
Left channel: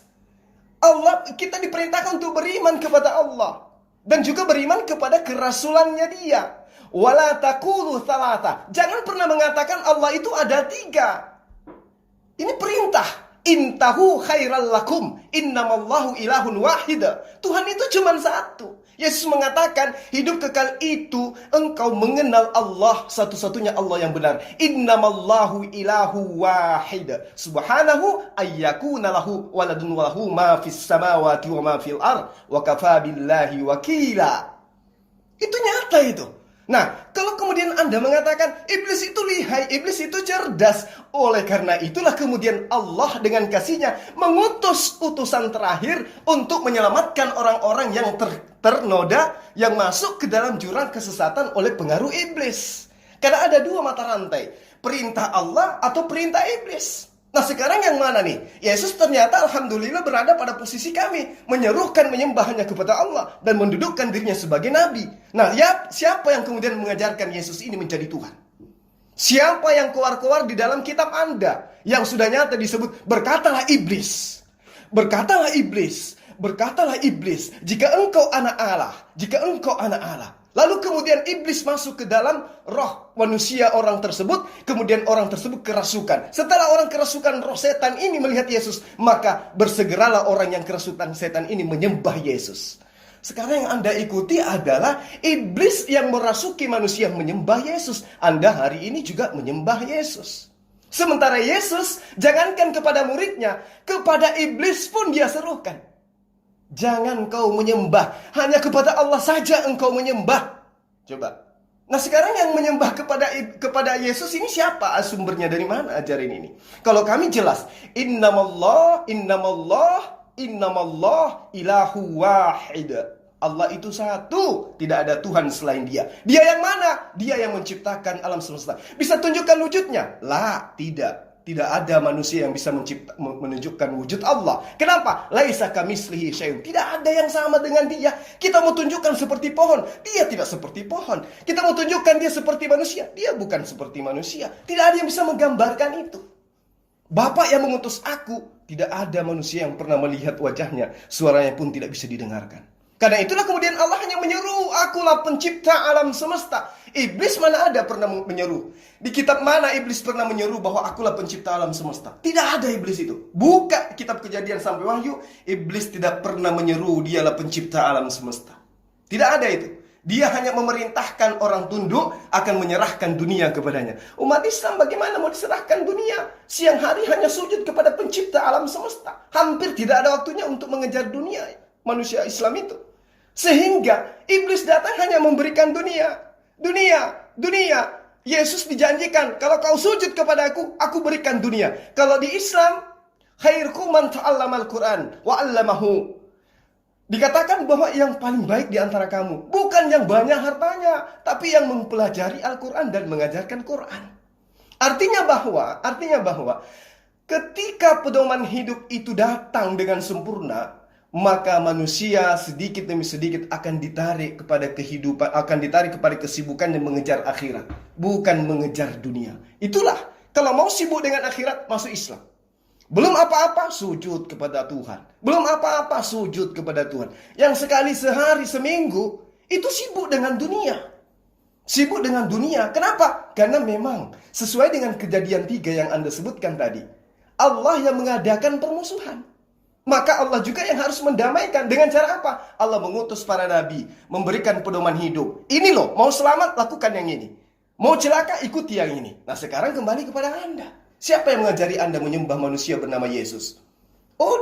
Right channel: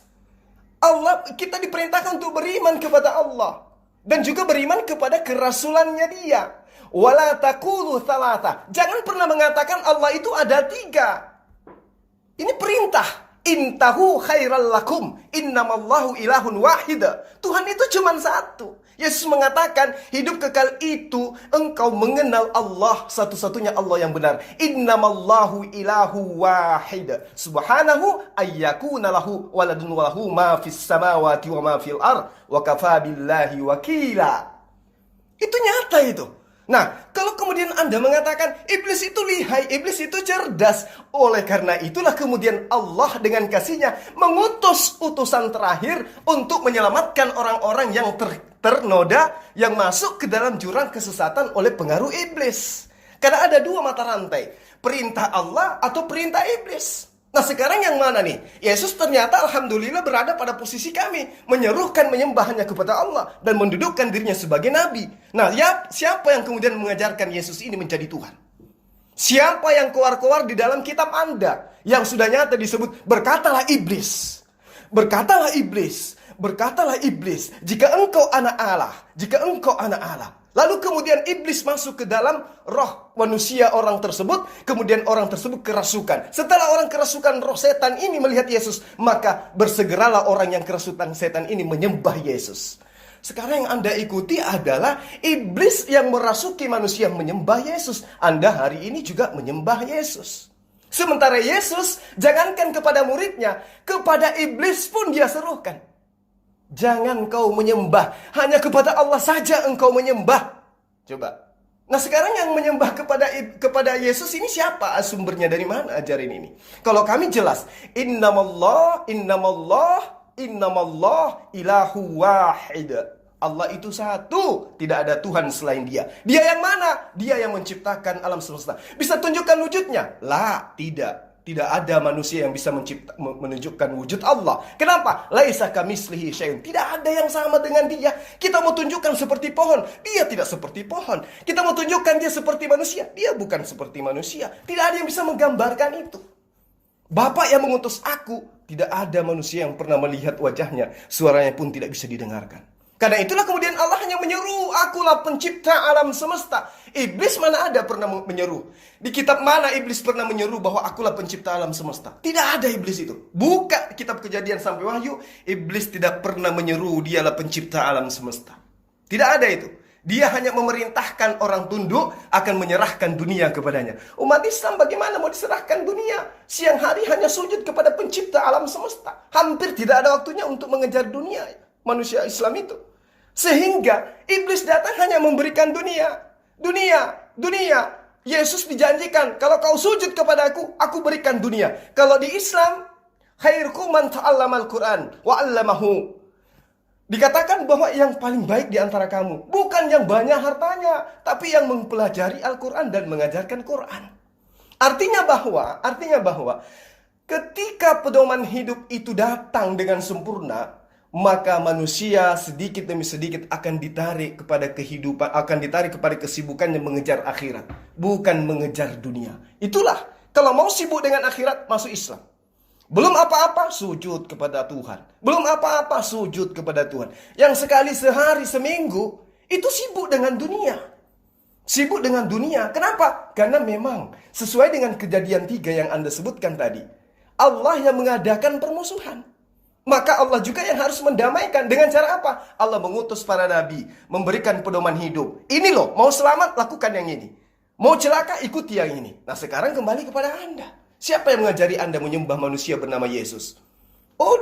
Allah, kita diperintahkan untuk beriman kepada Allah dan juga beriman kepada kerasulannya dia. Wala taqulu thalatha. Jangan pernah mengatakan Allah itu ada 3. Ini perintah. Intahu khairal lakum. Innamallahu ilahun wahid. Tuhan itu cuma satu. Yesus mengatakan, hidup kekal itu engkau mengenal Allah, satu-satunya Allah yang benar. Innamallahu ilahu wahid. Subhanahu ayyakuna lahu waladun walahu ma fis samawati wa ma fil ard wa kafa billahi wakila. Itu nyata itu. Nah, kalau kemudian Anda mengatakan iblis itu lihai, iblis itu cerdas, oleh karena itulah kemudian Allah dengan kasih-Nya mengutus utusan terakhir untuk menyelamatkan orang-orang yang ternoda, yang masuk ke dalam jurang kesesatan oleh pengaruh iblis. Karena ada 2 mata rantai, perintah Allah atau perintah iblis. Nah, sekarang yang mana nih? Yesus ternyata alhamdulillah berada pada posisi kami, menyerukan menyembahnya kepada Allah dan mendudukkan dirinya sebagai nabi. Nah, siapa yang kemudian mengajarkan Yesus ini menjadi Tuhan? Siapa yang keluar-keluar di dalam kitab Anda yang sudah nyata disebut berkatalah iblis. Berkatalah iblis. Berkatalah iblis, jika engkau anak Allah, jika engkau anak Allah. Lalu kemudian iblis masuk ke dalam roh manusia orang tersebut, kemudian orang tersebut kerasukan. Setelah orang kerasukan roh setan ini melihat Yesus, maka bersegeralah orang yang kerasukan setan ini menyembah Yesus. Sekarang yang Anda ikuti adalah iblis yang merasuki manusia menyembah Yesus. Anda hari ini juga menyembah Yesus. Sementara Yesus, jangankan kepada muridnya, kepada iblis pun dia serukan. Jangan kau menyembah, hanya kepada Allah saja engkau menyembah. Coba. Nah, sekarang yang menyembah kepada Yesus ini siapa? Sumbernya dari mana ajaran ini? Kalau kami jelas, innamallah ilahu wahid. Allah itu satu, tidak ada Tuhan selain Dia. Dia yang mana? Dia yang menciptakan alam semesta. Bisa tunjukkan wujudnya? Lah, tidak. Tidak ada manusia yang bisa menunjukkan wujud Allah. Kenapa? Laisa kamitslihi syai'un. Tidak ada yang sama dengan Dia. Kita mau tunjukkan seperti pohon, Dia tidak seperti pohon. Kita mau tunjukkan Dia seperti manusia, Dia bukan seperti manusia. Tidak ada yang bisa menggambarkan itu. Bapa yang mengutus aku, tidak ada manusia yang pernah melihat wajahnya, suaranya pun tidak bisa didengarkan. Karena itulah kemudian Allah hanya menyeru, akulah pencipta alam semesta. Iblis mana ada pernah menyeru? Di kitab mana iblis pernah menyeru bahwa akulah pencipta alam semesta? Tidak ada iblis itu. Buka kitab Kejadian sampai Wahyu, iblis tidak pernah menyeru dialah pencipta alam semesta. Tidak ada itu. Dia hanya memerintahkan orang tunduk akan menyerahkan dunia kepadanya. Umat Islam bagaimana mau diserahkan dunia? Siang hari hanya sujud kepada pencipta alam semesta. Hampir tidak ada waktunya untuk mengejar dunia manusia Islam itu. Sehingga iblis datang hanya memberikan dunia. Yesus dijanjikan, kalau kau sujud kepada aku berikan dunia. Kalau di Islam, khairukum man ta'allamal Qur'an wa 'allamahu. Dikatakan bahwa yang paling baik di antara kamu bukan yang banyak hartanya, tapi yang mempelajari Al-Qur'an dan mengajarkan Qur'an. Artinya bahwa ketika pedoman hidup itu datang dengan sempurna, maka manusia sedikit demi sedikit akan ditarik kepada kehidupan, akan ditarik kepada kesibukan yang mengejar akhirat, bukan mengejar dunia. Itulah, kalau mau sibuk dengan akhirat, masuk Islam. Belum apa-apa, sujud kepada Tuhan. Belum apa-apa, sujud kepada Tuhan. Yang sekali sehari, seminggu, itu sibuk dengan dunia. Sibuk dengan dunia. Kenapa? Karena memang sesuai dengan Kejadian 3 yang Anda sebutkan tadi, Allah yang mengadakan permusuhan. Maka Allah juga yang harus mendamaikan. Dengan cara apa? Allah mengutus para nabi, memberikan pedoman hidup. Ini loh, mau selamat lakukan yang ini. Mau celaka ikuti yang ini. Nah sekarang kembali kepada Anda. Siapa yang mengajari Anda menyembah manusia bernama Yesus? Oh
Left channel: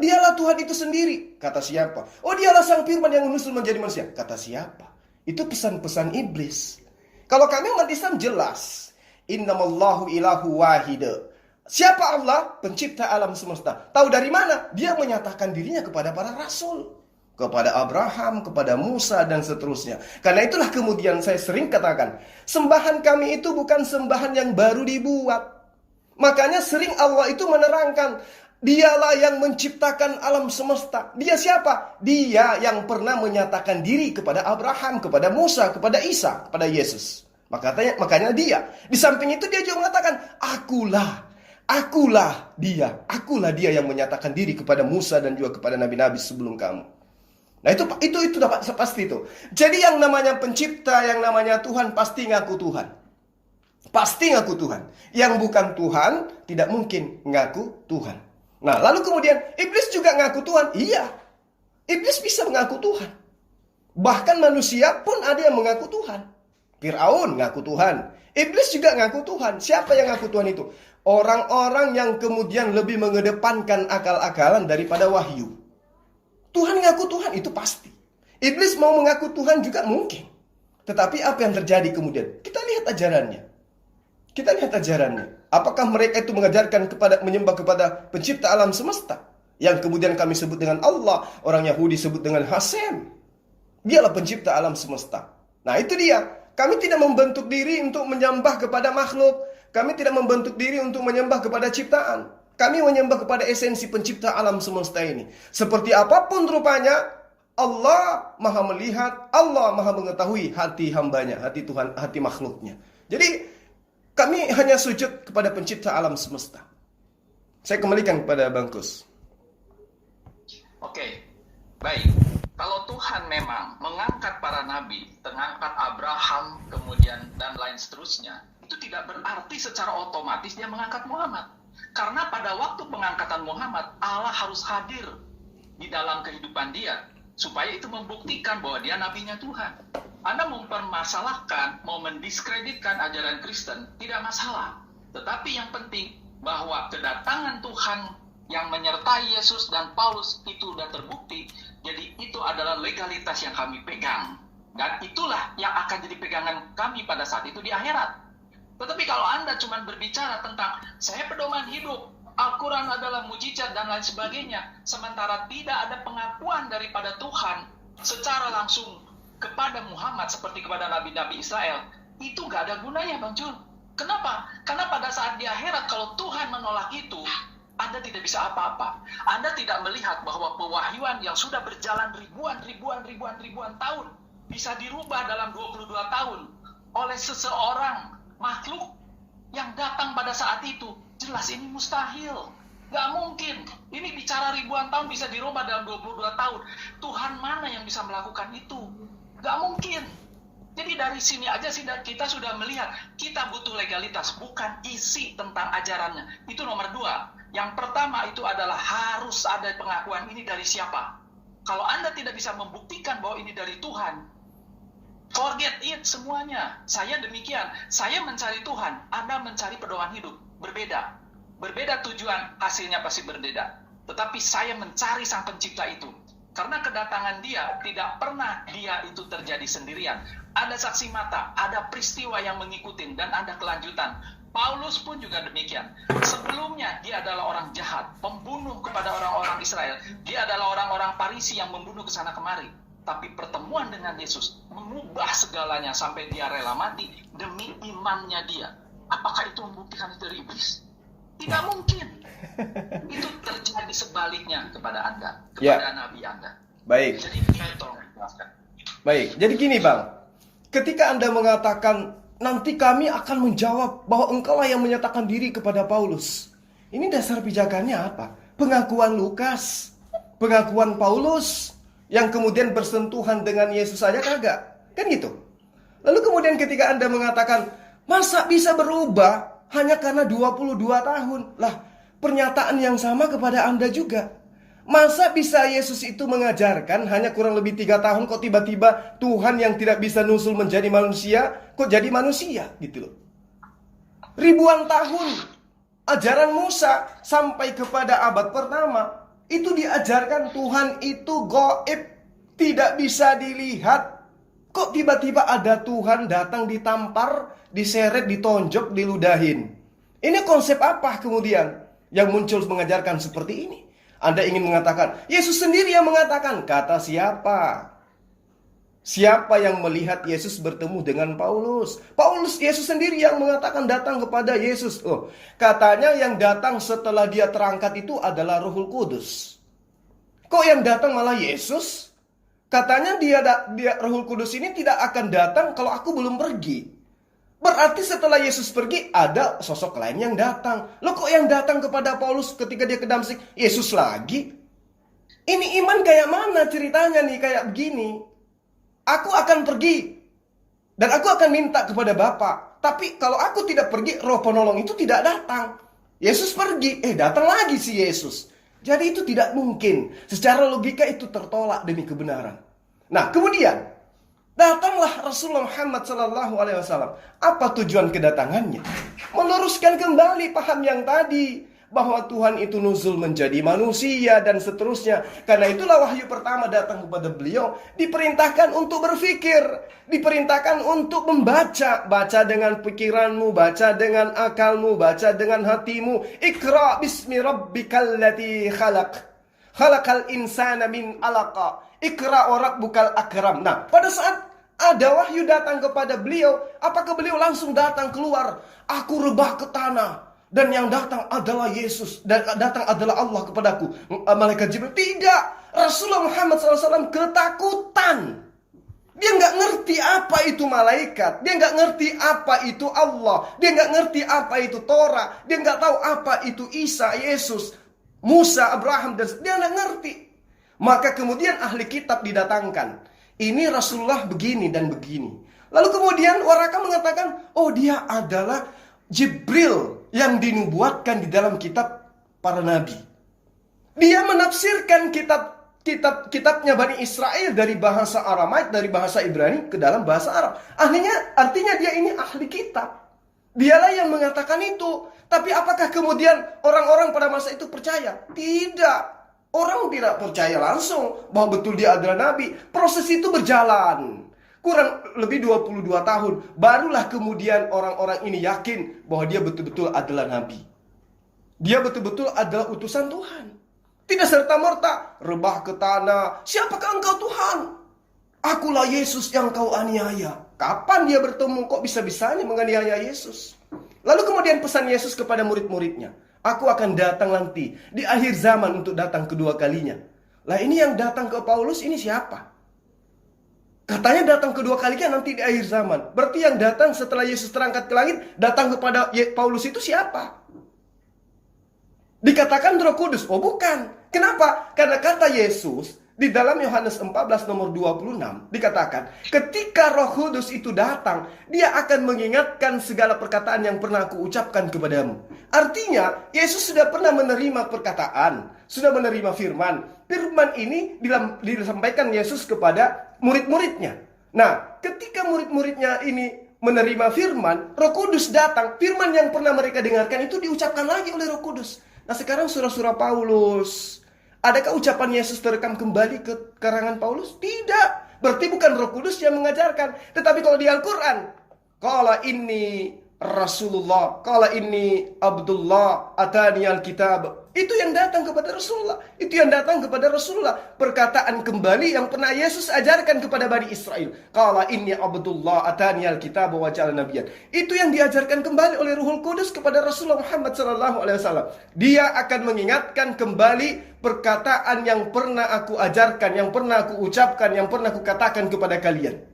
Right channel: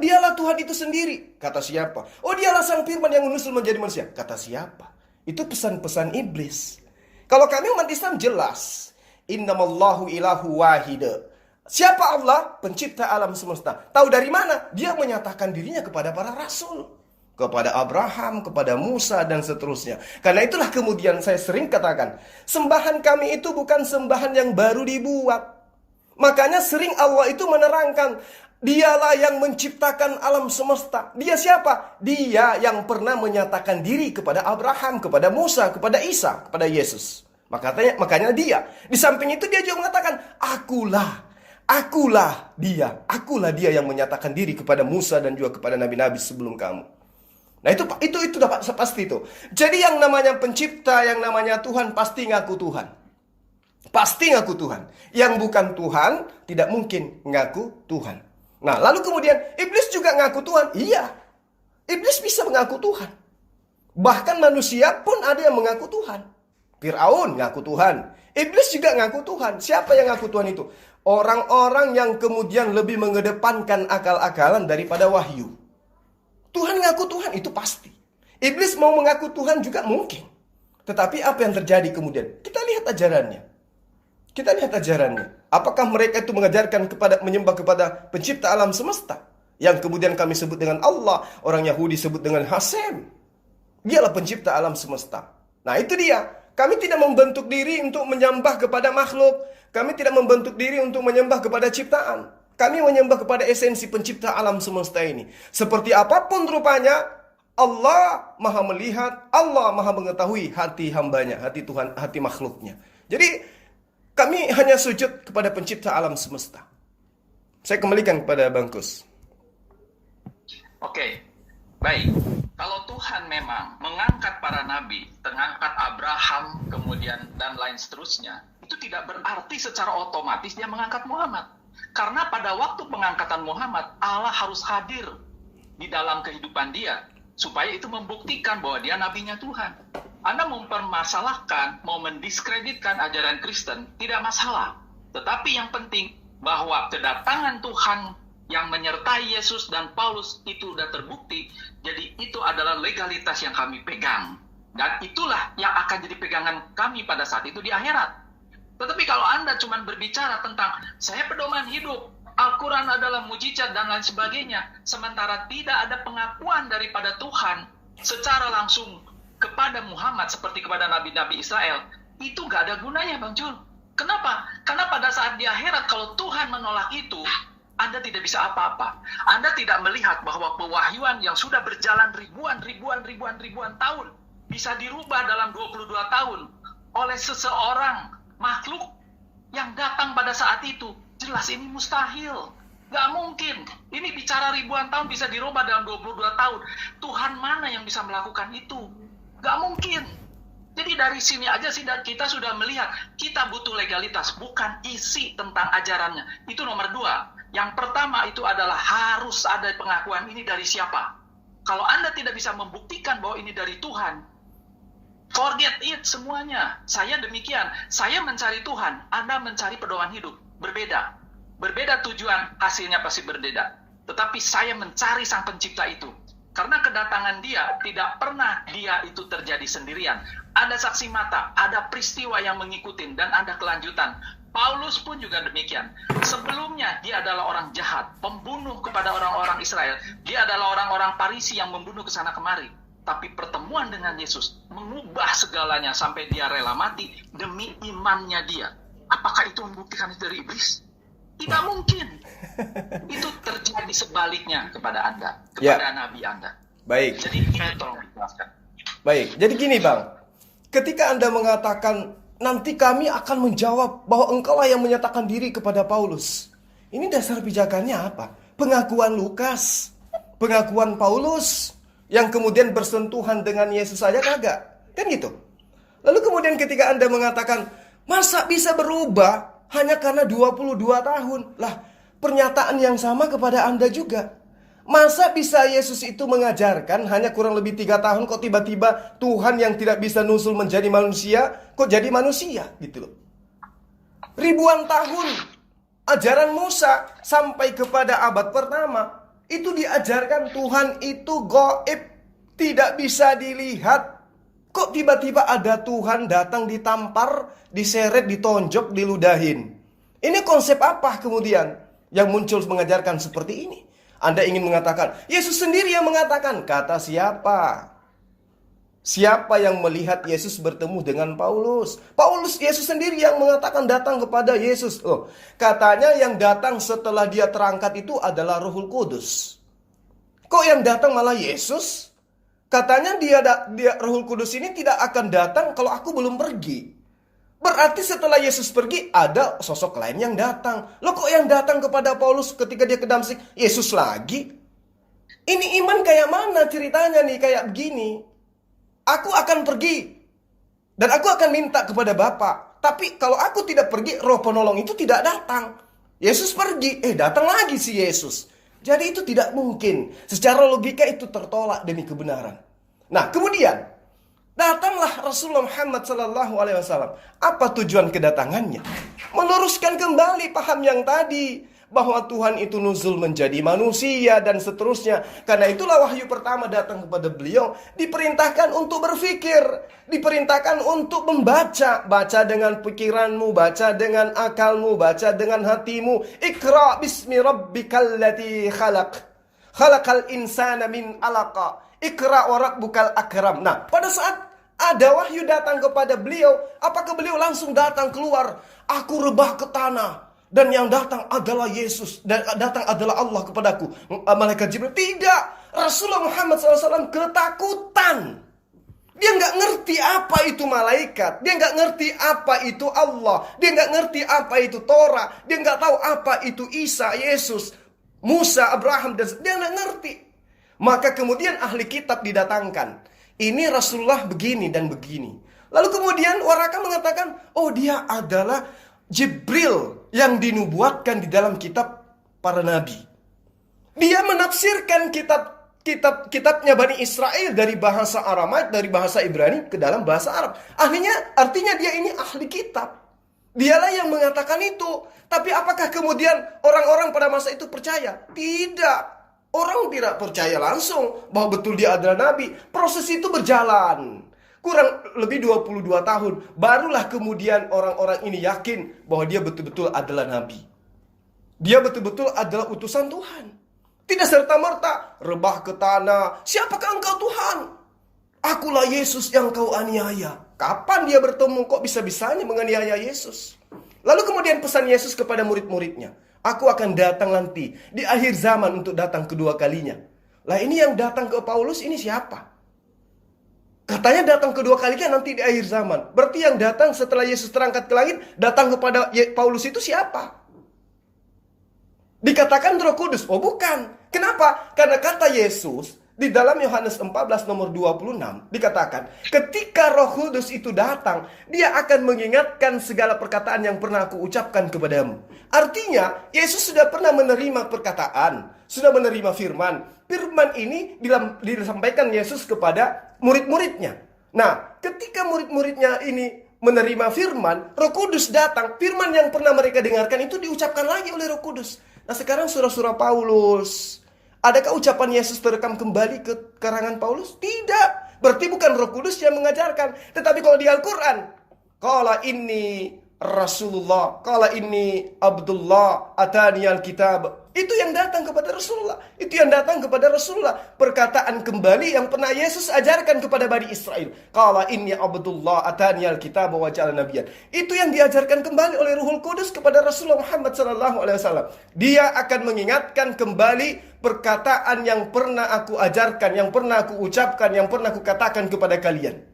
dialah Tuhan itu sendiri. Kata siapa? Oh dialah Sang Firman yang menyusul menjadi manusia. Kata siapa? Itu pesan-pesan iblis. Kalau kami umat Islam jelas. Innamallahu ilahu wahida. Siapa Allah? Pencipta alam semesta. Tahu dari mana? Dia menyatakan dirinya kepada para rasul. Kepada Abraham, kepada Musa, dan seterusnya. Karena itulah kemudian saya sering katakan, sembahan kami itu bukan sembahan yang baru dibuat. Makanya sering Allah itu menerangkan, dialah yang menciptakan alam semesta. Dia siapa? Dia yang pernah menyatakan diri kepada Abraham, kepada Musa, kepada Isa, kepada Yesus. Makanya dia. Di samping itu dia juga mengatakan, Akulah dia yang menyatakan diri kepada Musa dan juga kepada nabi-nabi sebelum kamu. Nah itu dapat pasti itu. Jadi yang namanya pencipta, yang namanya Tuhan pasti ngaku Tuhan. Pasti ngaku Tuhan. Yang bukan Tuhan tidak mungkin ngaku Tuhan. Nah lalu kemudian iblis juga ngaku Tuhan. Iya, iblis bisa mengaku Tuhan. Bahkan manusia pun ada yang mengaku Tuhan. Fir'aun ngaku Tuhan. Iblis juga ngaku Tuhan. Siapa yang ngaku Tuhan itu? Orang-orang yang kemudian lebih mengedepankan akal-akalan daripada wahyu. Tuhan ngaku Tuhan itu pasti. Iblis mau mengaku Tuhan juga mungkin. Tetapi apa yang terjadi kemudian? Kita lihat ajarannya. Apakah mereka itu mengajarkan menyembah kepada pencipta alam semesta? Yang kemudian kami sebut dengan Allah. Orang Yahudi sebut dengan Hasem. Dialah pencipta alam semesta. Nah itu dia. Kami tidak membentuk diri untuk menyembah kepada makhluk. Kami tidak membentuk diri untuk menyembah kepada ciptaan. Kami menyembah kepada esensi pencipta alam semesta ini. Seperti apapun rupanya, Allah maha melihat, Allah maha mengetahui hati hambanya, hati Tuhan, hati makhluknya. Jadi, kami hanya sujud kepada pencipta alam semesta. Saya kembalikan kepada Bang Kus. Oke, baik. Kalau Tuhan memang mengangkat para nabi, mengangkat Abraham, kemudian dan lain seterusnya, itu tidak berarti secara otomatis dia mengangkat Muhammad. Karena pada waktu pengangkatan Muhammad, Allah harus hadir di dalam kehidupan dia, supaya itu membuktikan bahwa dia nabinya Tuhan. Anda mempermasalahkan, mau mendiskreditkan ajaran Kristen, tidak masalah. Tetapi yang penting bahwa kedatangan Tuhan yang menyertai Yesus dan Paulus itu sudah terbukti. Jadi itu adalah legalitas yang kami pegang. Dan itulah yang akan jadi pegangan kami pada saat itu di akhirat. Tetapi kalau Anda cuma berbicara tentang saya pedoman hidup, Al-Quran adalah mujizat dan lain sebagainya, sementara tidak ada pengakuan daripada Tuhan secara langsung kepada Muhammad seperti kepada nabi-nabi Israel, itu gak ada gunanya Bang Jul. Kenapa? Karena pada saat di akhirat kalau Tuhan menolak itu, Anda tidak bisa apa-apa. Anda tidak melihat bahwa pewahyuan yang sudah berjalan ribuan tahun bisa dirubah dalam 22 tahun oleh seseorang makhluk yang datang pada saat itu. Jelas ini mustahil. Gak mungkin. Ini bicara ribuan tahun bisa dirubah dalam 22 tahun. Tuhan mana yang bisa melakukan itu? Gak mungkin. Jadi dari sini aja sih kita sudah melihat kita butuh legalitas, bukan isi tentang ajarannya. Itu nomor 2. Yang pertama itu adalah harus ada pengakuan ini dari siapa. Kalau Anda tidak bisa membuktikan bahwa ini dari Tuhan, forget it semuanya. Saya demikian. Saya mencari Tuhan, Anda mencari pedoman hidup. Berbeda. Berbeda tujuan, hasilnya pasti berbeda. Tetapi saya mencari Sang Pencipta itu. Karena kedatangan dia tidak pernah dia itu terjadi sendirian. Ada saksi mata, ada peristiwa yang mengikuti dan ada kelanjutan. Paulus pun juga demikian. Sebelumnya dia adalah orang jahat, pembunuh kepada orang-orang Israel. Dia adalah orang-orang Parisi yang membunuh ke sana kemari. Tapi pertemuan dengan Yesus mengubah segalanya sampai dia rela mati demi imannya dia. Apakah itu membuktikan itu dari iblis? Tidak mungkin. Itu terjadi sebaliknya kepada Anda, kepada Nabi Anda. Baik. Jadi saya tolong jelaskan. Baik. Jadi gini Bang, ketika Anda mengatakan nanti kami akan menjawab bahwa engkaulah yang menyatakan diri kepada Paulus. Ini dasar pijakannya apa? Pengakuan Lukas, pengakuan Paulus, yang kemudian bersentuhan dengan Yesus saja kagak? Kan gitu. Lalu kemudian ketika Anda mengatakan, masa bisa berubah hanya karena 22 tahun? Lah, pernyataan yang sama kepada Anda juga. Masa bisa Yesus itu mengajarkan hanya kurang lebih 3 tahun kok tiba-tiba Tuhan yang tidak bisa nusul menjadi manusia kok jadi manusia gitu loh. Ribuan tahun ajaran Musa sampai kepada abad pertama itu diajarkan Tuhan itu gaib, tidak bisa dilihat. Kok tiba-tiba ada Tuhan datang ditampar, diseret, ditonjok, diludahin. Ini konsep apa kemudian yang muncul mengajarkan seperti ini? Anda ingin mengatakan, Yesus sendiri yang mengatakan, kata siapa? Siapa yang melihat Yesus bertemu dengan Paulus? Yesus sendiri yang mengatakan datang kepada Yesus. Oh, katanya yang datang setelah dia terangkat itu adalah Rohul Kudus. Kok yang datang malah Yesus? Katanya dia Rohul Kudus ini tidak akan datang kalau aku belum pergi. Berarti setelah Yesus pergi ada sosok lain yang datang. Loh, kok yang datang kepada Paulus ketika dia ke Damsik Yesus lagi? Ini iman kayak mana ceritanya nih, kayak begini. Aku akan pergi dan aku akan minta kepada Bapa. Tapi kalau aku tidak pergi, Roh Penolong itu tidak datang. Yesus pergi, datang lagi si Yesus. Jadi itu tidak mungkin. Secara logika itu tertolak demi kebenaran. Nah, kemudian datanglah Rasulullah Muhammad SAW. Apa tujuan kedatangannya? Meluruskan kembali paham yang tadi, bahwa Tuhan itu nuzul menjadi manusia dan seterusnya. Karena itulah wahyu pertama datang kepada beliau, diperintahkan untuk berpikir, diperintahkan untuk membaca. Baca dengan pikiranmu, baca dengan akalmu, baca dengan hatimu. Iqra bismi rabbikal ladzi khalaq, khalaqal insana min alaqa, Iqra wa rabbukal akram. Nah, pada saat ada wahyu datang kepada beliau, apakah beliau langsung datang keluar? Aku rebah ke tanah dan yang datang adalah Yesus, dan datang adalah Allah kepadaku, malaikat Jibril. Tidak, Rasulullah Muhammad SAW ketakutan. Dia nggak ngerti apa itu malaikat, dia nggak ngerti apa itu Allah, dia nggak ngerti apa itu Torah, dia nggak tahu apa itu Isa, Yesus, Musa, Abraham, dan dia nggak ngerti. Maka kemudian ahli kitab didatangkan. Ini Rasulullah begini dan begini. Lalu kemudian Waraka mengatakan, oh dia adalah Jibril yang dinubuatkan di dalam kitab para nabi. Dia menafsirkan kitabnya Bani Israel dari bahasa Aramaik, dari bahasa Ibrani ke dalam bahasa Arab. Artinya dia ini ahli kitab. Dialah yang mengatakan itu. Tapi apakah kemudian orang-orang pada masa itu percaya? Tidak. Orang tidak percaya langsung bahwa betul dia adalah nabi. Proses itu berjalan kurang lebih 22 tahun. Barulah kemudian orang-orang ini yakin bahwa dia betul-betul adalah nabi. Dia betul-betul adalah utusan Tuhan. Tidak serta-merta rebah ke tanah. Siapakah engkau Tuhan? Akulah Yesus yang kau aniaya. Kapan dia bertemu? Kok bisa-bisanya menganiaya Yesus? Lalu kemudian pesan Yesus kepada murid-muridnya, aku akan datang nanti di akhir zaman untuk datang kedua kalinya. Lah ini yang datang ke Paulus ini siapa? Katanya datang kedua kalinya nanti di akhir zaman. Berarti yang datang setelah Yesus terangkat ke langit, datang kepada Paulus itu siapa? Dikatakan Roh Kudus. Oh bukan. Kenapa? Karena kata Yesus di dalam Yohanes 14 nomor 26 dikatakan, ketika Roh Kudus itu datang, dia akan mengingatkan segala perkataan yang pernah aku ucapkan kepadamu. Artinya, Yesus sudah pernah menerima perkataan, sudah menerima firman. Firman ini disampaikan Yesus kepada murid-muridnya. Nah, ketika murid-muridnya ini menerima firman, Roh Kudus datang, firman yang pernah mereka dengarkan itu diucapkan lagi oleh Roh Kudus. Nah, sekarang surah-surah Paulus, adakah ucapan Yesus terekam kembali ke karangan Paulus? Tidak. Berarti bukan Roh Kudus yang mengajarkan. Tetapi kalau di Al-Quran, qala inni Rasulullah, qala inni Abdullah, atani al-kitab. Itu yang datang kepada Rasulullah. Itu yang datang kepada Rasulullah. Perkataan kembali yang pernah Yesus ajarkan kepada Bani Israel. Qala inni Abdullah, atani al-kitab wa ja'alna nabiyyan. Itu yang diajarkan kembali oleh Ruhul Kudus kepada Rasulullah Muhammad SAW. Dia akan mengingatkan kembali perkataan yang pernah aku ajarkan, yang pernah aku ucapkan, yang pernah aku katakan kepada kalian.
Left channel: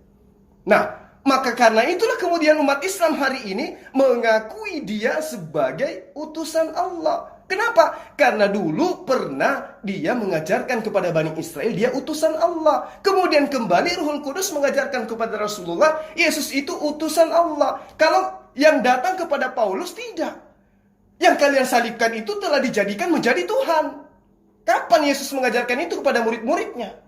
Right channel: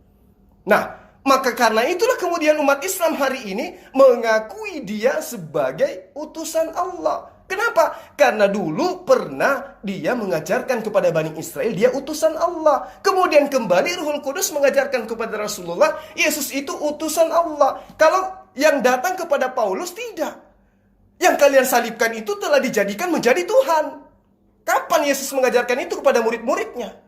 Nah, maka karena itulah kemudian umat Islam hari ini mengakui dia sebagai utusan Allah. Kenapa? Karena dulu pernah dia mengajarkan kepada Bani Israel dia utusan Allah. Kemudian kembali Ruhul Kudus mengajarkan kepada Rasulullah, Yesus itu utusan Allah. Kalau yang datang kepada Paulus tidak. Yang kalian salibkan itu telah dijadikan menjadi Tuhan. Kapan Yesus mengajarkan itu kepada murid-muridnya?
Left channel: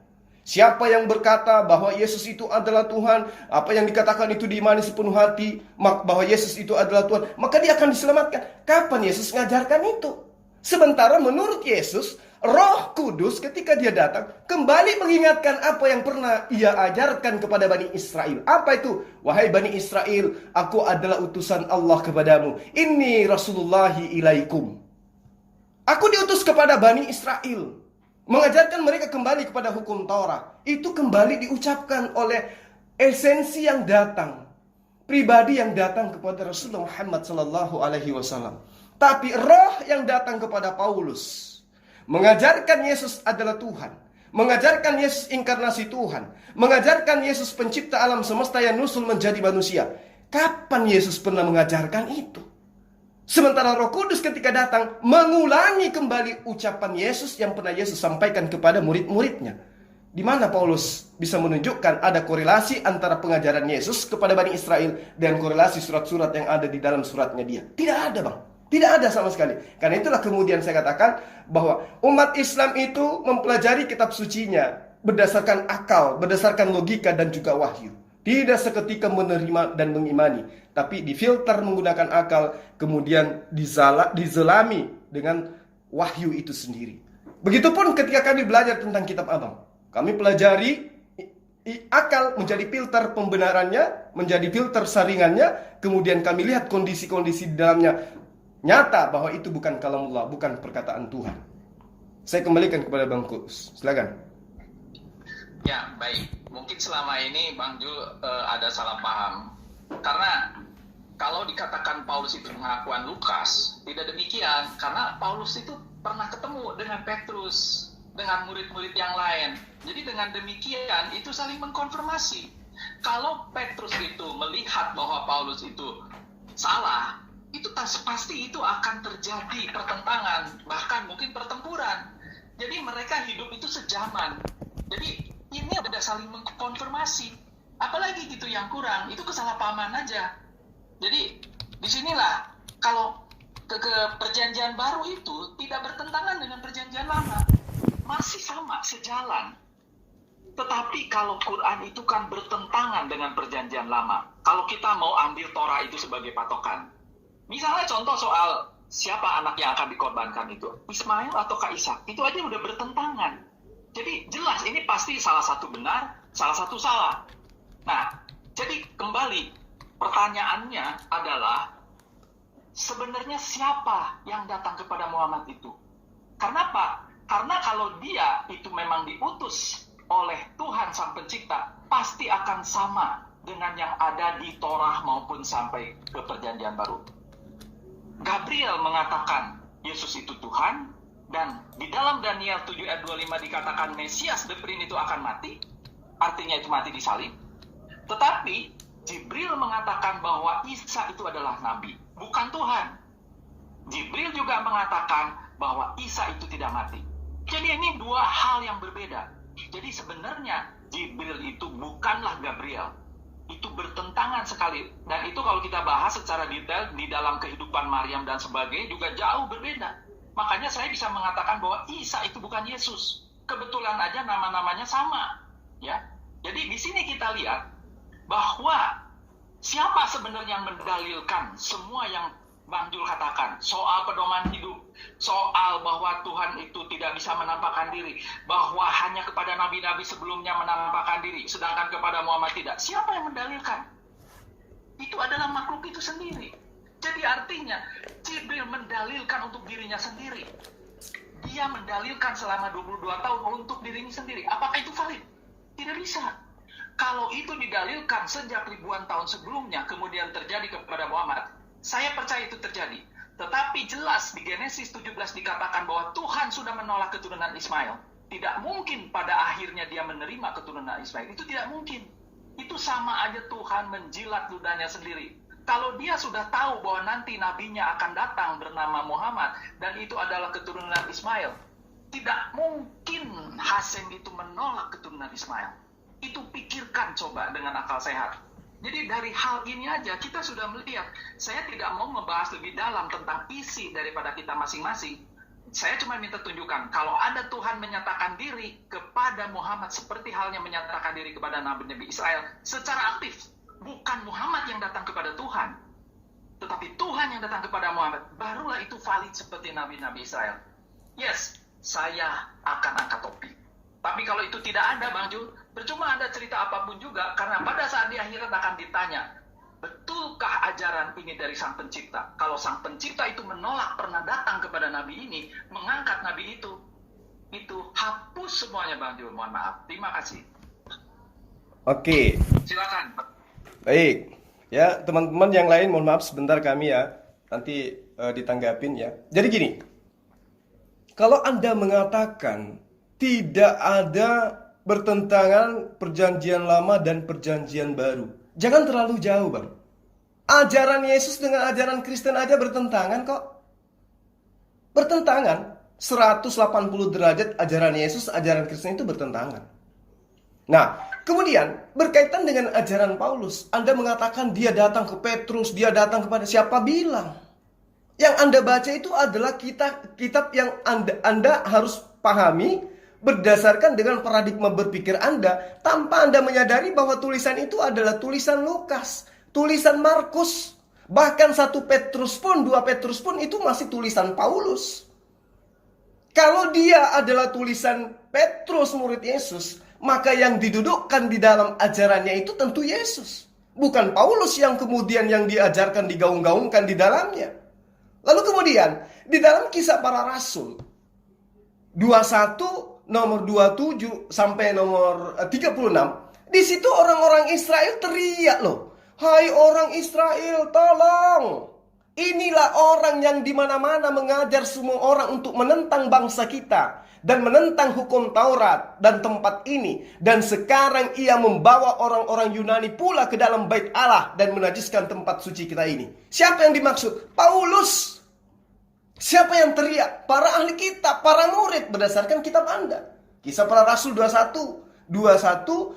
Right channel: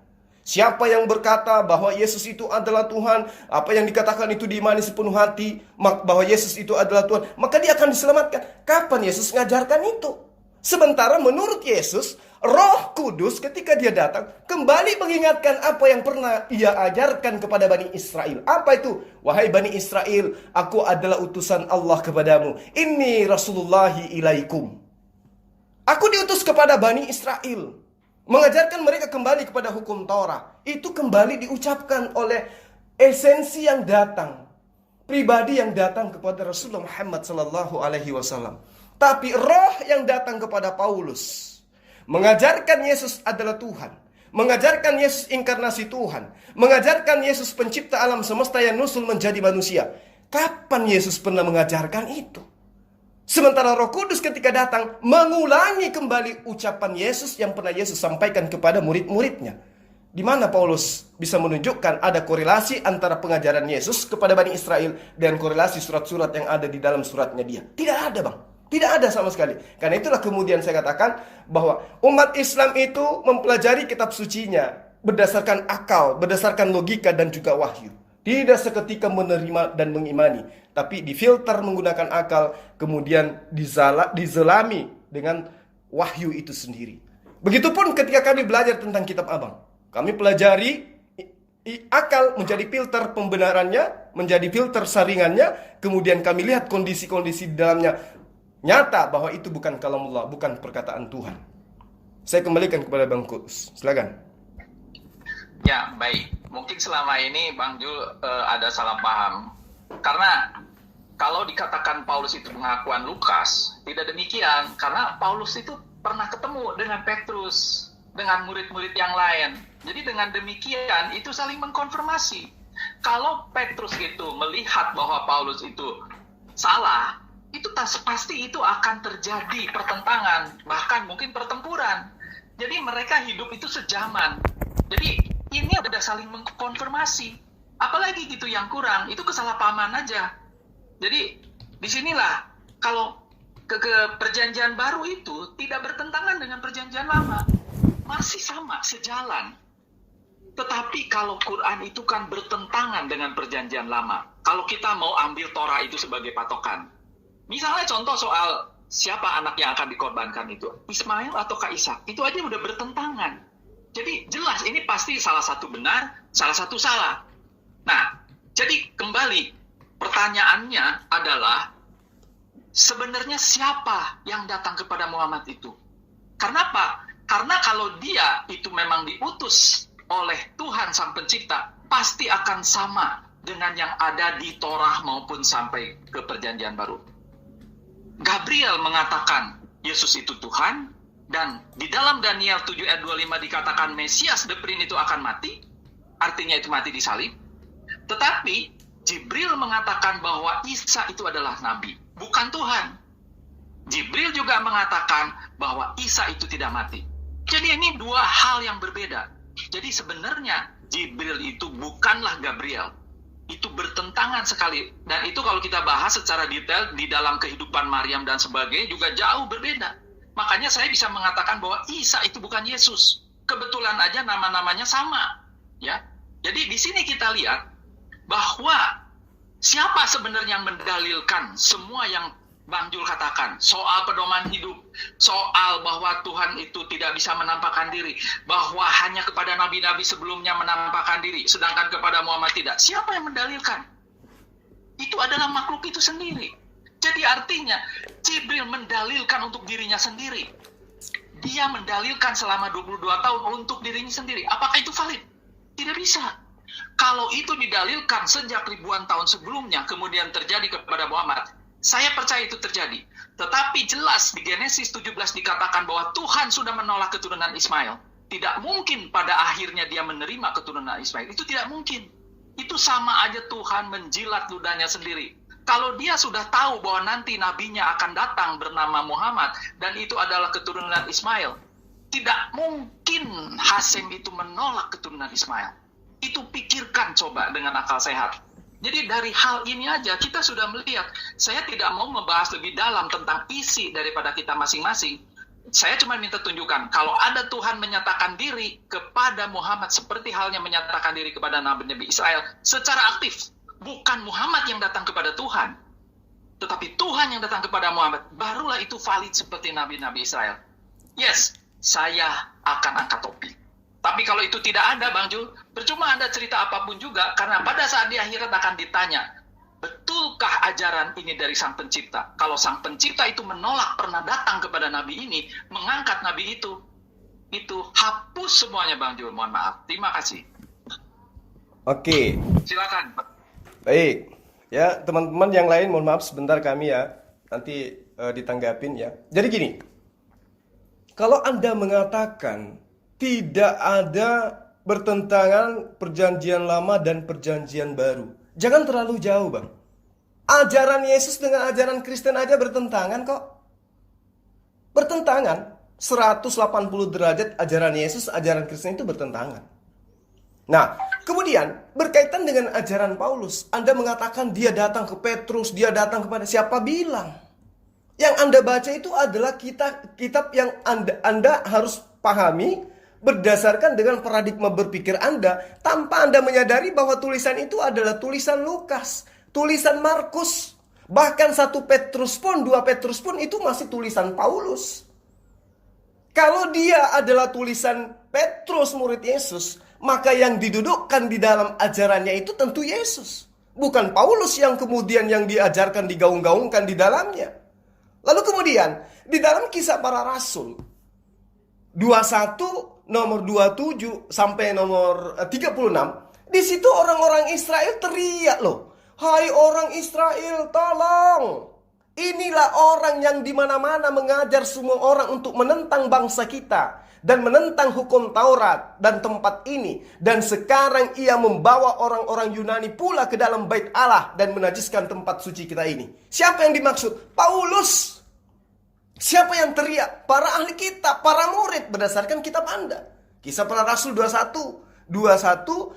Siapa yang berkata bahwa Yesus itu adalah Tuhan, apa yang dikatakan itu diimani sepenuh hati, bahwa Yesus itu adalah Tuhan, maka dia akan diselamatkan. Kapan Yesus mengajarkan itu? Sementara menurut Yesus, Roh Kudus ketika dia datang kembali mengingatkan apa yang pernah ia ajarkan kepada Bani Israel. Apa itu? Wahai Bani Israel, aku adalah utusan Allah kepadamu. Inni Rasulullahi ilaikum. Aku diutus kepada Bani Israel, mengajarkan mereka kembali kepada hukum Taurat. Itu kembali diucapkan oleh esensi yang datang, pribadi yang datang kepada Rasulullah Muhammad SAW. Tapi roh yang datang kepada Paulus mengajarkan Yesus adalah Tuhan, mengajarkan Yesus inkarnasi Tuhan, mengajarkan Yesus pencipta alam semesta yang nusul menjadi manusia. Kapan Yesus pernah mengajarkan itu? Sementara Roh Kudus ketika datang mengulangi kembali ucapan Yesus yang pernah Yesus sampaikan kepada murid-muridnya. Di mana Paulus bisa menunjukkan ada korelasi antara pengajaran Yesus kepada Bani Israel dan korelasi surat-surat yang ada di dalam suratnya dia? Tidak ada, Bang. Tidak ada sama sekali. Karena itulah kemudian saya katakan bahwa umat Islam itu mempelajari kitab sucinya berdasarkan akal, berdasarkan logika dan juga wahyu. Tidak seketika menerima dan mengimani, tapi difilter menggunakan akal, kemudian dizelami dengan wahyu itu sendiri. Begitupun ketika kami belajar tentang kitab Abang. Kami pelajari akal menjadi filter pembenarannya, menjadi filter saringannya, kemudian kami lihat kondisi-kondisi di dalamnya. Nyata bahwa itu bukan kalamullah, bukan perkataan Tuhan. Saya kembalikan kepada Bang Kus. Silakan. Ya, baik. Mungkin selama ini Bang Jul ada salah paham. Karena kalau dikatakan Paulus itu pengakuan Lukas, tidak demikian. Karena Paulus itu pernah ketemu dengan Petrus, dengan murid-murid yang lain. Jadi dengan demikian itu saling mengkonfirmasi. Kalau Petrus itu melihat bahwa Paulus itu salah, itu pasti itu akan terjadi pertentangan, bahkan mungkin pertempuran. Jadi mereka hidup itu sejaman. Jadi ini ada saling mengkonfirmasi. Apalagi gitu yang kurang, itu kesalahpahaman aja. Jadi disinilah kalau ke perjanjian baru itu tidak bertentangan dengan perjanjian lama, masih sama, sejalan. Tetapi kalau Quran itu kan bertentangan dengan perjanjian lama. Kalau kita mau ambil Torah itu sebagai patokan. Misalnya contoh soal siapa anak yang akan dikorbankan itu, Ismail atau Ishak, itu aja udah bertentangan. Jadi jelas ini pasti salah satu benar, salah satu salah. Nah, jadi kembali pertanyaannya adalah sebenarnya siapa yang datang kepada Muhammad itu? Karena apa? Karena kalau dia itu memang diutus oleh Tuhan Sang Pencipta, pasti akan sama dengan yang ada di Torah maupun sampai ke perjanjian baru. Gabriel mengatakan Yesus itu Tuhan, dan di dalam Daniel 7 ayat 25 dikatakan Mesias the Prince itu akan mati, artinya itu mati disalib. Tetapi Jibril mengatakan bahwa Isa itu adalah nabi, bukan Tuhan. Jibril juga mengatakan bahwa Isa itu tidak mati. Jadi ini dua hal yang berbeda. Jadi sebenarnya Jibril itu bukanlah Gabriel. Itu bertentangan sekali. Dan itu kalau kita bahas secara detail di dalam kehidupan Maryam dan sebagainya juga jauh berbeda. Makanya saya bisa mengatakan bahwa Isa itu bukan Yesus. Kebetulan aja nama-namanya sama. Ya. Jadi di sini kita lihat bahwa siapa sebenarnya yang mendalilkan semua yang Bang Jul katakan, soal pedoman hidup, soal bahwa Tuhan itu tidak bisa menampakkan diri, bahwa hanya kepada nabi-nabi sebelumnya menampakkan diri, sedangkan kepada Muhammad tidak. Siapa yang mendalilkan? Itu adalah makhluk itu sendiri. Jadi artinya, Jibril mendalilkan untuk dirinya sendiri. Dia mendalilkan selama 22 tahun untuk dirinya sendiri. Apakah itu valid? Tidak bisa. Kalau itu didalilkan sejak ribuan tahun sebelumnya, kemudian terjadi kepada Muhammad, saya percaya itu terjadi. Tetapi jelas di Genesis 17 dikatakan bahwa Tuhan sudah menolak keturunan Ismail. Tidak mungkin pada akhirnya dia menerima keturunan Ismail. Itu tidak mungkin. Itu sama aja Tuhan menjilat ludahnya sendiri. Kalau dia sudah tahu bahwa nanti nabinya akan datang bernama Muhammad dan itu adalah keturunan Ismail, tidak mungkin Hasyim itu menolak keturunan Ismail. Itu pikirkan coba dengan akal sehat. Jadi dari hal ini aja kita sudah melihat. Saya tidak mau membahas lebih dalam tentang isi daripada kita masing-masing. Saya cuma minta tunjukkan, kalau ada Tuhan menyatakan diri kepada Muhammad seperti halnya menyatakan diri kepada Nabi Israel secara aktif. Bukan Muhammad yang datang kepada Tuhan, tetapi Tuhan yang datang kepada Muhammad. Barulah itu valid seperti Nabi-Nabi Israel. Yes, saya akan angkat topi. Tapi kalau itu tidak ada, Bang Jul, percuma Anda cerita apapun juga, karena pada saat di akhirat akan ditanya, betulkah ajaran ini dari Sang Pencipta? Kalau Sang Pencipta itu menolak pernah datang kepada Nabi ini, mengangkat Nabi itu hapus semuanya, Bang Jul. Mohon maaf. Terima kasih. Oke. Silakan. Baik. Ya, teman-teman yang lain mohon maaf sebentar kami ya. Nanti ditanggapin ya. Jadi gini. Kalau Anda mengatakan tidak ada bertentangan perjanjian lama dan perjanjian baru, jangan terlalu jauh, Bang. Ajaran Yesus dengan ajaran Kristen aja bertentangan kok. Bertentangan. 180 derajat ajaran Yesus, ajaran Kristen itu bertentangan. Nah, kemudian berkaitan dengan ajaran Paulus, Anda mengatakan dia datang ke Petrus, dia datang kepada siapa bilang? Yang Anda baca itu adalah kitab yang Anda harus pahami berdasarkan dengan paradigma berpikir Anda, tanpa Anda menyadari bahwa tulisan itu adalah tulisan Lukas, tulisan Markus, bahkan 1 Petrus pun, 2 Petrus pun itu masih tulisan Paulus. Kalau dia adalah tulisan Petrus murid Yesus, maka yang didudukkan di dalam ajarannya itu tentu Yesus, bukan Paulus yang kemudian yang diajarkan digaung-gaungkan di dalamnya. Lalu kemudian di dalam Kisah Para Rasul 21 nomor 27 sampai nomor 36, di situ orang-orang Israel teriak loh, "Hai orang Israel, tolong! Inilah orang yang di mana-mana mengajar semua orang untuk menentang bangsa kita dan menentang hukum Taurat dan tempat ini, dan sekarang ia membawa orang-orang Yunani pula ke dalam bait Allah dan menajiskan tempat suci kita ini." Siapa yang dimaksud? Paulus. Siapa yang teriak? Para ahli kitab, para murid berdasarkan kitab Anda. Kisah Para Rasul 21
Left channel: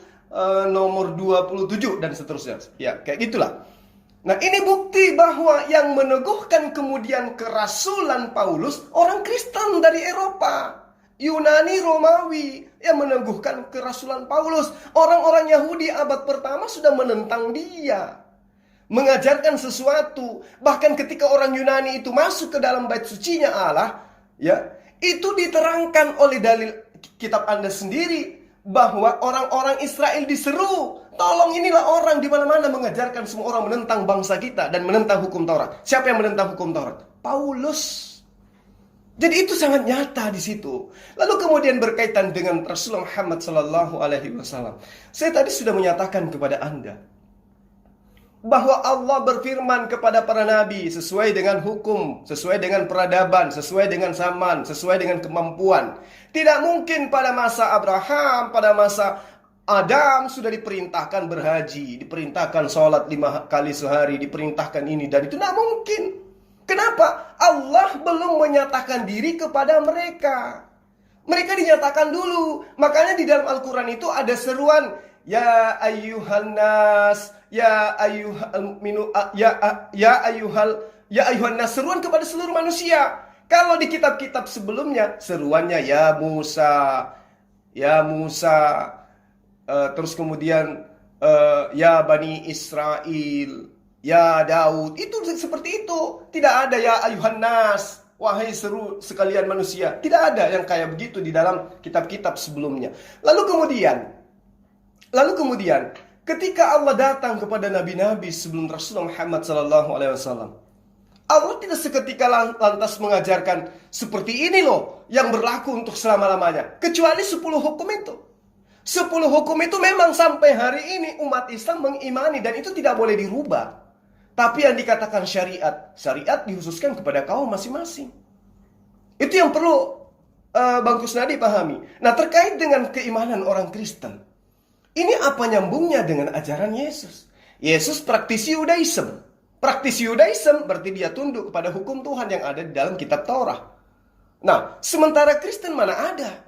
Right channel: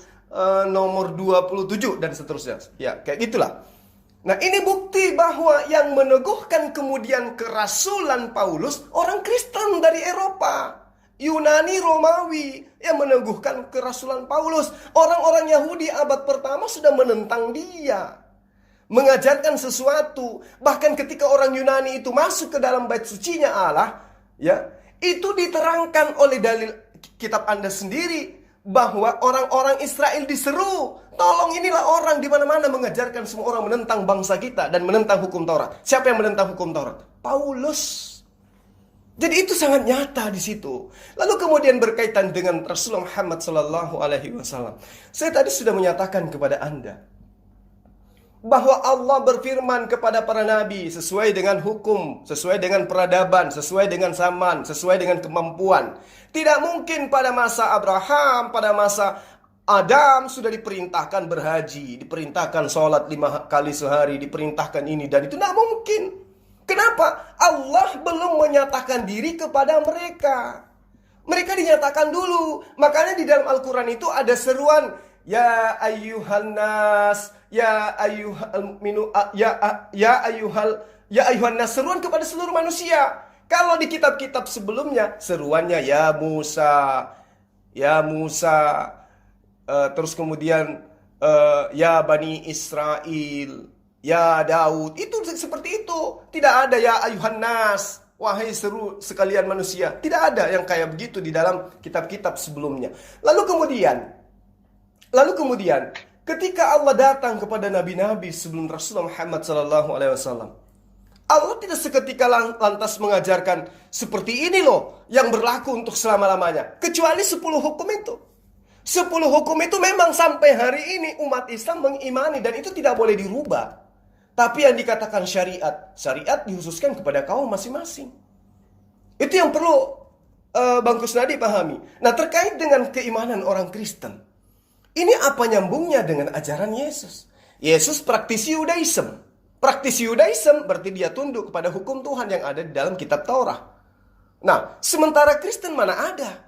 nomor 27 dan seterusnya. Ya, kayak gitulah. Nah, ini bukti bahwa yang meneguhkan kemudian kerasulan Paulus orang Kristen dari Eropa, Yunani, Romawi yang meneguhkan kerasulan Paulus. Orang-orang Yahudi abad pertama sudah menentang dia, mengajarkan sesuatu. Bahkan ketika orang Yunani itu masuk ke dalam bait sucinya Allah, ya, itu diterangkan oleh dalil kitab Anda sendiri bahwa orang-orang Israel diseru, tolong, inilah orang di mana-mana mengajarkan semua orang menentang bangsa kita dan menentang hukum Taurat. Siapa yang menentang hukum Taurat? Paulus. Jadi itu sangat nyata di situ. Lalu kemudian berkaitan dengan Rasulullah Muhammad SAW. Saya tadi sudah menyatakan kepada Anda bahwa Allah berfirman kepada para nabi sesuai dengan hukum, sesuai dengan peradaban, sesuai dengan zaman, sesuai dengan kemampuan. Tidak mungkin pada masa Abraham, pada masa Adam sudah diperintahkan berhaji, diperintahkan sholat 5 kali sehari, diperintahkan ini dan itu. Tidak mungkin. Kenapa? Allah belum menyatakan diri kepada mereka. Mereka dinyatakan dulu. Makanya di dalam Al-Quran itu ada seruan, ya ayyuhan nas, ya ayyuhan nas, seruan kepada seluruh manusia. Kalau di kitab-kitab sebelumnya seruannya ya Musa, terus kemudian ya Bani Israel, ya Daud, itu seperti itu. Tidak ada ya ayuhan nas, wahai seru sekalian manusia. Tidak ada yang kayak begitu di dalam kitab-kitab sebelumnya. Lalu kemudian ketika Allah datang kepada nabi-nabi sebelum Rasulullah Muhammad SAW, Allah tidak seketika lantas mengajarkan seperti ini loh yang berlaku untuk selama-lamanya. Kecuali 10 hukum itu. 10 hukum itu memang sampai hari ini umat Islam mengimani dan itu tidak boleh dirubah. Tapi yang dikatakan syariat, syariat dikhususkan kepada kaum masing-masing. Itu yang perlu Bang Kusnadi pahami. Nah, terkait dengan keimanan orang Kristen, ini apa nyambungnya dengan ajaran Yesus? Yesus praktisi Yudaism. Praktisi Yudaism berarti dia tunduk kepada hukum Tuhan yang ada di dalam kitab Taurat. Nah, sementara Kristen mana ada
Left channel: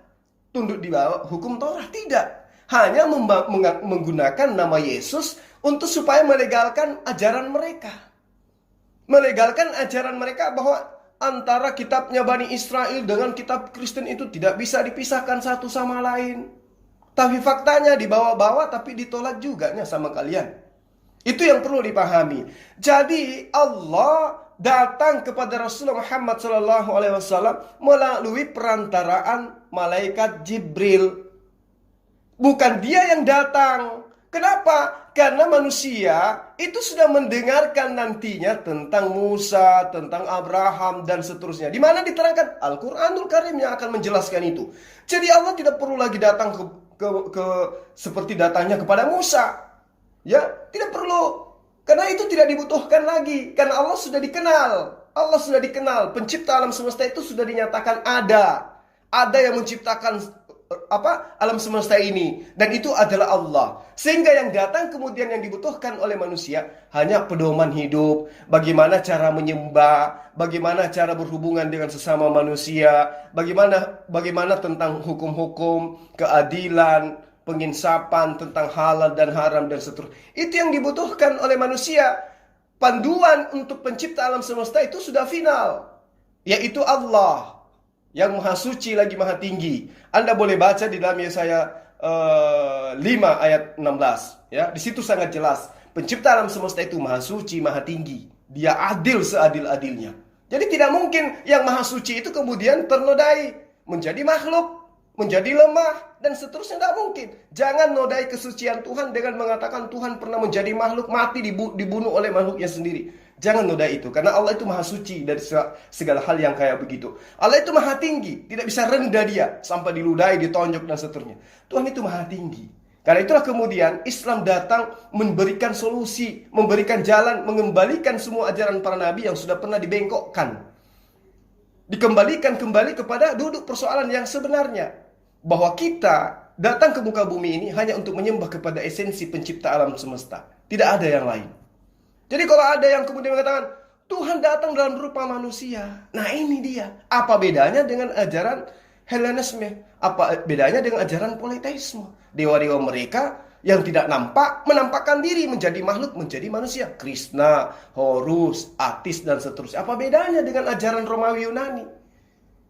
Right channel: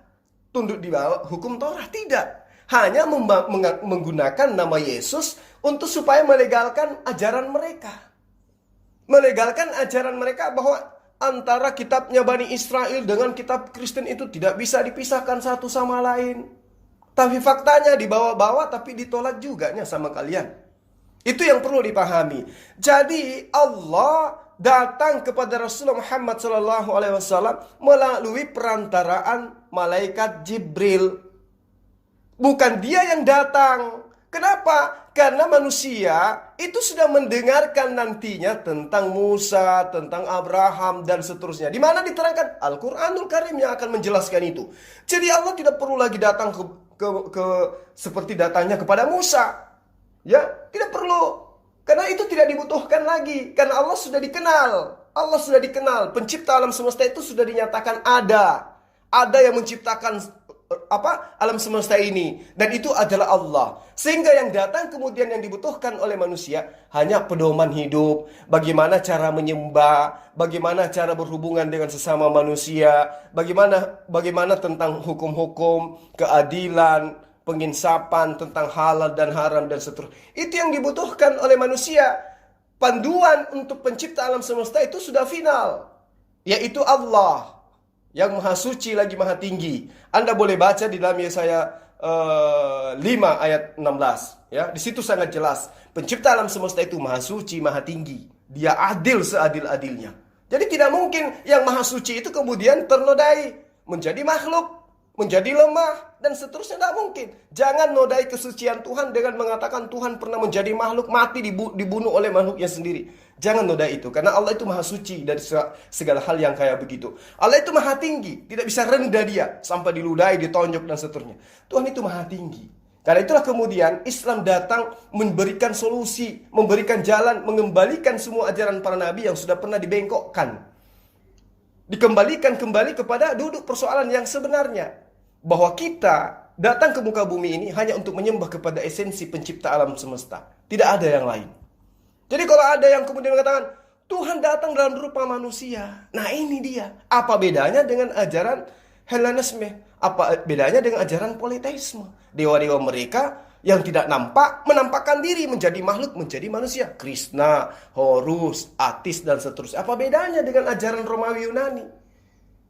tunduk di bawah hukum Taurat? Tidak. Hanya menggunakan nama Yesus untuk supaya melegalkan ajaran mereka. Melegalkan ajaran mereka bahwa antara kitabnya Bani Israel dengan kitab Kristen itu tidak bisa dipisahkan satu sama lain. Tapi faktanya dibawa-bawa tapi ditolak juga sama kalian. Itu yang perlu dipahami. Jadi Allah datang kepada Rasulullah Muhammad SAW melalui perantaraan malaikat Jibril. Bukan dia yang datang. Kenapa? Karena manusia itu sudah mendengarkan nantinya tentang Musa, tentang Abraham, dan seterusnya. Di mana diterangkan Al-Quranul Karim yang akan menjelaskan itu. Jadi Allah tidak perlu lagi datang seperti datangnya kepada Musa. Ya, tidak perlu. Karena itu tidak dibutuhkan lagi. Karena Allah sudah dikenal. Allah sudah dikenal. Pencipta alam semesta itu sudah dinyatakan ada. Ada yang menciptakan alam semesta ini, dan itu adalah Allah. Sehingga yang datang kemudian yang dibutuhkan oleh manusia hanya pedoman hidup, bagaimana cara menyembah, bagaimana cara berhubungan dengan sesama manusia, bagaimana tentang hukum-hukum, keadilan, penginsapan, tentang halal dan haram dan seterusnya. Itu yang dibutuhkan oleh manusia. Panduan untuk pencipta alam semesta itu sudah final, yaitu Allah yang maha suci lagi maha tinggi. Anda boleh baca di dalam Yesaya 5 ayat 16. Ya, di situ sangat jelas. Pencipta alam semesta itu maha suci, maha tinggi. Dia adil seadil-adilnya. Jadi tidak mungkin yang maha suci itu kemudian ternodai, menjadi makhluk, menjadi lemah, dan seterusnya. Tidak mungkin. Jangan nodai kesucian Tuhan dengan mengatakan Tuhan pernah menjadi makhluk, mati dibunuh oleh makhluknya sendiri. Jangan nodai itu, karena Allah itu maha suci dari segala hal yang kayak begitu. Allah itu maha tinggi, tidak bisa rendah dia sampai diludahi, ditonjok dan seterusnya. Tuhan itu maha tinggi. Karena itulah kemudian Islam datang memberikan solusi, memberikan jalan, mengembalikan semua ajaran para nabi yang sudah pernah dibengkokkan. Dikembalikan kembali kepada duduk persoalan yang sebenarnya. Bahwa kita datang ke muka bumi ini hanya untuk menyembah kepada esensi pencipta alam semesta. Tidak ada yang lain. Jadi kalau ada yang kemudian mengatakan Tuhan datang dalam rupa manusia, nah ini dia. Apa bedanya dengan ajaran Hellenisme? Apa bedanya dengan ajaran politeisme? Dewa-dewa mereka yang tidak nampak menampakkan diri menjadi makhluk, menjadi manusia. Krishna, Horus, Atis dan seterusnya. Apa bedanya dengan ajaran Romawi Yunani?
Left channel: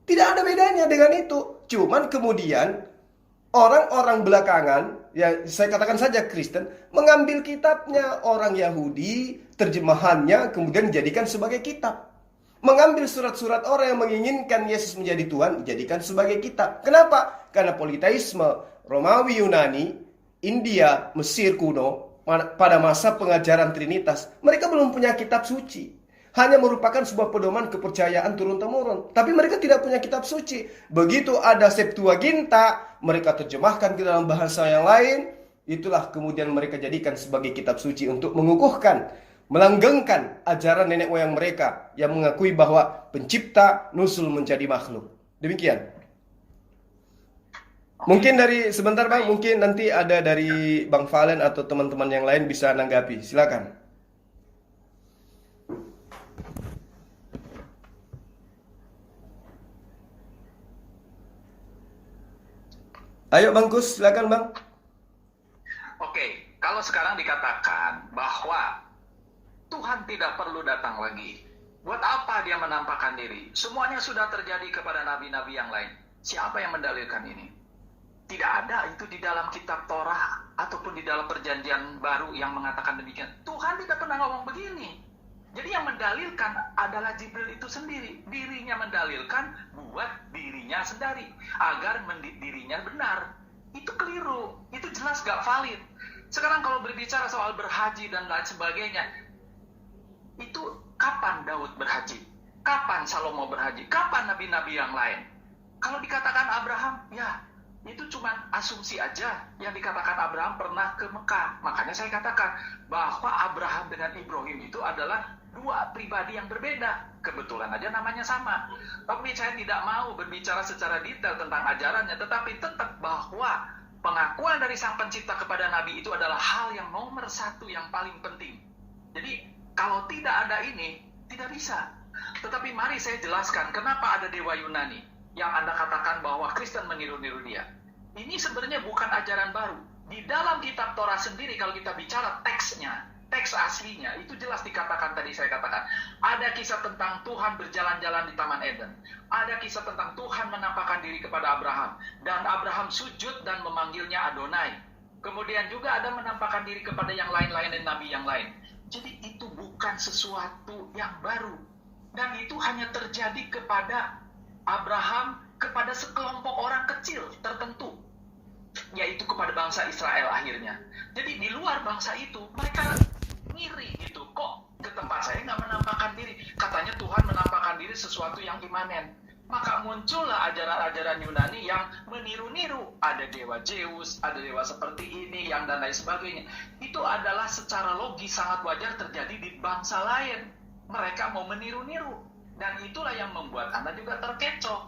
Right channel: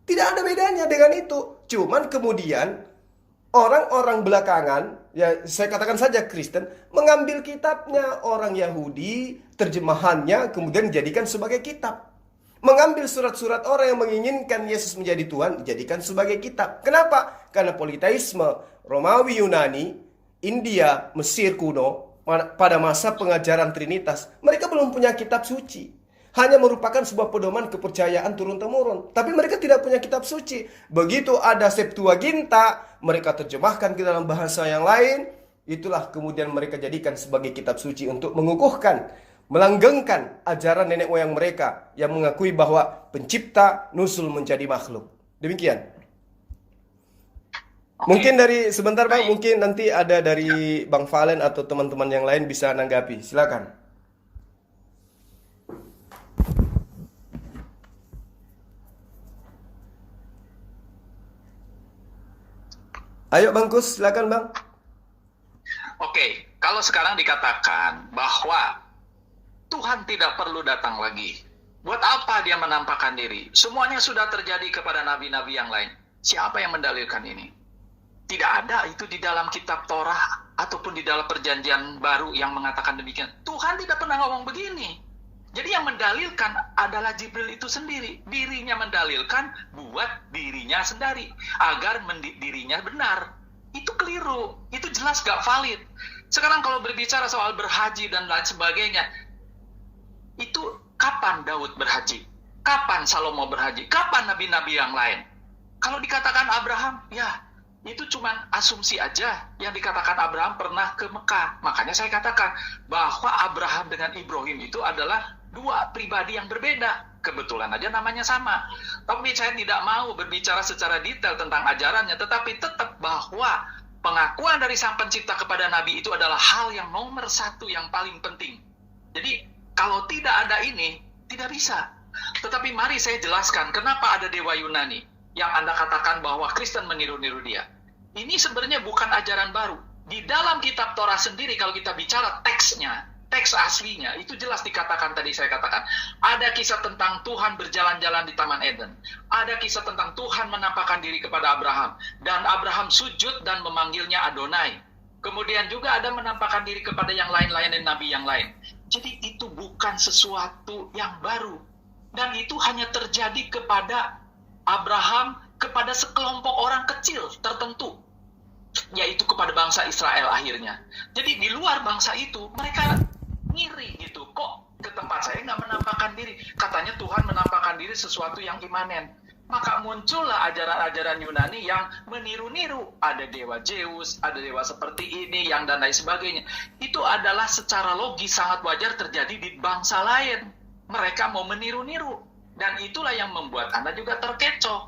Tidak ada bedanya dengan itu. Cuman kemudian orang-orang belakangan, ya saya katakan saja Kristen, mengambil kitabnya orang Yahudi, terjemahannya kemudian dijadikan sebagai kitab. Mengambil surat-surat orang yang menginginkan Yesus menjadi Tuhan, dijadikan sebagai kitab. Kenapa? Karena politeisme Romawi Yunani, India, Mesir kuno, pada masa pengajaran Trinitas, mereka belum punya kitab suci. Hanya merupakan sebuah pedoman kepercayaan turun-temurun. Tapi mereka tidak punya kitab suci. Begitu ada Septuaginta, mereka terjemahkan ke dalam bahasa yang lain. Itulah kemudian mereka jadikan sebagai kitab suci untuk mengukuhkan, melanggengkan ajaran nenek moyang mereka yang mengakui bahwa pencipta nusul menjadi makhluk. Demikian. Mungkin dari sebentar Bang, mungkin nanti ada dari Bang Valen atau teman-teman yang lain bisa menanggapi. Silakan. Ayo Bang Kus, silakan Bang. Oke, kalau sekarang dikatakan bahwa Tuhan tidak perlu datang lagi, buat apa dia menampakkan diri? Semuanya sudah terjadi kepada nabi-nabi yang lain. Siapa yang mendalilkan ini? Tidak ada itu di dalam kitab Torah ataupun di dalam perjanjian baru yang mengatakan demikian. Tuhan tidak pernah ngomong begini. Jadi yang mendalilkan adalah Jibril itu sendiri. Dirinya mendalilkan buat dirinya sendiri. Agar dirinya benar. Itu keliru. Itu jelas gak valid. Sekarang kalau berbicara soal berhaji dan lain sebagainya. Itu kapan Daud berhaji? Kapan Salomo berhaji? Kapan nabi-nabi yang lain? Kalau dikatakan Abraham, ya itu cuma asumsi aja yang dikatakan Abraham pernah ke Mekah. Makanya saya katakan bahwa Abraham dengan Ibrahim itu adalah dua pribadi yang berbeda. Kebetulan aja namanya sama. Tapi saya tidak mau berbicara secara detail tentang ajarannya, tetapi tetap bahwa pengakuan dari Sang Pencipta kepada Nabi itu adalah hal yang nomor satu yang paling penting. Jadi kalau tidak ada ini, tidak bisa. Tetapi mari saya jelaskan kenapa ada Dewa Yunani yang Anda katakan bahwa Kristen meniru-niru dia. Ini sebenarnya bukan ajaran baru. Di dalam kitab Torah sendiri kalau kita bicara teksnya, teks aslinya itu jelas dikatakan, tadi saya katakan ada kisah tentang Tuhan berjalan-jalan di Taman Eden, ada kisah tentang Tuhan menampakkan diri kepada Abraham dan Abraham sujud dan memanggilnya Adonai. Kemudian juga ada menampakkan diri kepada yang lain-lain dan nabi yang lain. Jadi itu bukan sesuatu yang baru, dan itu hanya terjadi kepada Abraham, kepada sekelompok orang kecil tertentu, yaitu kepada bangsa Israel akhirnya. Jadi di luar bangsa itu mereka ngiri gitu, kok ke tempat saya nggak menampakkan diri, katanya Tuhan menampakkan diri sesuatu yang imanen. Maka muncullah ajaran-ajaran Yunani yang meniru-niru, ada dewa Zeus, ada dewa seperti ini, yang dan lain sebagainya. Itu adalah secara logis sangat wajar terjadi di bangsa lain. Mereka mau meniru-niru, dan itulah yang membuat Anda juga terkecoh.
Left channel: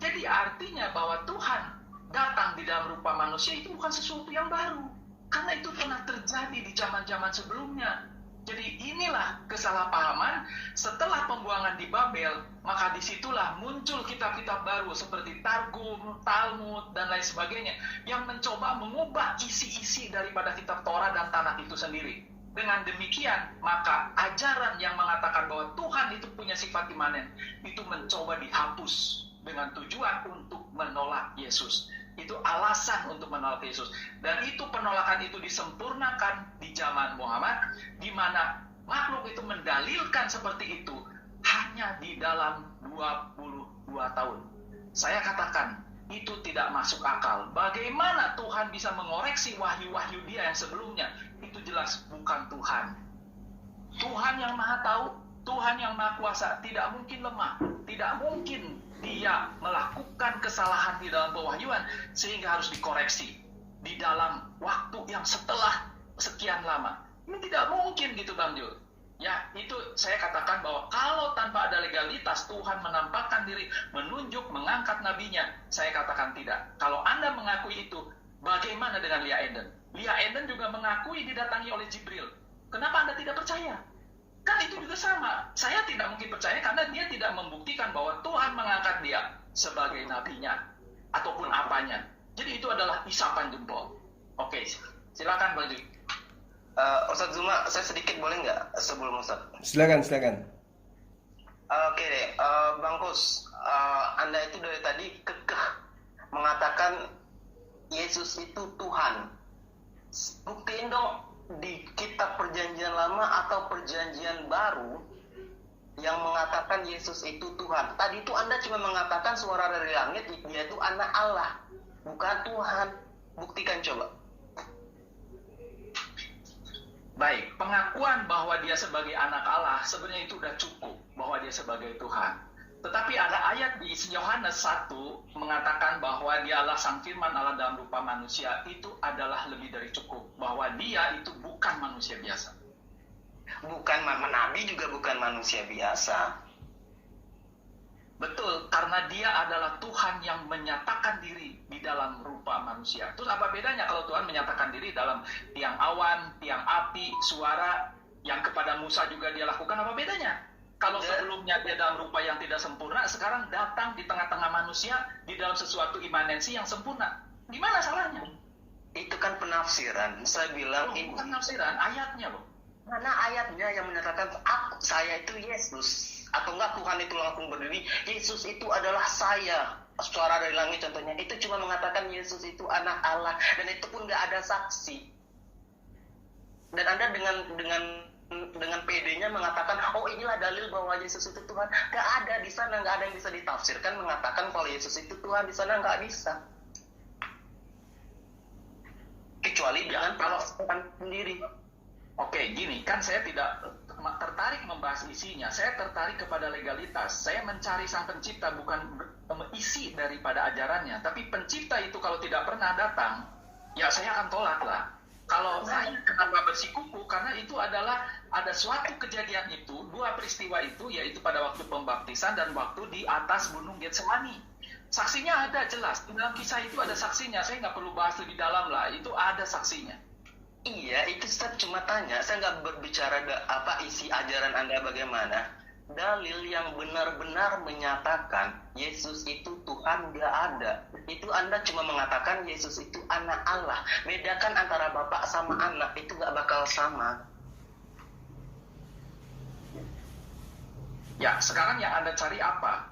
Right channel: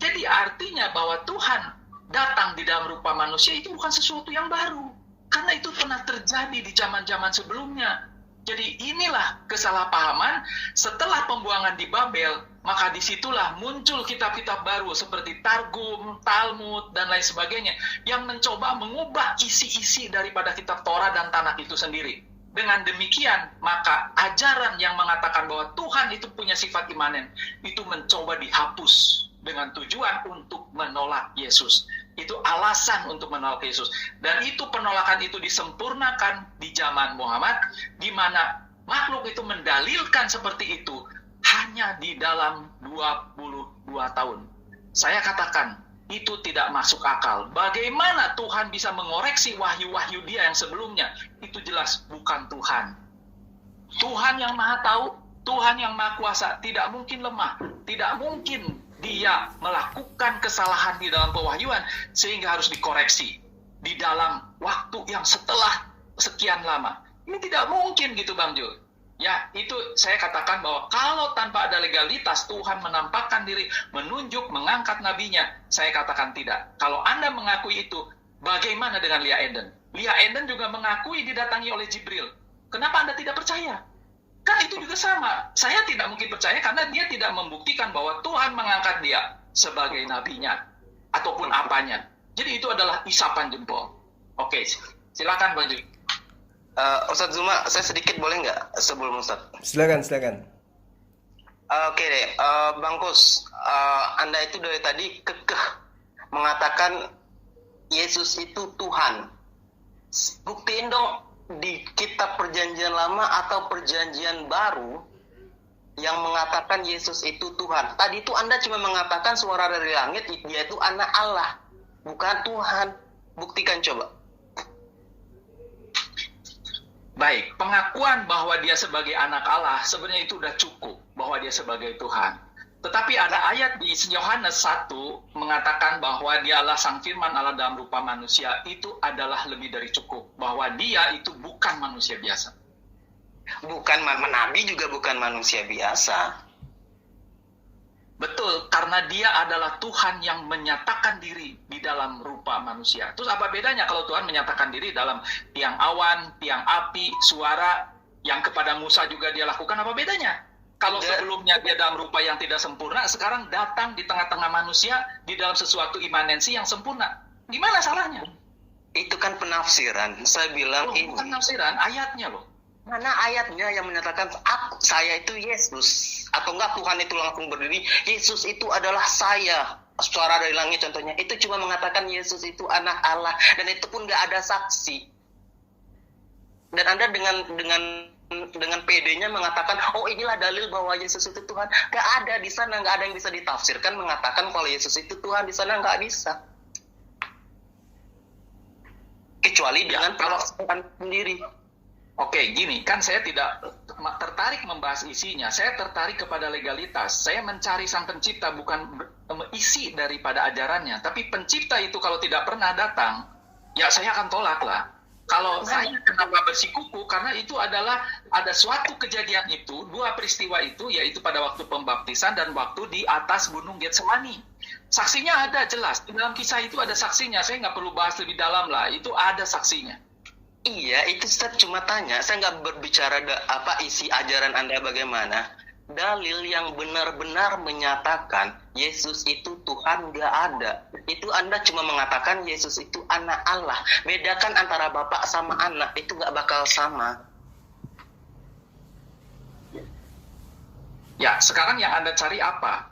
Jadi artinya bahwa Tuhan datang di dalam rupa manusia itu bukan sesuatu yang baru, karena itu pernah terjadi di zaman-zaman sebelumnya. Jadi inilah kesalahpahaman setelah pembuangan di Babel, maka disitulah muncul kitab-kitab baru seperti Targum, Talmud, dan lain sebagainya yang mencoba mengubah isi-isi daripada kitab Torah dan Tanakh itu sendiri. Dengan demikian, maka ajaran yang mengatakan bahwa Tuhan itu punya sifat imanen itu mencoba dihapus dengan tujuan untuk menolak Yesus. Itu alasan untuk menolak Yesus. Dan itu penolakan itu disempurnakan di zaman Muhammad, di mana makhluk itu mendalilkan seperti itu hanya di dalam 22 tahun. Saya katakan, itu tidak masuk akal. Bagaimana Tuhan bisa mengoreksi wahyu-wahyu dia yang sebelumnya? Itu jelas bukan Tuhan. Tuhan yang maha tahu, Tuhan yang maha kuasa, tidak mungkin lemah, tidak mungkin dia melakukan kesalahan di dalam pewahyuan sehingga harus dikoreksi di dalam waktu yang setelah sekian lama. Ini tidak mungkin gitu Bang Jul. Ya, itu saya katakan bahwa kalau tanpa ada legalitas Tuhan menampakkan diri, menunjuk, mengangkat nabinya, saya katakan tidak. Kalau Anda mengakui itu, bagaimana dengan Lia Eden? Lia Eden juga mengakui didatangi oleh Jibril. Kenapa Anda tidak percaya? Kan itu juga sama. Saya tidak mungkin percaya karena dia tidak membuktikan bahwa Tuhan mengangkat dia sebagai nabinya ataupun apanya. Jadi itu adalah isapan jempol. Oke, silakan Bang Jul. Ustadz Zuma, saya sedikit boleh nggak sebelum Ustadz? Silakan. Oke deh, Bang Kus, Anda itu dari tadi kekeh mengatakan Yesus itu Tuhan. Buktiin dong di kitab perjanjian lama atau perjanjian baru yang mengatakan Yesus itu Tuhan. Tadi itu Anda cuma mengatakan suara dari langit, dia itu anak Allah, bukan Tuhan. Buktikan coba. Baik, pengakuan bahwa dia sebagai anak Allah sebenarnya itu sudah cukup, bahwa dia sebagai Tuhan. Tetapi ada ayat di Yohanes 1 mengatakan bahwa dia adalah Sang Firman Allah dalam rupa manusia. Itu adalah lebih dari cukup, bahwa dia itu bukan manusia biasa. Bukan nabi juga bukan manusia biasa. Betul, karena dia adalah Tuhan yang menyatakan diri di dalam rupa manusia. Terus apa bedanya kalau Tuhan menyatakan diri dalam tiang awan, tiang api, suara yang kepada Musa juga dia lakukan? Apa bedanya? Kalau sebelumnya dia dalam rupa yang tidak sempurna, sekarang datang di tengah-tengah manusia di dalam sesuatu imanensi yang sempurna. Gimana salahnya? Itu kan penafsiran. Saya bilang ini. Bukan penafsiran, ayatnya loh. Mana ayatnya yang menyatakan saya itu Yesus? Atau enggak Tuhan itu langsung berdiri, Yesus itu adalah saya. Suara dari langit contohnya. Itu cuma mengatakan Yesus itu anak Allah. Dan itu pun nggak ada saksi. Dan Anda dengan PD-nya mengatakan, oh inilah dalil bahwa Yesus itu Tuhan. Nggak ada di sana, nggak ada yang bisa ditafsirkan mengatakan kalau Yesus itu Tuhan. Di sana nggak bisa. Kecuali dengan penafsiran sendiri. Oke, gini, kan saya tidak tertarik membahas isinya. Saya tertarik kepada legalitas. Saya mencari Sang Pencipta, bukan isi daripada ajarannya. Tapi Pencipta itu kalau tidak pernah datang, ya saya akan tolak lah. Kalau saya kenapa bersikuku, karena itu adalah ada suatu kejadian itu, dua peristiwa itu, yaitu pada waktu pembaptisan dan waktu di atas Gunung Getsemani. Saksinya ada jelas, di dalam kisah itu ada saksinya. Saya nggak perlu bahas lebih dalam lah, itu ada saksinya. Iya, itu saya cuma tanya. Saya nggak berbicara apa isi ajaran Anda bagaimana. Dalil yang benar-benar menyatakan Yesus itu Tuhan nggak ada. Itu Anda cuma mengatakan Yesus itu anak Allah. Bedakan antara bapak sama anak, itu nggak bakal sama. Ya, sekarang yang Anda cari apa?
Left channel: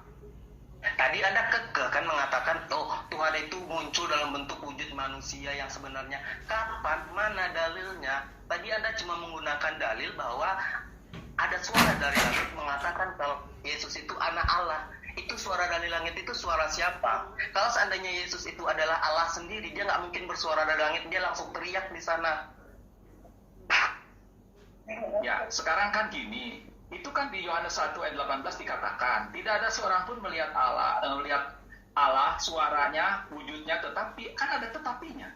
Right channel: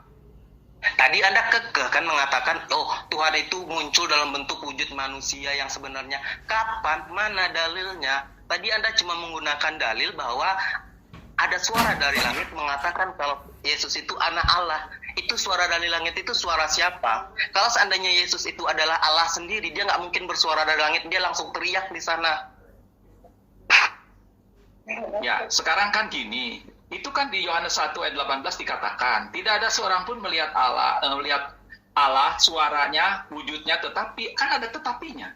Tadi Anda kekeh kan mengatakan, oh Tuhan itu muncul dalam bentuk wujud manusia yang sebenarnya. Kapan? Mana dalilnya? Tadi Anda cuma menggunakan dalil bahwa ada suara dari langit mengatakan kalau Yesus itu anak Allah. Itu suara dari langit itu suara siapa? Kalau seandainya Yesus itu adalah Allah sendiri, dia nggak mungkin bersuara dari langit, dia langsung teriak di sana. Ya, sekarang kan gini, itu kan di Yohanes 1 ayat 18 dikatakan, tidak ada seorang pun melihat Allah, suaranya, wujudnya, tetapi kan ada tetapinya.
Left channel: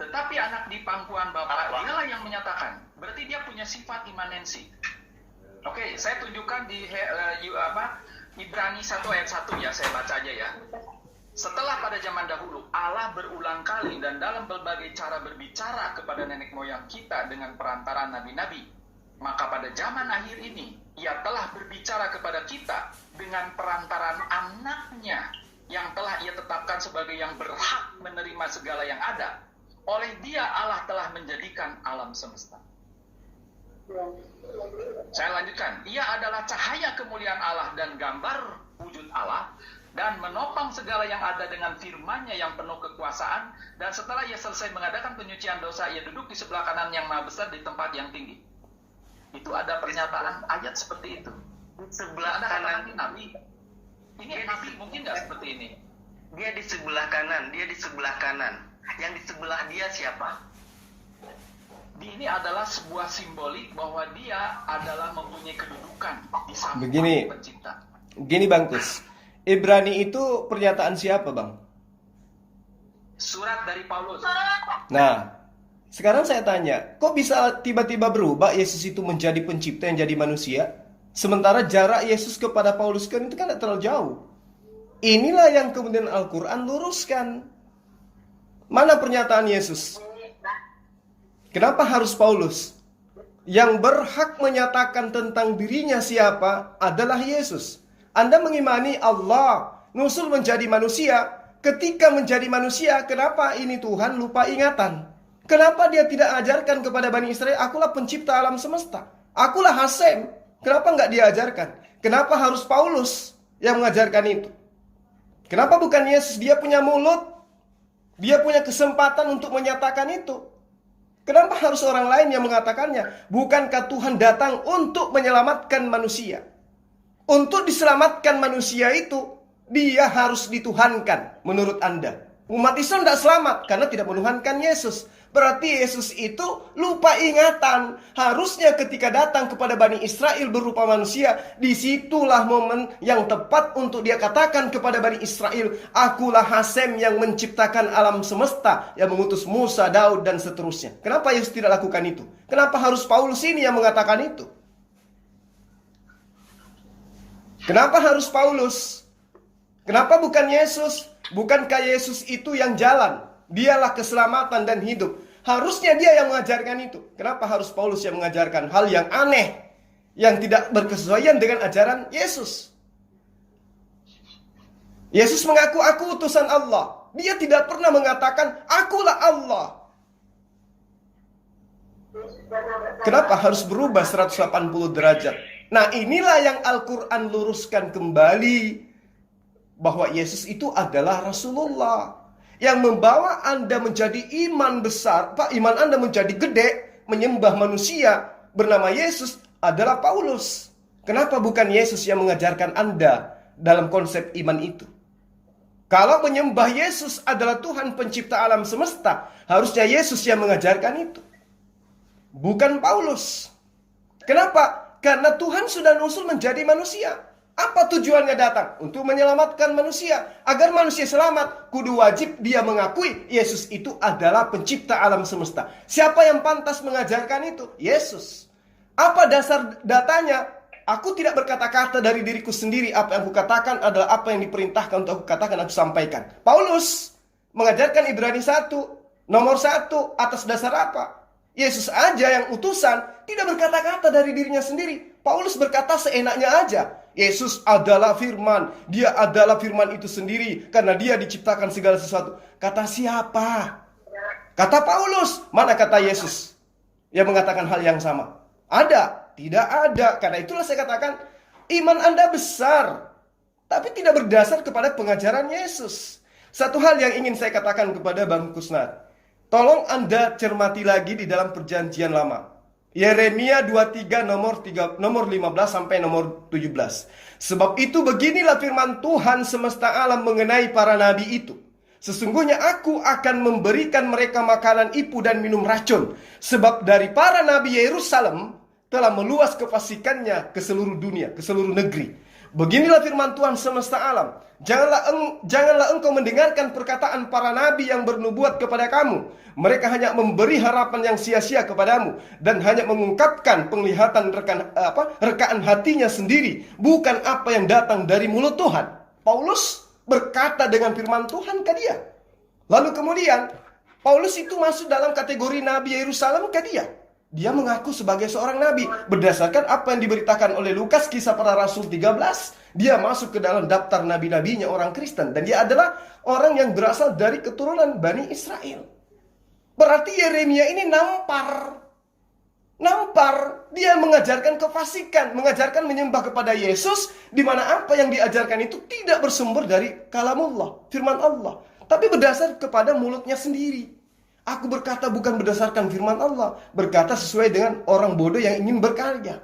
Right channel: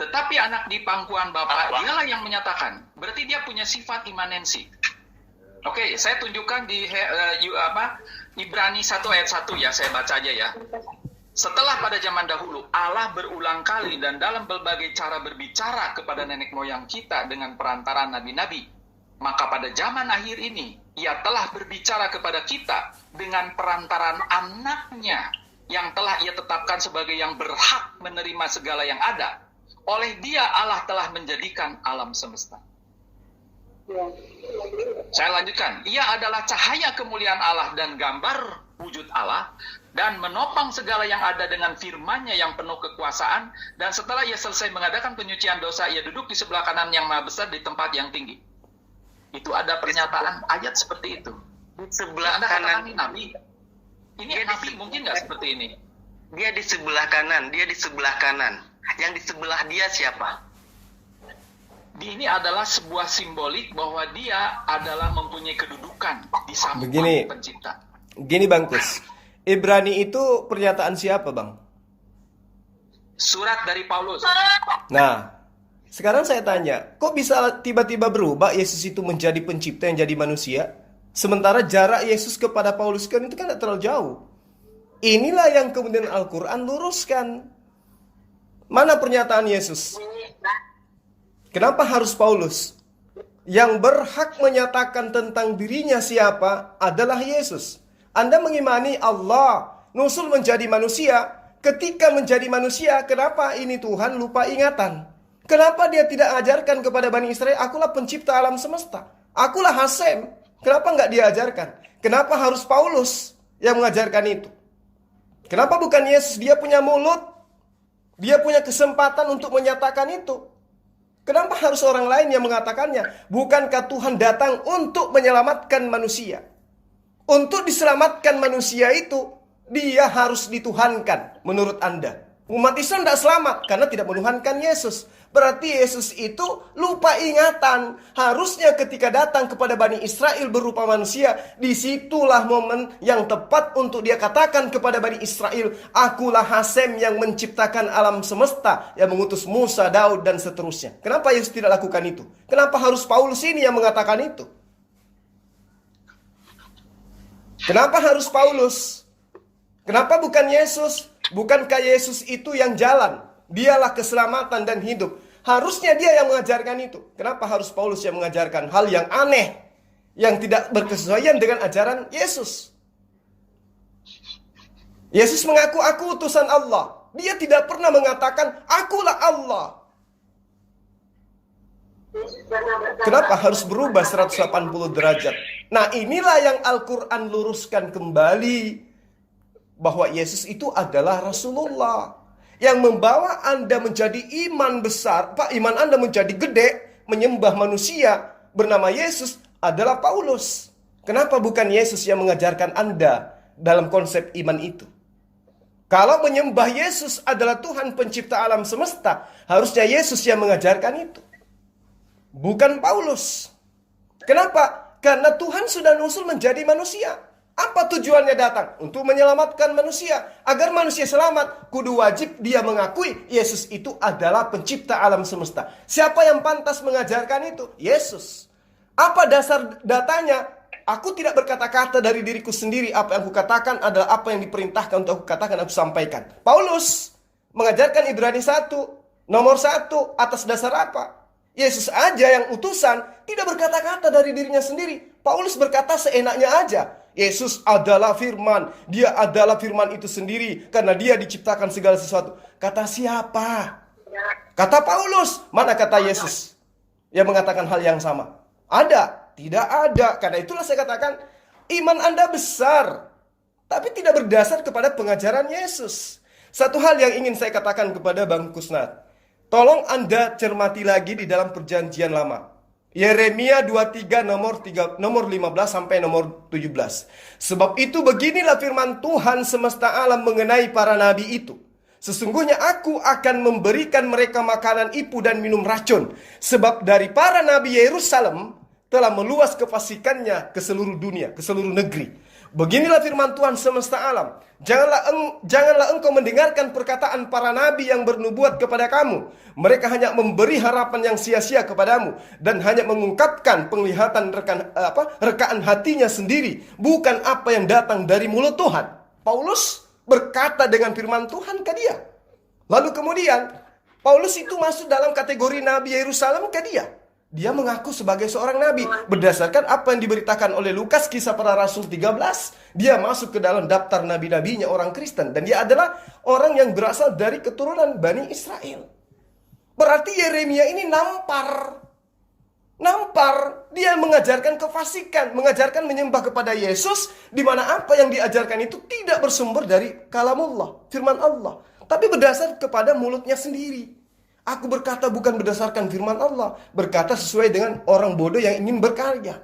Tetapi anak di pangkuan Bapa, dialah yang menyatakan. Berarti dia punya sifat imanensi. Oke, saya tunjukkan di Ibrani 1 ayat 1 ya, saya baca aja ya. Setelah pada zaman dahulu, Allah berulang kali dan dalam berbagai cara berbicara kepada nenek moyang kita dengan perantaraan nabi-nabi. Maka pada zaman akhir ini, Ia telah berbicara kepada kita dengan perantaraan anaknya yang telah Ia tetapkan sebagai yang berhak menerima segala yang ada. Oleh Dia Allah telah menjadikan alam semesta. Saya lanjutkan. Ia adalah cahaya kemuliaan Allah dan gambar wujud Allah, dan menopang segala yang ada dengan firman-Nya yang penuh kekuasaan. Dan setelah Ia selesai mengadakan penyucian dosa, Ia duduk di sebelah kanan yang maha besar di tempat yang tinggi. Itu ada pernyataan ayat seperti itu. Di sebelah kanan kanan Nabi. Ini Nabi mungkin nggak seperti ini. Dia di sebelah kanan, dia di sebelah kanan. Yang di sebelah dia siapa? Ini adalah sebuah simbolik bahwa dia adalah mempunyai kedudukan di samping pencipta. Begini Bang Kus, Ibrani itu pernyataan siapa Bang? Surat dari Paulus. Nah, sekarang saya tanya, kok bisa tiba-tiba berubah Yesus itu menjadi pencipta yang jadi manusia? Sementara jarak Yesus kepada Paulus kan itu kan tidak terlalu jauh. Inilah yang kemudian Al-Quran luruskan. Mana pernyataan Yesus? Kenapa harus Paulus? Yang berhak menyatakan tentang dirinya siapa adalah Yesus. Anda mengimani Allah nusul menjadi manusia. Ketika menjadi manusia, kenapa ini Tuhan lupa ingatan? Kenapa dia tidak ajarkan kepada Bani Israel, akulah pencipta alam semesta, akulah Hasem? Kenapa nggak diajarkan? Kenapa harus Paulus yang mengajarkan itu? Kenapa bukan Yesus? Dia punya mulut, dia punya kesempatan untuk menyatakan itu. Kenapa harus orang lain yang mengatakannya? Bukankah Tuhan datang untuk menyelamatkan manusia? Untuk diselamatkan manusia itu, dia harus dituhankan menurut Anda. Umat Islam tidak selamat karena tidak menuhankan Yesus. Berarti Yesus itu lupa ingatan. Harusnya ketika datang kepada Bani Israel berupa manusia, disitulah momen yang tepat untuk dia katakan kepada Bani Israel, akulah Hasem yang menciptakan alam semesta, yang mengutus Musa, Daud, dan seterusnya. Kenapa Yesus tidak lakukan itu? Kenapa harus Paulus ini yang mengatakan itu? Kenapa harus Paulus? Kenapa bukan Yesus? Bukankah Yesus itu yang jalan? Dialah keselamatan dan hidup. Harusnya dia yang mengajarkan itu. Kenapa harus Paulus yang mengajarkan hal yang aneh, yang tidak berkesesuaian dengan ajaran Yesus? Yesus mengaku, aku utusan Allah. Dia tidak pernah mengatakan, akulah Allah. Kenapa harus berubah 180 derajat? Nah, inilah yang Al-Quran luruskan kembali. Bahwa Yesus itu adalah Rasulullah. Yang membawa Anda menjadi iman besar. Iman Anda menjadi gede. Menyembah manusia bernama Yesus adalah Paulus. Kenapa bukan Yesus yang mengajarkan Anda dalam konsep iman itu? Kalau menyembah Yesus adalah Tuhan pencipta alam semesta, harusnya Yesus yang mengajarkan itu, bukan Paulus. Kenapa? Karena Tuhan sudah nusul menjadi manusia. Apa tujuannya datang? Untuk menyelamatkan manusia. Agar manusia selamat, kudu wajib dia mengakui Yesus itu adalah pencipta alam semesta. Siapa yang pantas mengajarkan itu? Yesus. Apa dasar datanya? Aku tidak berkata-kata dari diriku sendiri. Apa yang aku katakan adalah apa yang diperintahkan untuk aku katakan, aku sampaikan. Paulus mengajarkan Ibrani 1, nomor 1, atas dasar apa? Yesus aja yang utusan tidak berkata-kata dari dirinya sendiri. Paulus berkata seenaknya aja. Yesus adalah firman. Dia adalah firman itu sendiri. Karena dia diciptakan segala sesuatu. Kata siapa? Kata Paulus. Mana kata Yesus yang mengatakan hal yang sama? Ada? Tidak ada. Karena itulah saya katakan, iman Anda besar, tapi tidak berdasar kepada pengajaran Yesus. Satu hal yang ingin saya katakan kepada Bang Kusnat, tolong Anda cermati lagi di dalam perjanjian lama. Yeremia 23 nomor 15 sampai nomor 17. Sebab itu beginilah firman Tuhan semesta alam mengenai para nabi itu. Sesungguhnya aku akan memberikan mereka makanan ipu dan minum racun. Sebab dari para nabi Yerusalem telah meluas kefasikannya ke seluruh dunia, ke seluruh negeri. Beginilah firman Tuhan semesta alam. Janganlah engkau mendengarkan perkataan para nabi yang bernubuat kepada kamu. Mereka hanya memberi harapan yang sia-sia kepadamu dan hanya mengungkapkan penglihatan rekaan hatinya sendiri, bukan apa yang datang dari mulut Tuhan. Paulus berkata dengan firman Tuhan ke dia. Lalu kemudian Paulus itu masuk dalam kategori nabi Yerusalem ke dia. Dia mengaku sebagai seorang nabi. Berdasarkan apa yang diberitakan oleh Lukas kisah para rasul 13, dia masuk ke dalam daftar nabi-nabinya orang Kristen. Dan dia adalah orang yang berasal dari keturunan Bani Israel. Berarti Yeremia ini nampar. Dia mengajarkan kefasikan, mengajarkan menyembah kepada Yesus, di mana apa yang diajarkan itu tidak bersumber dari kalamullah, firman Allah, tapi berdasar kepada mulutnya sendiri. Aku berkata bukan berdasarkan firman Allah, berkata sesuai dengan orang bodoh yang ingin berkarya.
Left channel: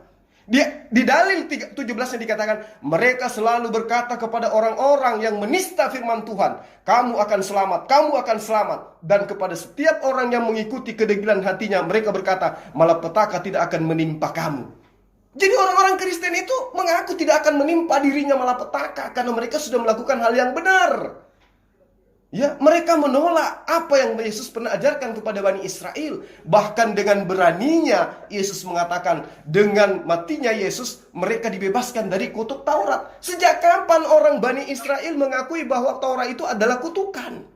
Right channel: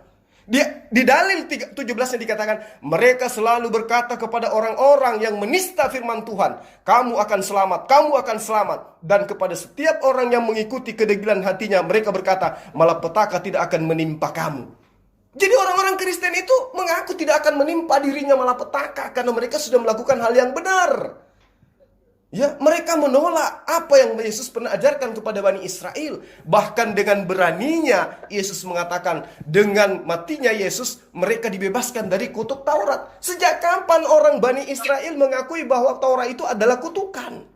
Di dalil 17 yang dikatakan, mereka selalu berkata kepada orang-orang yang menista firman Tuhan, kamu akan selamat, kamu akan selamat. Dan kepada setiap orang yang mengikuti kedegilan hatinya, mereka berkata, malapetaka tidak akan menimpa kamu. Jadi orang-orang Kristen itu mengaku tidak akan menimpa dirinya malapetaka, karena mereka sudah melakukan hal yang benar. Ya, mereka menolak apa yang Yesus pernah ajarkan kepada Bani Israel. Bahkan dengan beraninya Yesus mengatakan, dengan matinya Yesus mereka dibebaskan dari kutuk Taurat. Sejak kapan orang Bani Israel mengakui bahwa Taurat itu adalah kutukan?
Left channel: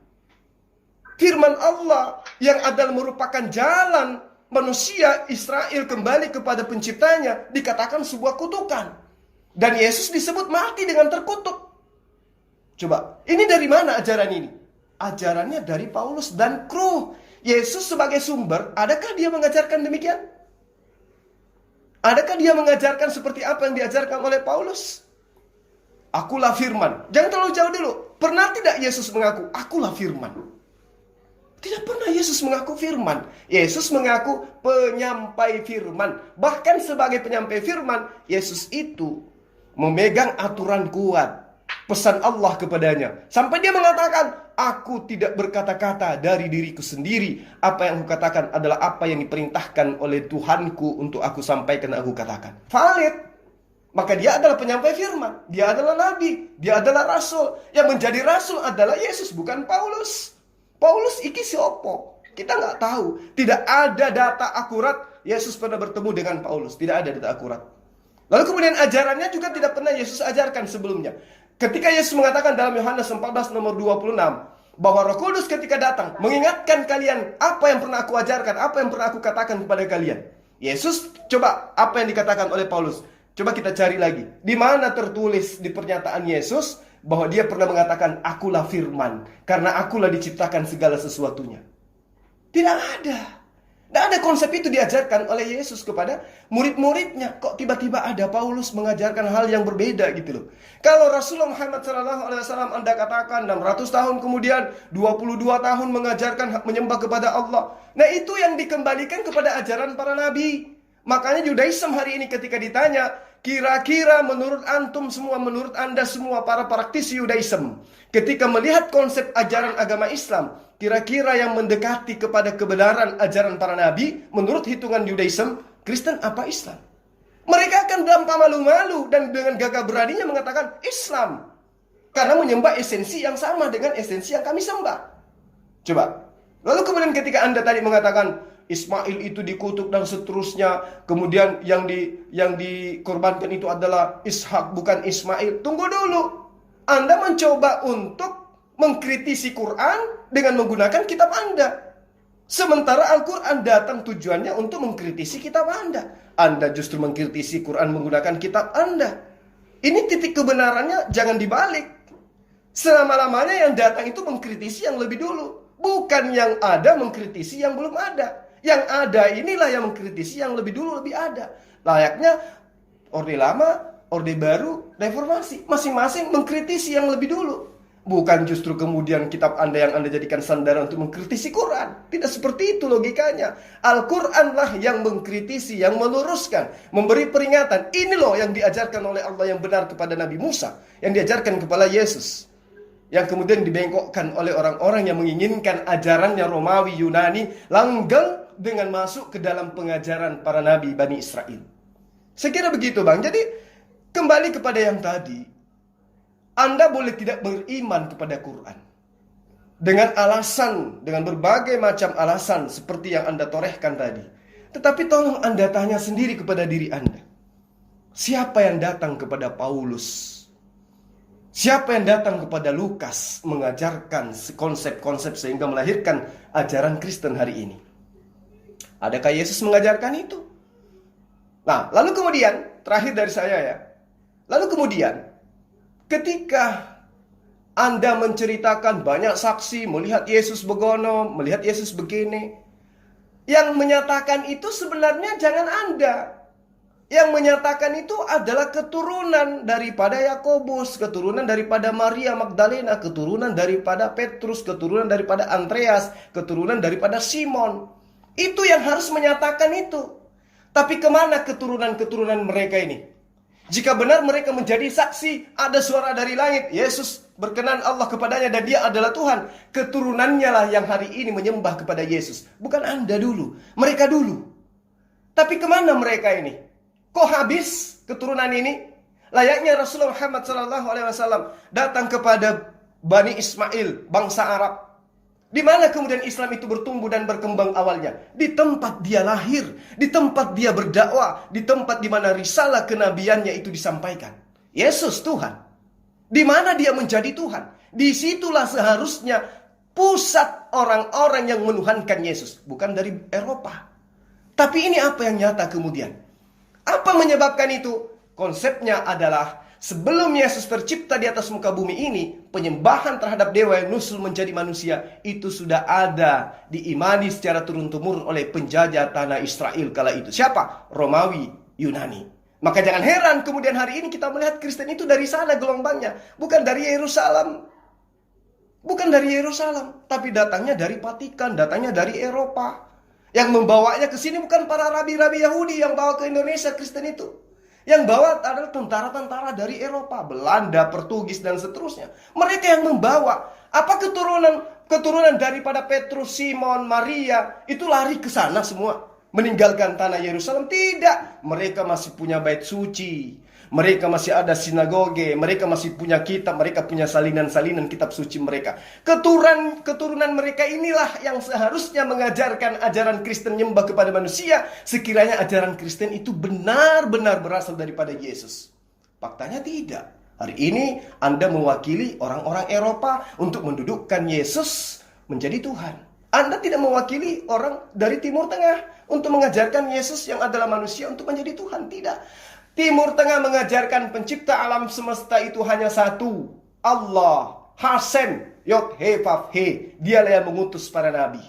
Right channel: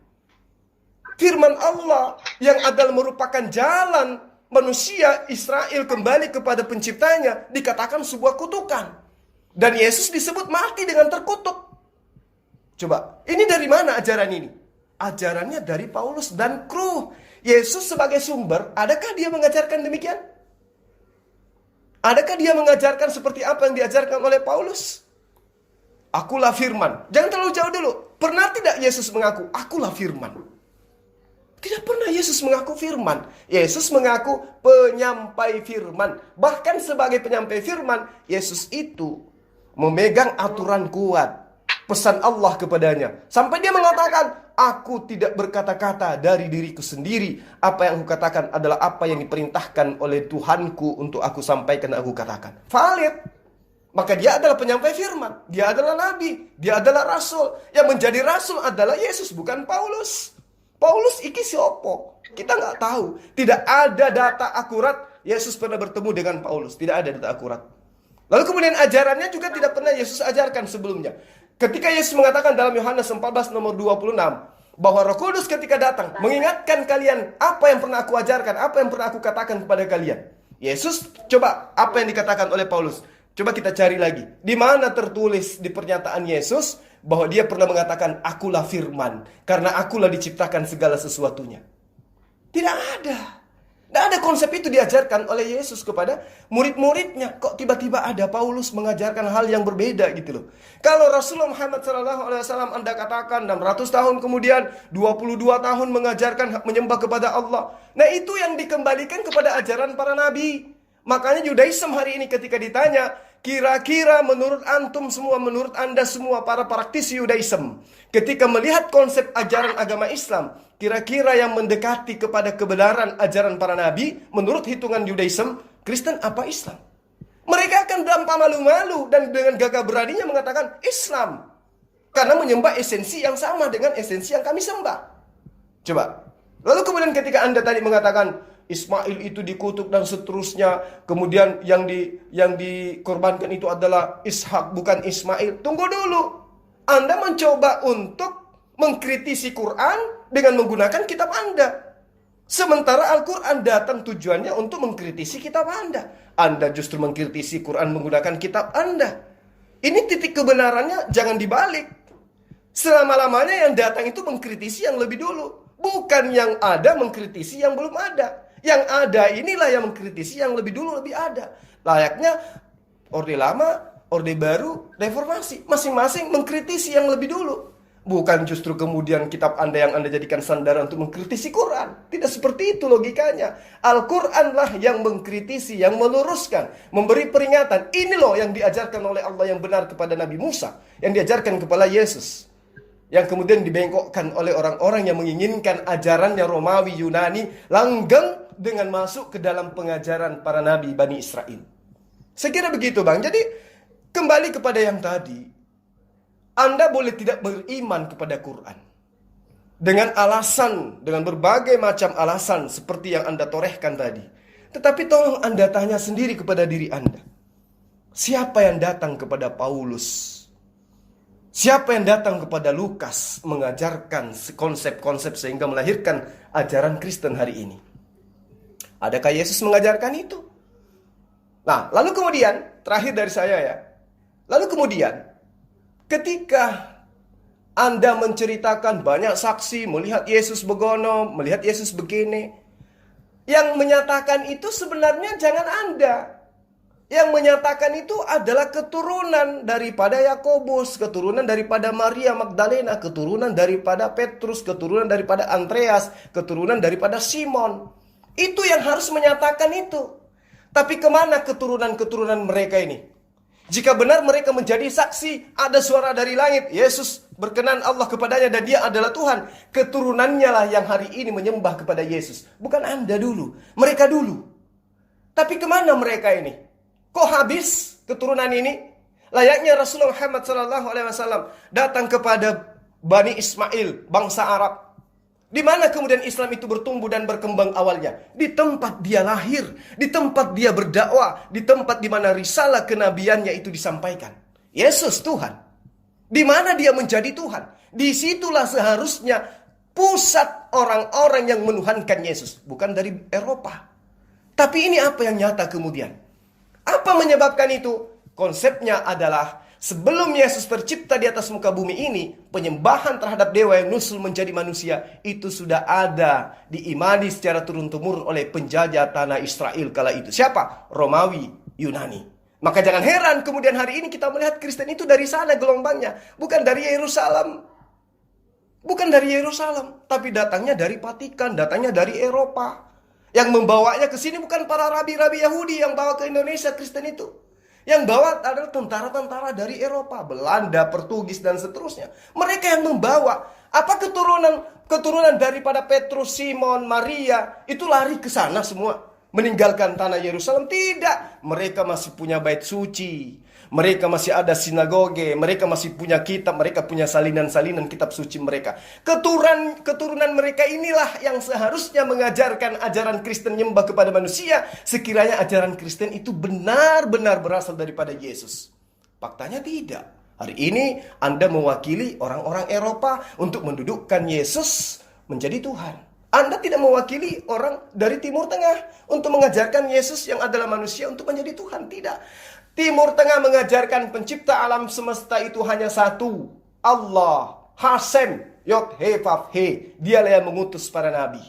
Firman Allah yang adalah merupakan jalan manusia Israel kembali kepada penciptanya dikatakan sebuah kutukan. Dan Yesus disebut mati dengan terkutuk. Coba, ini dari mana ajaran ini? Ajarannya dari Paulus dan kru. Yesus sebagai sumber, adakah dia mengajarkan demikian? Adakah dia mengajarkan seperti apa yang diajarkan oleh Paulus? Akulah firman. Jangan terlalu jauh dulu. Pernah tidak Yesus mengaku, akulah firman? Tidak pernah Yesus mengaku firman. Yesus mengaku penyampai firman. Bahkan sebagai penyampai firman, Yesus itu memegang aturan kuat. Pesan Allah kepadanya. Sampai dia mengatakan, aku tidak berkata-kata dari diriku sendiri. Apa yang aku katakan adalah apa yang diperintahkan oleh Tuhanku untuk aku sampaikan dan aku katakan. Valid. Maka dia adalah penyampai firman. Dia adalah nabi. Dia adalah rasul. Yang menjadi rasul adalah Yesus, bukan Paulus. Paulus iki sopo? Kita nggak tahu. Tidak ada data akurat Yesus pernah bertemu dengan Paulus. Tidak ada data akurat. Lalu kemudian ajarannya juga tidak pernah Yesus ajarkan sebelumnya. Ketika Yesus mengatakan dalam Yohanes 14 nomor 26 bahwa Roh Kudus ketika datang mengingatkan kalian apa yang pernah aku ajarkan, apa yang pernah aku katakan kepada kalian. Yesus, coba apa yang dikatakan oleh Paulus. Coba kita cari lagi. Di mana tertulis di pernyataan Yesus bahwa dia pernah mengatakan akulah firman, karena akulah diciptakan segala sesuatunya. Tidak ada. Tidak ada konsep itu diajarkan oleh Yesus kepada murid-muridnya. Kok tiba-tiba ada Paulus mengajarkan hal yang berbeda gitu loh. Kalau Rasulullah Muhammad SAW Anda katakan 600 tahun kemudian 22 tahun mengajarkan menyembah kepada Allah. Nah itu yang dikembalikan kepada ajaran para nabi. Makanya Judaism hari ini ketika ditanya, kira-kira menurut antum semua, menurut Anda semua para praktisi Judaism, ketika melihat konsep ajaran agama Islam, kira-kira yang mendekati kepada kebenaran ajaran para nabi, menurut hitungan Judaism, Kristen apa Islam? Mereka akan tanpa malu-malu dan dengan gagah beraninya mengatakan Islam. Karena menyembah esensi yang sama dengan esensi yang kami sembah. Coba. Lalu kemudian ketika Anda tadi mengatakan Ismail itu dikutuk dan seterusnya, kemudian yang dikorbankan itu adalah Ishak bukan Ismail. Tunggu dulu. Anda mencoba untuk mengkritisi Quran dengan menggunakan kitab Anda. Sementara Al-Quran datang tujuannya untuk mengkritisi kitab Anda. Anda justru mengkritisi Quran menggunakan kitab Anda. Ini titik kebenarannya jangan dibalik. Selama-lamanya yang datang itu mengkritisi yang lebih dulu. Bukan yang ada mengkritisi yang belum ada. Yang ada inilah yang mengkritisi yang lebih dulu lebih ada. Layaknya Orde Lama Orde Baru, Reformasi. Masing-masing mengkritisi yang lebih dulu. Bukan justru kemudian kitab Anda yang Anda jadikan sandaran untuk mengkritisi Quran. Tidak seperti itu logikanya. Al-Quranlah yang mengkritisi, yang meluruskan, memberi peringatan. Ini loh yang diajarkan oleh Allah yang benar kepada Nabi Musa, yang diajarkan kepada Yesus, yang kemudian dibengkokkan oleh orang-orang yang menginginkan ajarannya Romawi, Yunani, langgeng dengan masuk ke dalam pengajaran para nabi Bani Israel. Saya kira begitu, Bang. Jadi kembali kepada yang tadi, Anda boleh tidak beriman kepada Quran dengan alasan, dengan berbagai macam alasan seperti yang Anda torehkan tadi. Tetapi tolong Anda tanya sendiri kepada diri Anda. Siapa yang datang kepada Paulus? Siapa yang datang kepada Lukas mengajarkan konsep-konsep sehingga melahirkan ajaran Kristen hari ini? Adakah Yesus mengajarkan itu? Nah, lalu kemudian, terakhir dari saya ya. Lalu kemudian, ketika Anda menceritakan banyak saksi, melihat Yesus begono, melihat Yesus begini, yang menyatakan itu sebenarnya jangan Anda. Yang menyatakan itu adalah keturunan daripada Yakobus, keturunan daripada Maria Magdalena, keturunan daripada Petrus, keturunan daripada Andreas, keturunan daripada Simon. Itu yang harus menyatakan itu. Tapi kemana keturunan-keturunan mereka ini? Jika benar mereka menjadi saksi, ada suara dari langit, Yesus berkenan Allah kepadanya dan dia adalah Tuhan. Keturunannya lah yang hari ini menyembah kepada Yesus. Bukan Anda dulu, mereka dulu. Tapi kemana mereka ini? Kok habis keturunan ini? Layaknya Rasulullah Muhammad SAW datang kepada Bani Ismail, bangsa Arab. Di mana kemudian Islam itu bertumbuh dan berkembang awalnya? Di tempat dia lahir, di tempat dia berdakwah, di tempat di mana risalah kenabiannya itu disampaikan. Yesus Tuhan. Di mana dia menjadi Tuhan? Disitulah seharusnya pusat orang-orang yang menuhankan Yesus. Bukan dari Eropa. Tapi ini apa yang nyata kemudian? Apa menyebabkan itu? Konsepnya adalah sebelum Yesus tercipta di atas muka bumi ini, penyembahan terhadap dewa yang nusul menjadi manusia itu sudah ada, diimani secara turun-temurun oleh penjajah tanah Israel kala itu. Siapa? Romawi, Yunani. Maka jangan heran kemudian hari ini kita melihat Kristen itu dari sana gelombangnya, bukan dari Yerusalem. Bukan dari Yerusalem, tapi datangnya dari Vatikan, datangnya dari Eropa. Yang membawanya ke sini bukan para rabi-rabi Yahudi yang bawa ke Indonesia Kristen itu. Yang bawa adalah tentara-tentara dari Eropa, Belanda, Portugis, dan seterusnya. Mereka yang membawa. Apa keturunan daripada Petrus, Simon, Maria, itu lari ke sana semua. Meninggalkan tanah Yerusalem? Tidak. Mereka masih punya bait suci. Mereka masih ada sinagoge. Mereka masih punya kitab. Mereka punya salinan-salinan kitab suci mereka. Keturunan mereka inilah yang seharusnya mengajarkan ajaran Kristen nyembah kepada manusia. Sekiranya ajaran Kristen itu benar-benar berasal daripada Yesus. Faktanya tidak. Hari ini Anda mewakili orang-orang Eropa untuk mendudukkan Yesus menjadi Tuhan. Anda tidak mewakili orang dari Timur Tengah untuk mengajarkan Yesus yang adalah manusia untuk menjadi Tuhan. Tidak. Timur Tengah mengajarkan pencipta alam semesta itu hanya satu. Allah. Hasem. Yod-He-Vav-He. Dialah yang mengutus para nabi.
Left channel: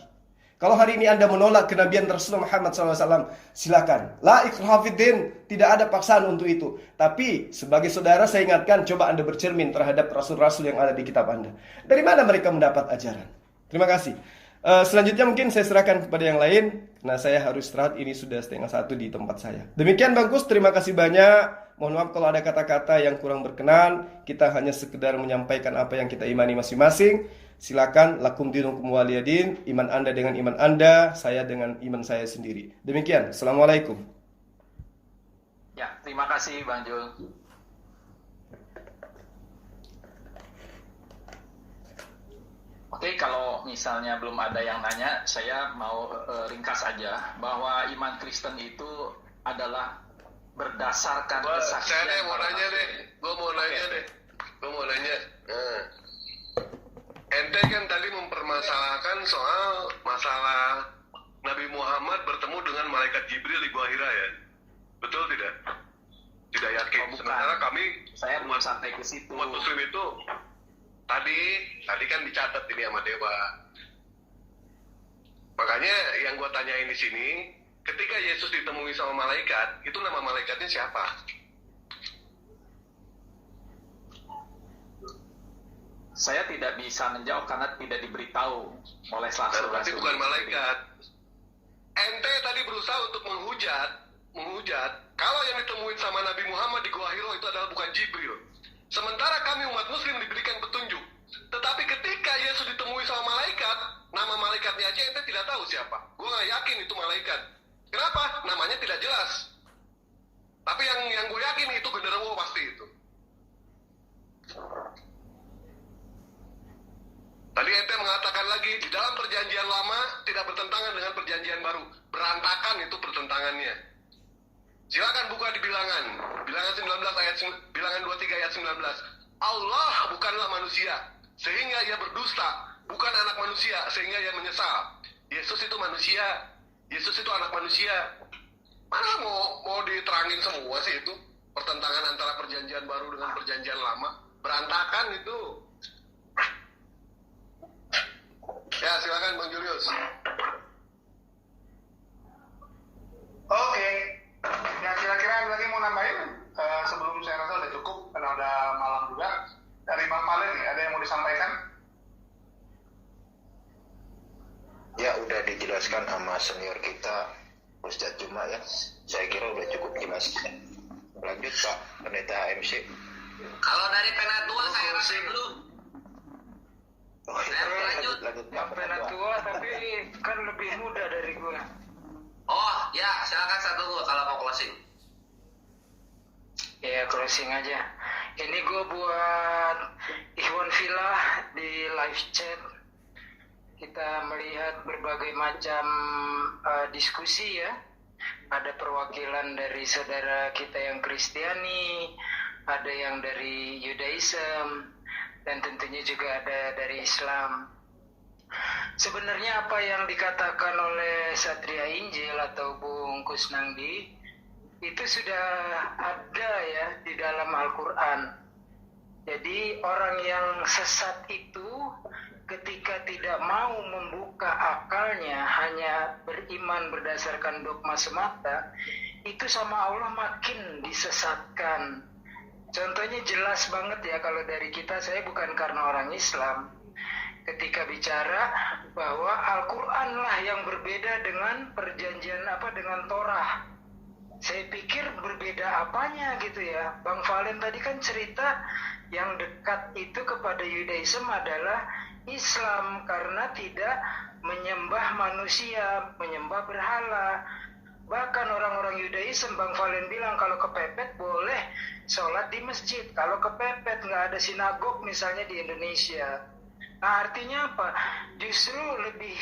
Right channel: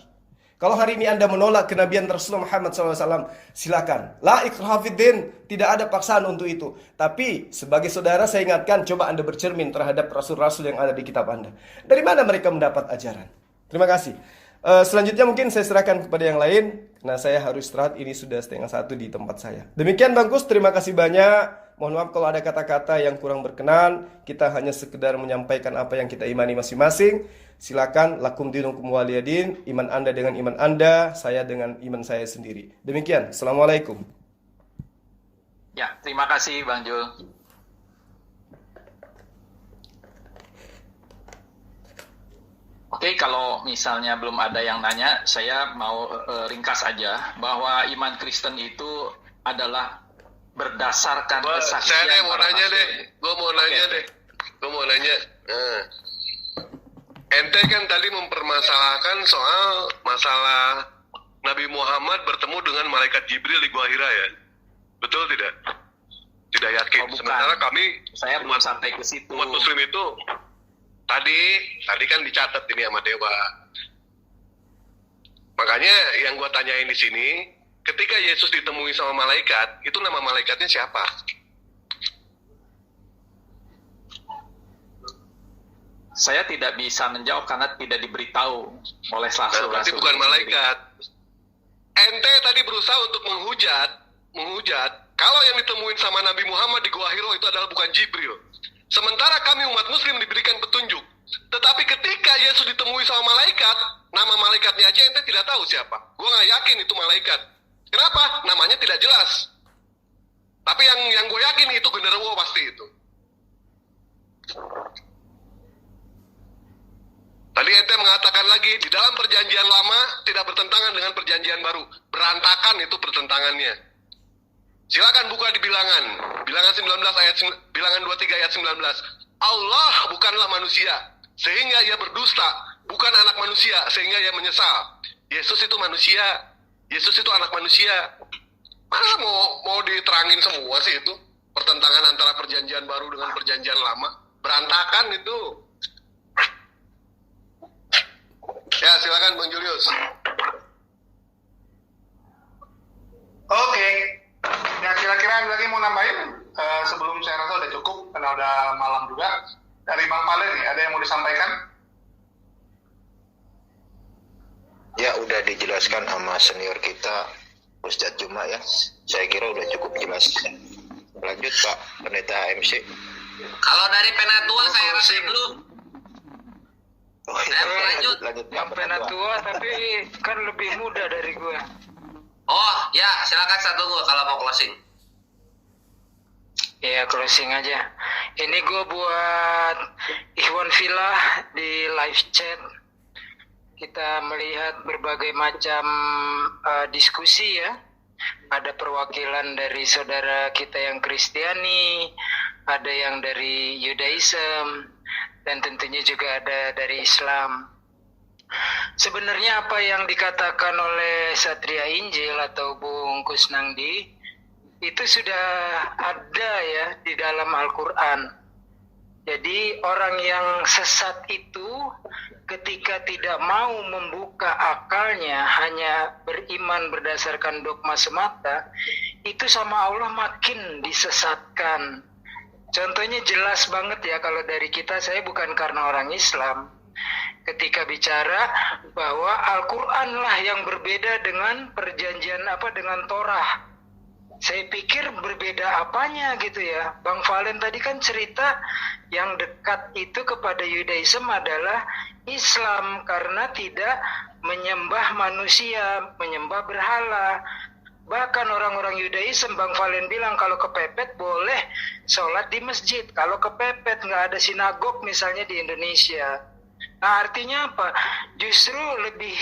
Kalau hari ini Anda menolak kenabian Rasulullah Muhammad SAW, silakan. La ikraha fiddin. Tidak ada paksaan untuk itu. Tapi sebagai saudara saya ingatkan, coba Anda bercermin terhadap rasul-rasul yang ada di kitab Anda. Dari mana mereka mendapat ajaran? Terima kasih. Selanjutnya mungkin saya serahkan kepada yang lain. Nah, saya harus istirahat, ini sudah 1:30 di tempat saya. Demikian Bang Kus, terima kasih banyak. Mohon maaf kalau ada kata-kata yang kurang berkenan. Kita hanya sekedar menyampaikan apa yang kita imani masing-masing. Silakan, lakum dinukum waliyadin. Iman Anda dengan iman Anda, saya dengan iman saya sendiri. Demikian, Assalamualaikum. Ya, terima kasih Bang Jul. Oke, kalau misalnya belum ada yang nanya, saya mau ringkas aja bahwa iman Kristen itu adalah berdasarkan kesaksian. Saya mau nanya deh, gue mau nanya. Ente kan tadi mempermasalahkan soal masalah Nabi Muhammad bertemu dengan malaikat Jibril di Gua Hira ya, betul tidak? Tidak yakin. Sementara saya belum sampai ke situ. Umat Muslim itu tadi kan dicatat ini sama dewa. Makanya yang gue tanyain di sini, ketika Yesus ditemui sama malaikat, itu nama malaikatnya siapa? Saya tidak bisa menjawab karena tidak diberitahu oleh Berarti rasul-rasul. bukan malaikat. Ente tadi berusaha untuk menghujat kalau yang ditemuin sama Nabi Muhammad di Gua Hiro itu adalah bukan Jibril. Sementara kami umat muslim diberikan petunjuk. Tetapi ketika Yesus ditemui sama malaikat, nama malaikatnya aja ente tidak tahu siapa. Gue nggak yakin itu malaikat. Kenapa? Namanya tidak jelas. Tapi yang gue yakin itu genderuwo pasti itu. Tadi ente mengatakan lagi, di dalam perjanjian lama tidak bertentangan dengan perjanjian baru. Berantakan itu pertentangannya. Silakan buka di bilangan. Bilangan 23 ayat 19. Allah bukanlah manusia, sehingga ia berdusta. Bukan anak manusia, sehingga ia menyesal. Yesus itu manusia. Yesus itu anak manusia. Mana mau diterangin semua sih itu? Pertentangan antara perjanjian baru dengan perjanjian lama. Berantakan itu. Ya, silakan Bang Julius. Oke. Ya, kira-kira ada lagi mau nambahin? Sebelum saya rasa udah cukup, karena udah malam juga. Dari Bang Palen nih, ada yang mau disampaikan? Ya, udah dijelaskan sama senior kita, Ustadz Juma ya. Saya kira udah cukup jelas. Lanjut Pak Pendeta AMC. Kalau dari Penatua saya rasa dulu. Oh, lanjut. Yang Penatua tapi kan lebih muda dari gue. Oh ya, silakan satu gue kalau mau closing. Ya closing aja. Ini gue buat Ikhwan Villa di live chat. Kita melihat berbagai macam diskusi ya. Ada perwakilan dari saudara kita yang Kristiani, ada yang dari Yudaism, dan tentunya juga ada dari Islam. Sebenarnya apa yang dikatakan oleh Satria Injil atau Bung Kusnandi itu sudah ada ya di dalam Al-Quran. Jadi orang yang sesat itu ketika tidak mau membuka akalnya, hanya beriman berdasarkan dogma semata, itu sama Allah makin disesatkan. Contohnya jelas banget ya, kalau dari kita, saya bukan karena orang Islam, ketika bicara bahwa Al-Quran lah yang berbeda dengan perjanjian dengan Torah. Saya pikir berbeda apanya gitu ya. Bang Valen tadi kan cerita yang dekat itu kepada Yudaism adalah Islam karena tidak menyembah manusia, menyembah berhala. Bahkan orang-orang Yudaism, Bang Valen bilang kalau kepepet boleh sholat di masjid. Kalau kepepet nggak ada sinagog misalnya di Indonesia. Nah artinya apa? Justru lebih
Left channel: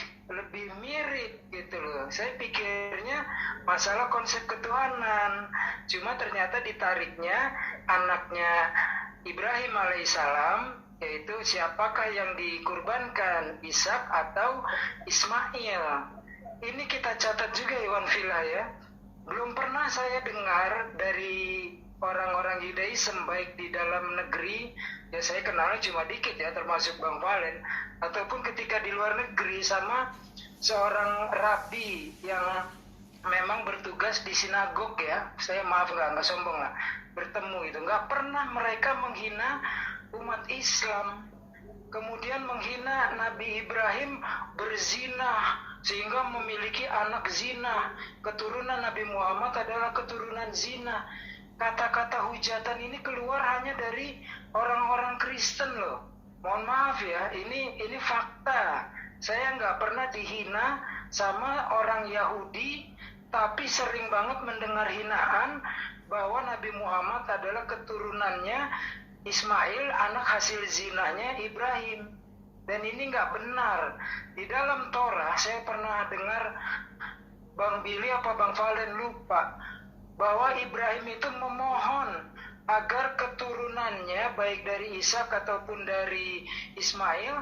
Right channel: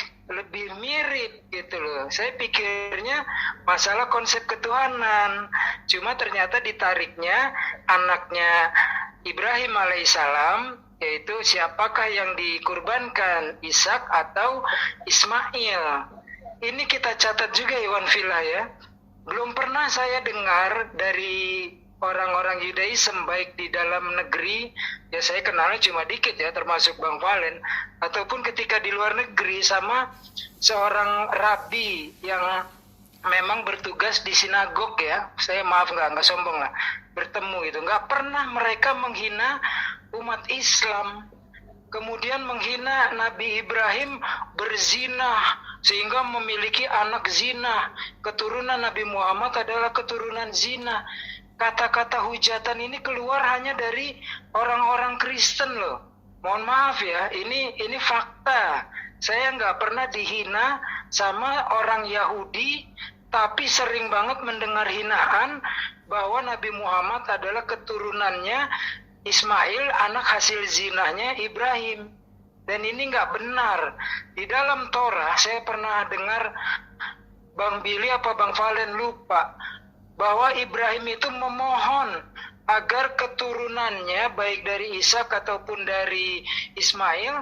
mirip gitu loh. Saya pikirnya masalah konsep ketuhanan. Cuma ternyata ditariknya anaknya Ibrahim alaihissalam, yaitu siapakah yang dikurbankan, Ishak atau Ismail. Ini kita catat juga Iwan Villa ya. Belum pernah saya dengar dari orang-orang Yudaism baik di dalam negeri, ya saya kenalnya cuma dikit ya, termasuk Bang Valen, ataupun ketika di luar negeri sama seorang rabi yang memang bertugas di sinagog ya, saya maaf nggak sombong lah, bertemu gitu, nggak pernah mereka menghina umat Islam, kemudian menghina Nabi Ibrahim berzina sehingga memiliki anak zina, keturunan Nabi Muhammad adalah keturunan zina. Kata-kata hujatan ini keluar hanya dari orang-orang Kristen loh. Mohon maaf ya, ini fakta. Saya nggak pernah dihina sama orang Yahudi, tapi sering banget mendengar hinaan bahwa Nabi Muhammad adalah keturunannya Ismail, anak hasil zinanya Ibrahim. Dan ini nggak benar. Di dalam Torah saya pernah dengar Bang Billy apa Bang Valen lupa, bahwa Ibrahim itu memohon agar keturunannya baik dari Ishak ataupun dari Ismail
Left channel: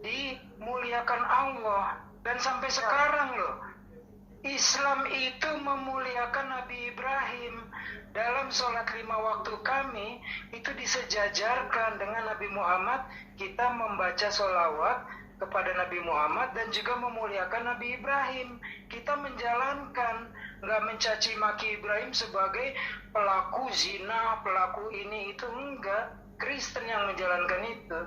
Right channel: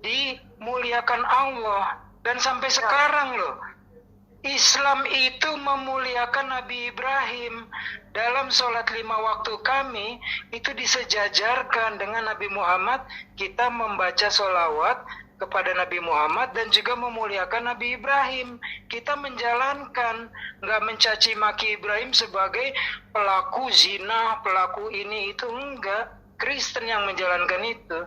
dimuliakan Allah. Dan sampai sekarang loh, Islam itu memuliakan Nabi Ibrahim. Dalam sholat 5 waktu kami itu disejajarkan dengan Nabi Muhammad. Kita membaca sholawat kepada Nabi Muhammad dan juga memuliakan Nabi Ibrahim. Kita menjalankan, nggak mencaci maki Ibrahim sebagai pelaku zina, pelaku ini itu, enggak. Kristen yang menjalankan itu.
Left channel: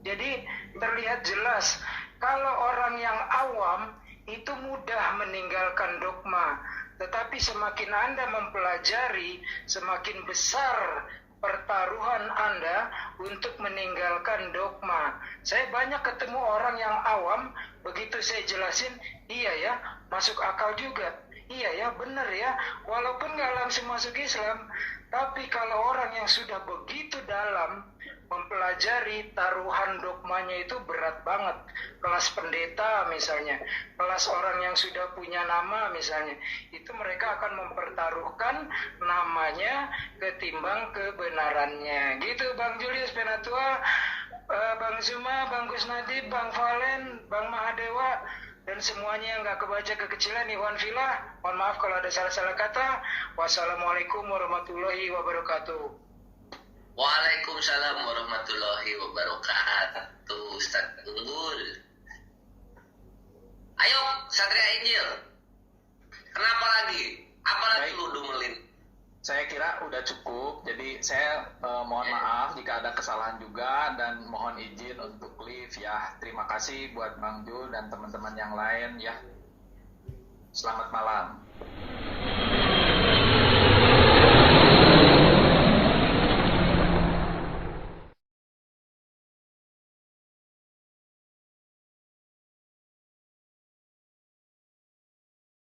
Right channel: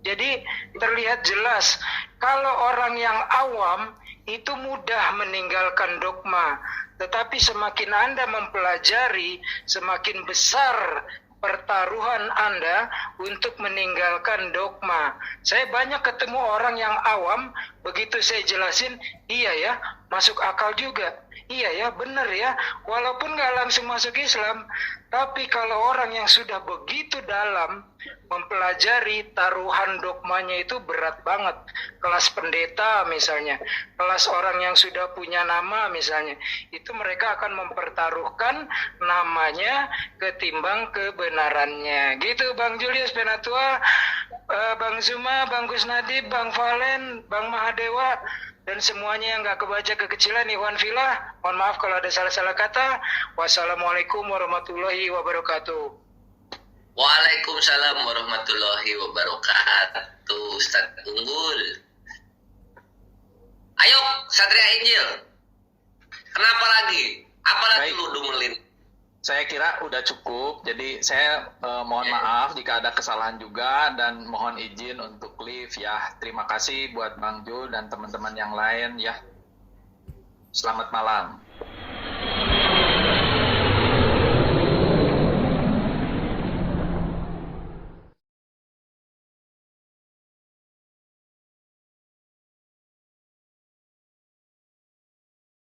Jadi terlihat jelas kalau orang yang awam itu mudah meninggalkan dogma, tetapi semakin Anda mempelajari, semakin besar pertaruhan Anda untuk meninggalkan dogma. Saya banyak ketemu orang yang awam, begitu saya jelasin, iya ya, masuk akal juga. Iya ya, benar ya, walaupun nggak langsung masuk Islam, tapi kalau orang yang sudah begitu dalam mempelajari, taruhan dogmanya itu berat banget. Kelas pendeta misalnya, kelas orang yang sudah punya nama misalnya, itu mereka akan mempertaruhkan namanya ketimbang kebenarannya. Gitu Bang Julius Penatua, Bang Zuma, Bang Kusnadi, Bang Valen, Bang Mahadewa, dan semuanya yang nggak kebaca kekecilan, Iwan Villa, mohon maaf kalau ada salah-salah kata. Wassalamualaikum warahmatullahi wabarakatuh. Waalaikumsalam warahmatullahi wabarakatuh. Ustaz Unggul. Ayo, Satria Injil. Kenapa lagi? Apalagi lu dumelin? Saya kira udah cukup. Jadi saya mohon maaf jika ada kesalahan juga dan mohon izin untuk leave ya. Terima kasih buat Bang Jul dan teman-teman yang lain ya. Selamat malam.